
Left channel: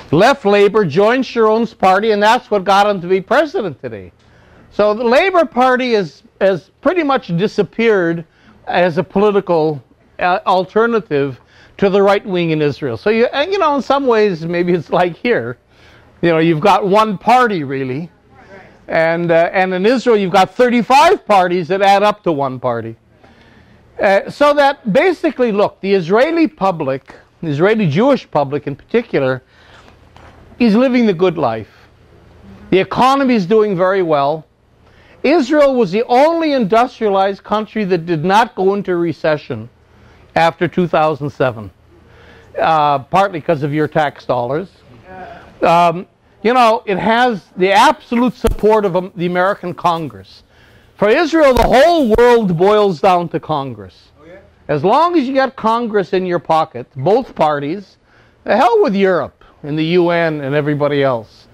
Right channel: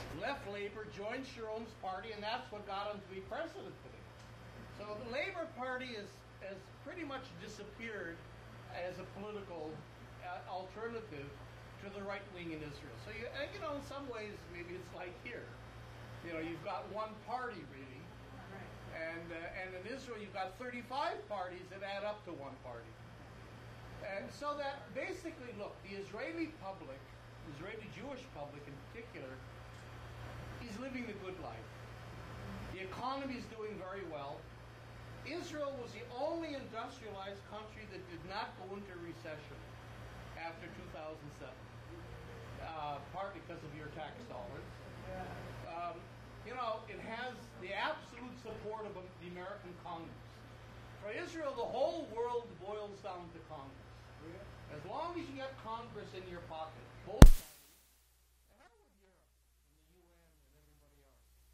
Left Labour, joined Sharon's party, and that's what got him to be president today. So the Labour Party has pretty much disappeared as a political alternative to the right wing in Israel. So you know, in some ways, maybe it's like here. You know, you've got one party really, and in Israel you've got 35 parties that add up to one party. So that basically, look, the Israeli public, the Israeli Jewish public in particular, is living the good life. The economy is doing very well. Israel was the only industrialized country that did not go into recession after 2007, partly because of your tax dollars. You know, it has the absolute support of the American Congress. For Israel, the whole world boils down to Congress. As long as you got Congress in your pocket, both parties, the hell with Europe and the UN and everybody else.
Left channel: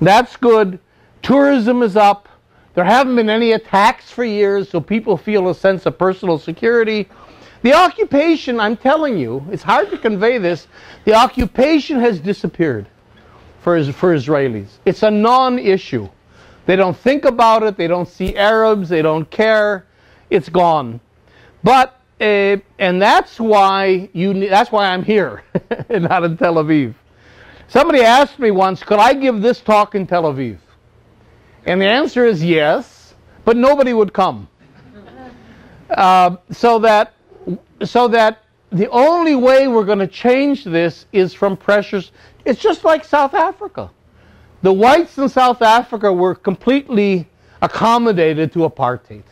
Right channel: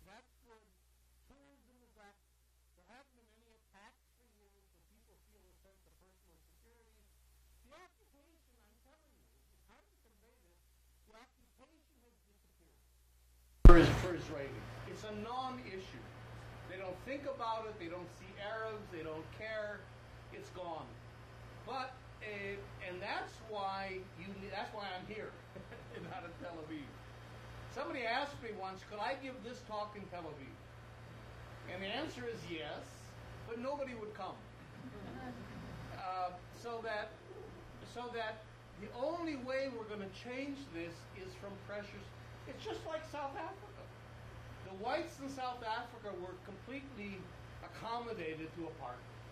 That's good. Tourism is up. There haven't been any attacks for years, so people feel a sense of personal security. The occupation, I'm telling you, it's hard to convey this, the occupation has disappeared for Israelis. It's a non-issue. They don't think about it, they don't see Arabs, they don't care, it's gone. But, and that's why I'm here, and not in Tel Aviv. Somebody asked me once, could I give this talk in Tel Aviv? And the answer is yes, but nobody would come. So that the only way we're going to change this is from pressures. It's just like South Africa. The whites in South Africa were completely accommodated to apartheid.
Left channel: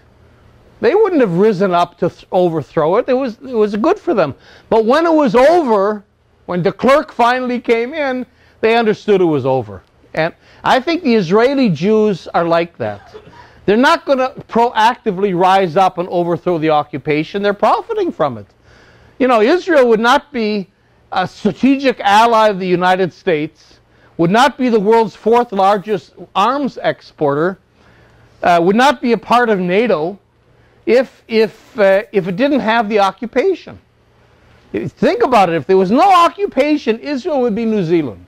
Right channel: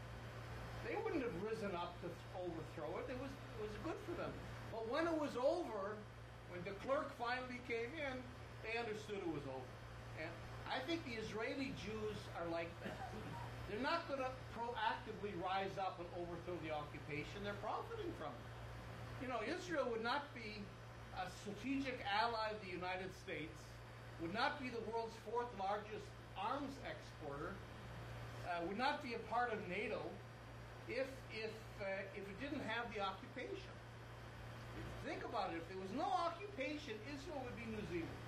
They wouldn't have risen up to overthrow it. It was good for them. But when it was over, when de Klerk finally came in, they understood it was over. And I think the Israeli Jews are like that. They're not going to proactively rise up and overthrow the occupation. They're profiting from it. You know, Israel would not be a strategic ally of the United States, would not be the world's 4th largest arms exporter, would not be a part of NATO if it didn't have the occupation. Think about it. If there was no occupation, Israel would be New Zealand.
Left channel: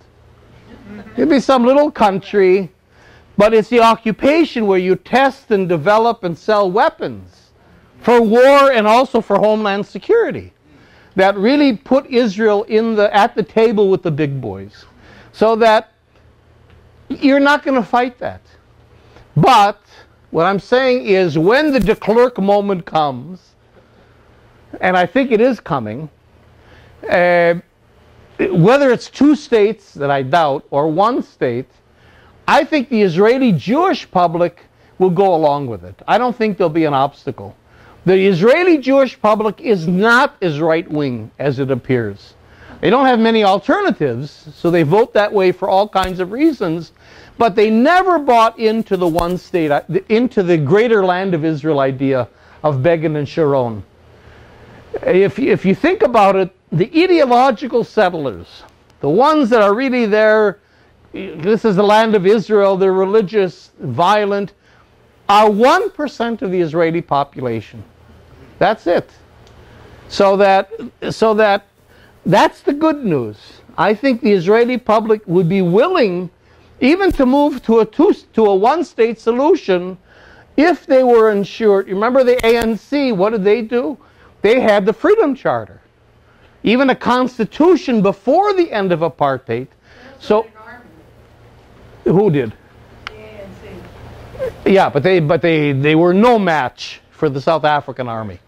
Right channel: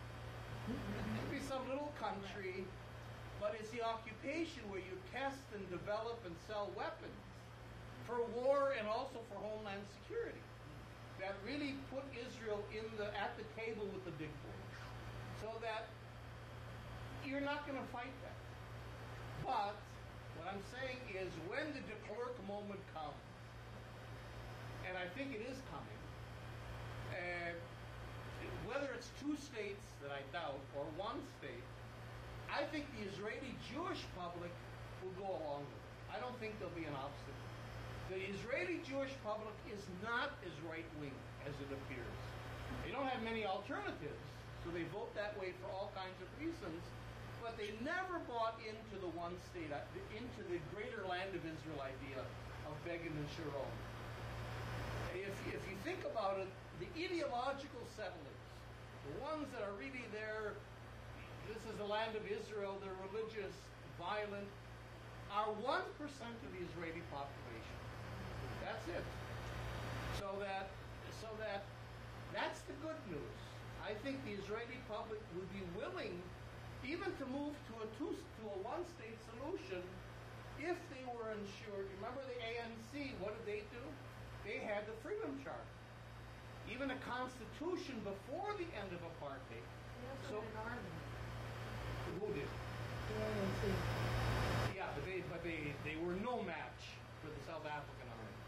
It'd be some little country, but it's the occupation where you test and develop and sell weapons for war and also for homeland security that really put Israel at the table with the big boys. So that you're not going to fight that. But what I'm saying is when the de Klerk moment comes, and I think it is coming, whether it's 2 states that I doubt or 1 state, I think the Israeli Jewish public will go along with it. I don't think there'll be an obstacle. The Israeli Jewish public is not as right-wing as it appears. They don't have many alternatives, so they vote that way for all kinds of reasons, but they never bought into the 1 state, into the greater land of Israel idea of Begin and Sharon. If you think about it, the ideological settlers, the ones that are really there, this is the land of Israel, they're religious, violent, are 1% of the Israeli population. That's it. So that's the good news. I think the Israeli public would be willing even to move to a 1-state solution if they were ensured. Remember the ANC, what did they do? They had the Freedom Charter, even a constitution before the end of apartheid. So, who did? Yeah, but they were no match for the South African army.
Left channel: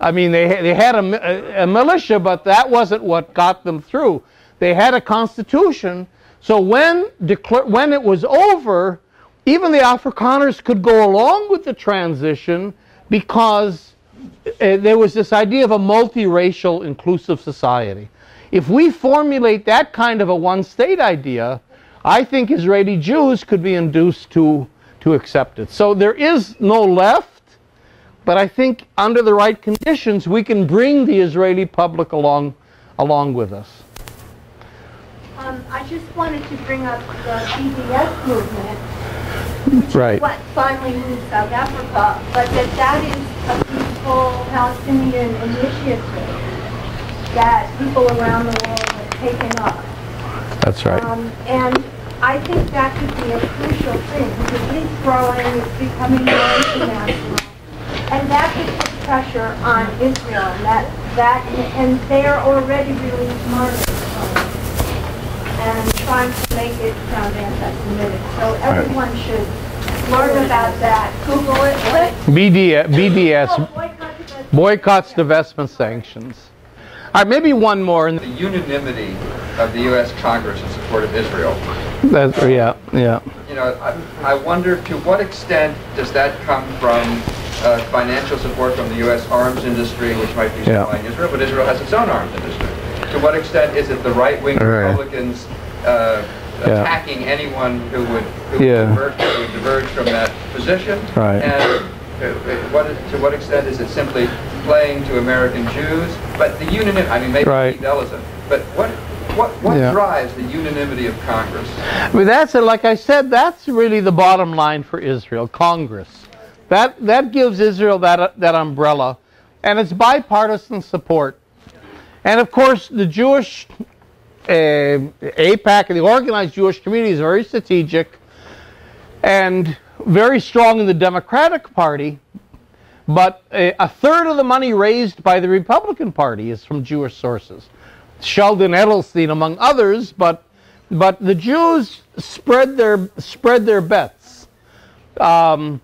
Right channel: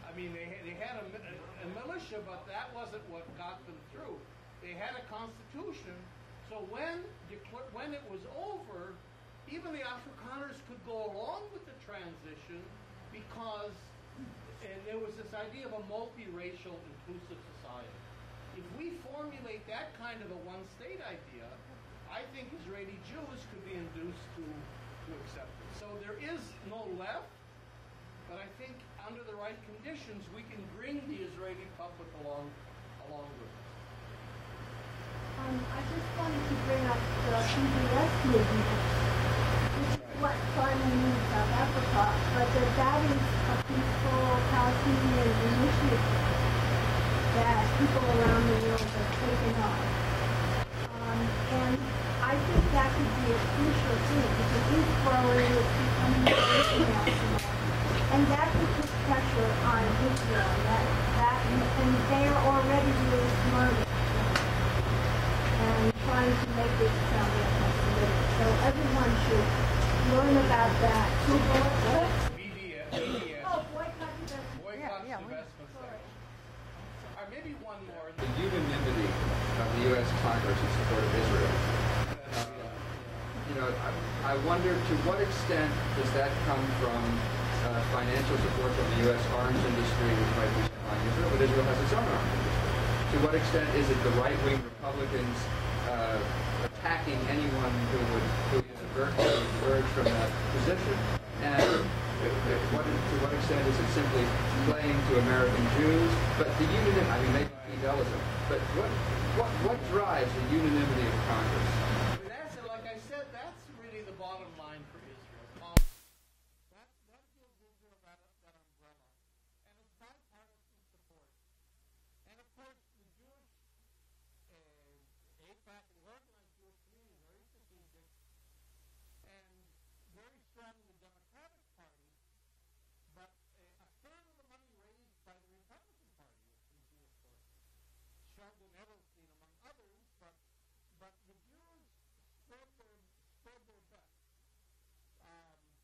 I mean, they had a militia, but that wasn't what got them through. They had a constitution, so when it was over, even the Afrikaners could go along with the transition because there was this idea of a multiracial, inclusive society. If we formulate that kind of a 1-state idea, I think Israeli Jews could be induced to accept it. So there is no left, but I think under the right conditions, we can bring the Israeli public along with us. I just wanted to bring up the BDS movement, which Right. is what finally moved South Africa, but that is a peaceful Palestinian initiative that people around the world have taken up. That's right. And I think that could be a crucial thing because it is growing, it's becoming more international, and that could put pressure on Israel. And they're already really smart and trying to make it sound anti-Semitic. So everyone should learn about that. Google it. BDS, boycotts, divestment, sanctions. All right, maybe one more. The unanimity of the U.S. Congress in support of Israel. Yeah. You know, I wonder to what extent does that come from financial support from the U.S. arms industry, which might be supplying Israel, but Israel has its own arms industry. To what extent is it the right-wing Republicans attacking anyone who would diverge from that position? Right. And to what extent is it simply playing to American Jews? But the unanimity, I mean, maybe idealism. But what drives the unanimity of Congress? I mean, like I said, that's really the bottom line for Israel, Congress. That gives Israel that umbrella, and it's bipartisan support. And of course, the Jewish AIPAC and the organized Jewish community is very strategic and very strong in the Democratic Party, but a third of the money raised by the Republican Party is from Jewish sources. Sheldon Edelstein, among others, but the Jews spread their bets. The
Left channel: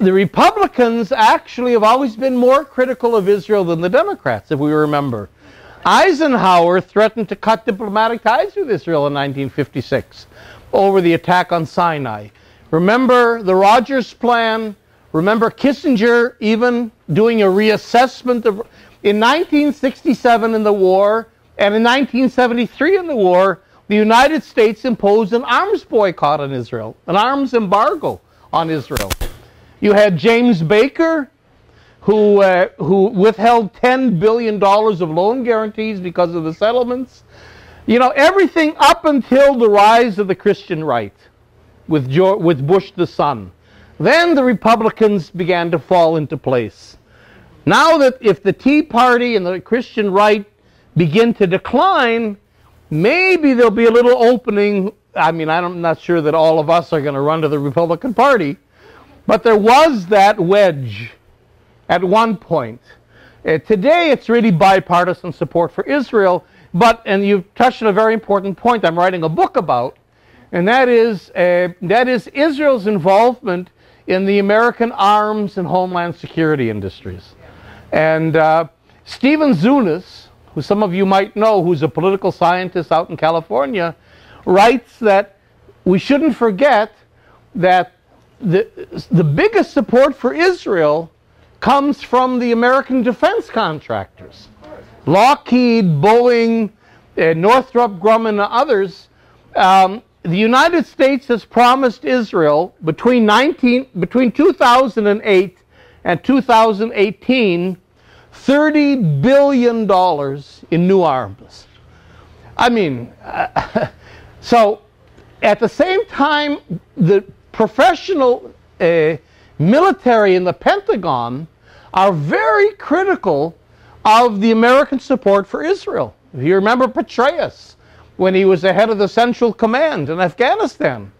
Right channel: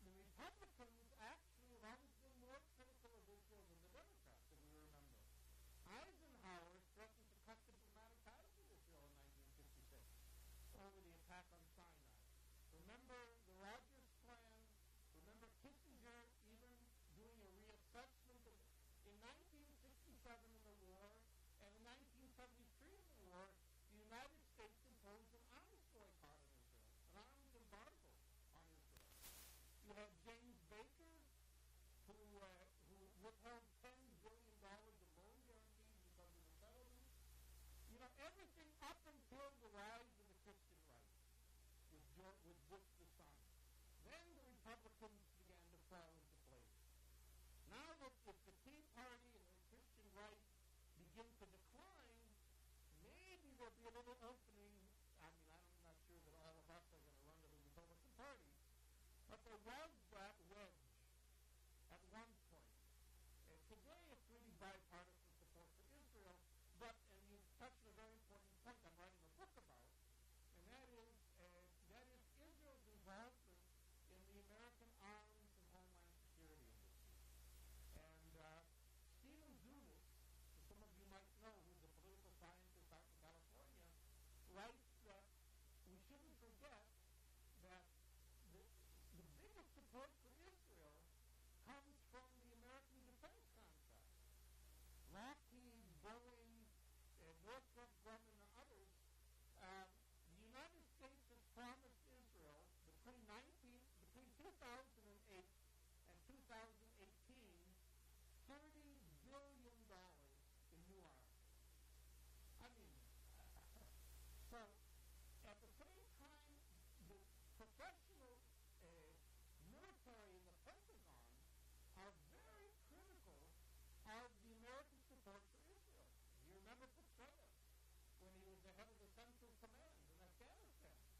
Republicans actually have always been more critical of Israel than the Democrats, if we remember. Eisenhower threatened to cut diplomatic ties with Israel in 1956 over the attack on Sinai. Remember the Rogers Plan? Remember Kissinger even doing a reassessment of... In 1967 in the war, and in 1973 in the war, the United States imposed an arms boycott on Israel, an arms embargo on Israel. You had James Baker, who withheld $10 billion of loan guarantees because of the settlements. You know, everything up until the rise of the Christian right with Bush the son. Then the Republicans began to fall into place. Now that if the Tea Party and the Christian right begin to decline, maybe there'll be a little opening. I mean, I'm not sure that all of us are going to run to the Republican Party, but there was that wedge at one point. Today, it's really bipartisan support for Israel, and you've touched on a very important point I'm writing a book about, and that is Israel's involvement in the American arms and homeland security industries. And Stephen Zunis, who some of you might know, who's a political scientist out in California, writes that we shouldn't forget that the biggest support for Israel comes from the American defense contractors. Lockheed, Boeing, Northrop Grumman, and others. The United States has promised Israel between 2008 and 2018 $30 billion in new arms. I mean, so at the same time, the professional military in the Pentagon are very critical of the American support for Israel. If you remember Petraeus, when he was the head of the Central Command in Afghanistan,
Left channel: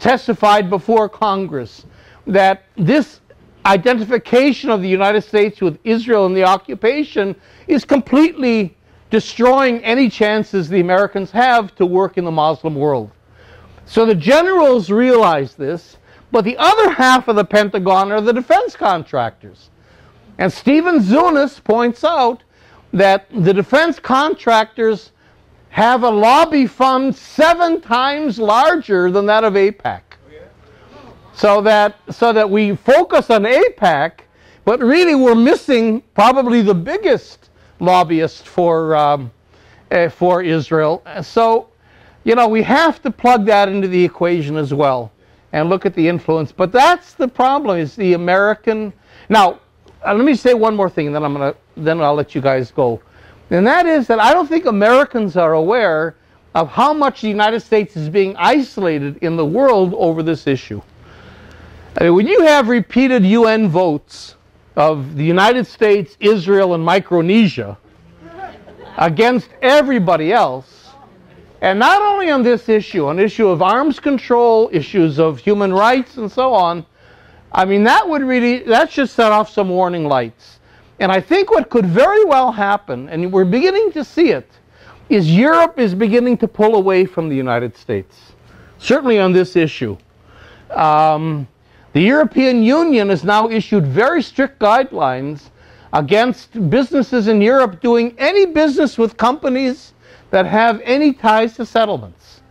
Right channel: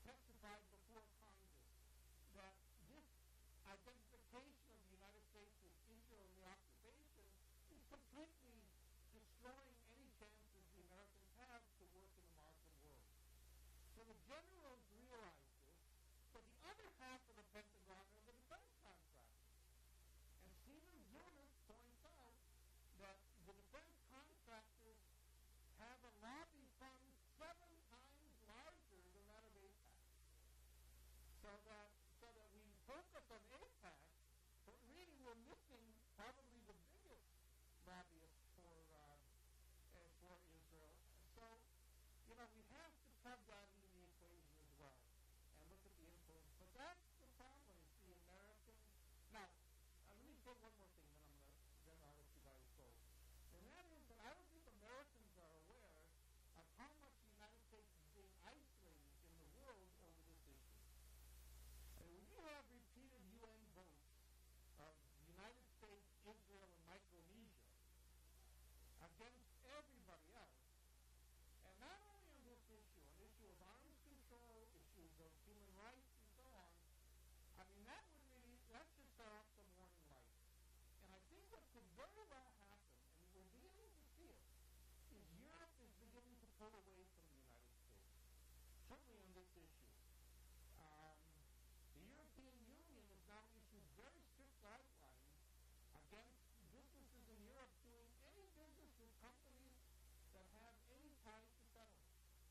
testified before Congress that this identification of the United States with Israel and the occupation is completely destroying any chances the Americans have to work in the Muslim world. So the generals realize this, but the other half of the Pentagon are the defense contractors. And Stephen Zunis points out that the defense contractors have a lobby fund 7 times larger than that of AIPAC. So that we focus on AIPAC, but really we're missing probably the biggest lobbyist for Israel. So, you know, we have to plug that into the equation as well and look at the influence. But that's the problem, is the American. Now, let me say one more thing, and then I'll let you guys go. And that is that I don't think Americans are aware of how much the United States is being isolated in the world over this issue. I mean, when you have repeated UN votes of the United States, Israel, and Micronesia against everybody else, and not only on this issue, on the issue of arms control, issues of human rights, and so on, I mean, that should set off some warning lights. And I think what could very well happen, and we're beginning to see it, is Europe is beginning to pull away from the United States, certainly on this issue. The European Union has now issued very strict guidelines against businesses in Europe doing any business with companies that have any ties to settlements.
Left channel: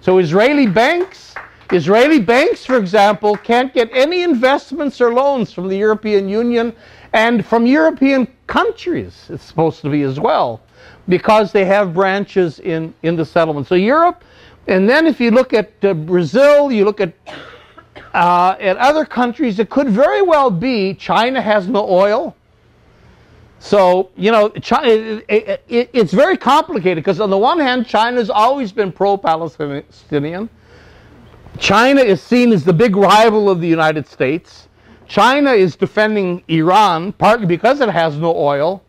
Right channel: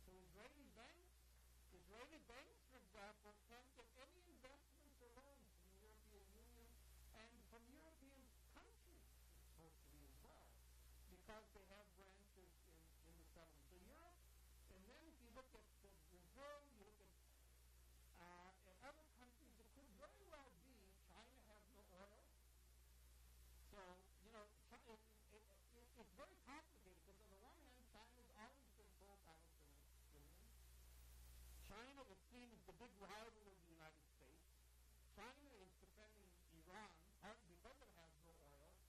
So Israeli banks, for example, can't get any investments or loans from the European Union and from European countries, it's supposed to be as well, because they have branches in the settlement. So Europe, and then if you look at Brazil, you look at other countries, it could very well be China has no oil. So, you know, it's very complicated because on the one hand, China's always been pro-Palestinian. China is seen as the big rival of the United States. China is defending Iran, partly because it has no oil.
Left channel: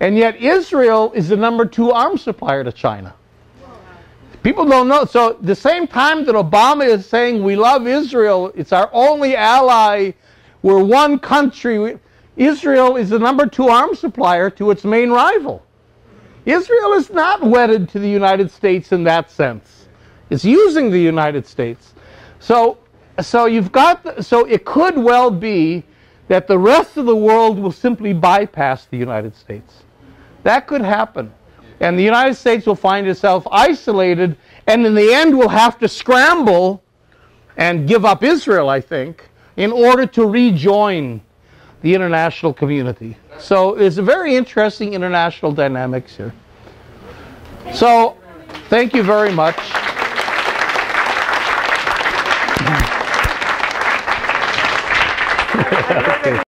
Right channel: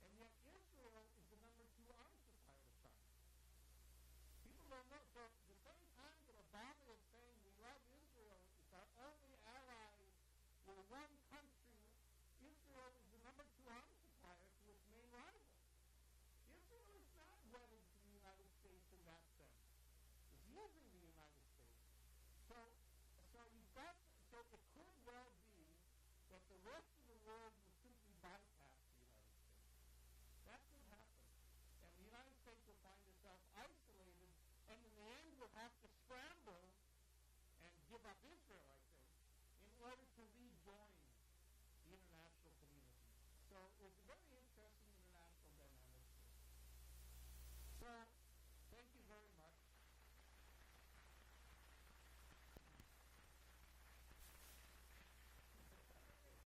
And yet Israel is the #2 arms supplier to China. People don't know. So the same time that Obama is saying we love Israel, it's our only ally, we're one country, Israel is the #2 arms supplier to its main rival. Israel is not wedded to the United States in that sense. It's using the United States. So it could well be that the rest of the world will simply bypass the United States. That could happen. And the United States will find itself isolated, and in the end will have to scramble and give up Israel, I think, in order to rejoin the international community. So there's a very interesting international dynamics here. So thank you very much.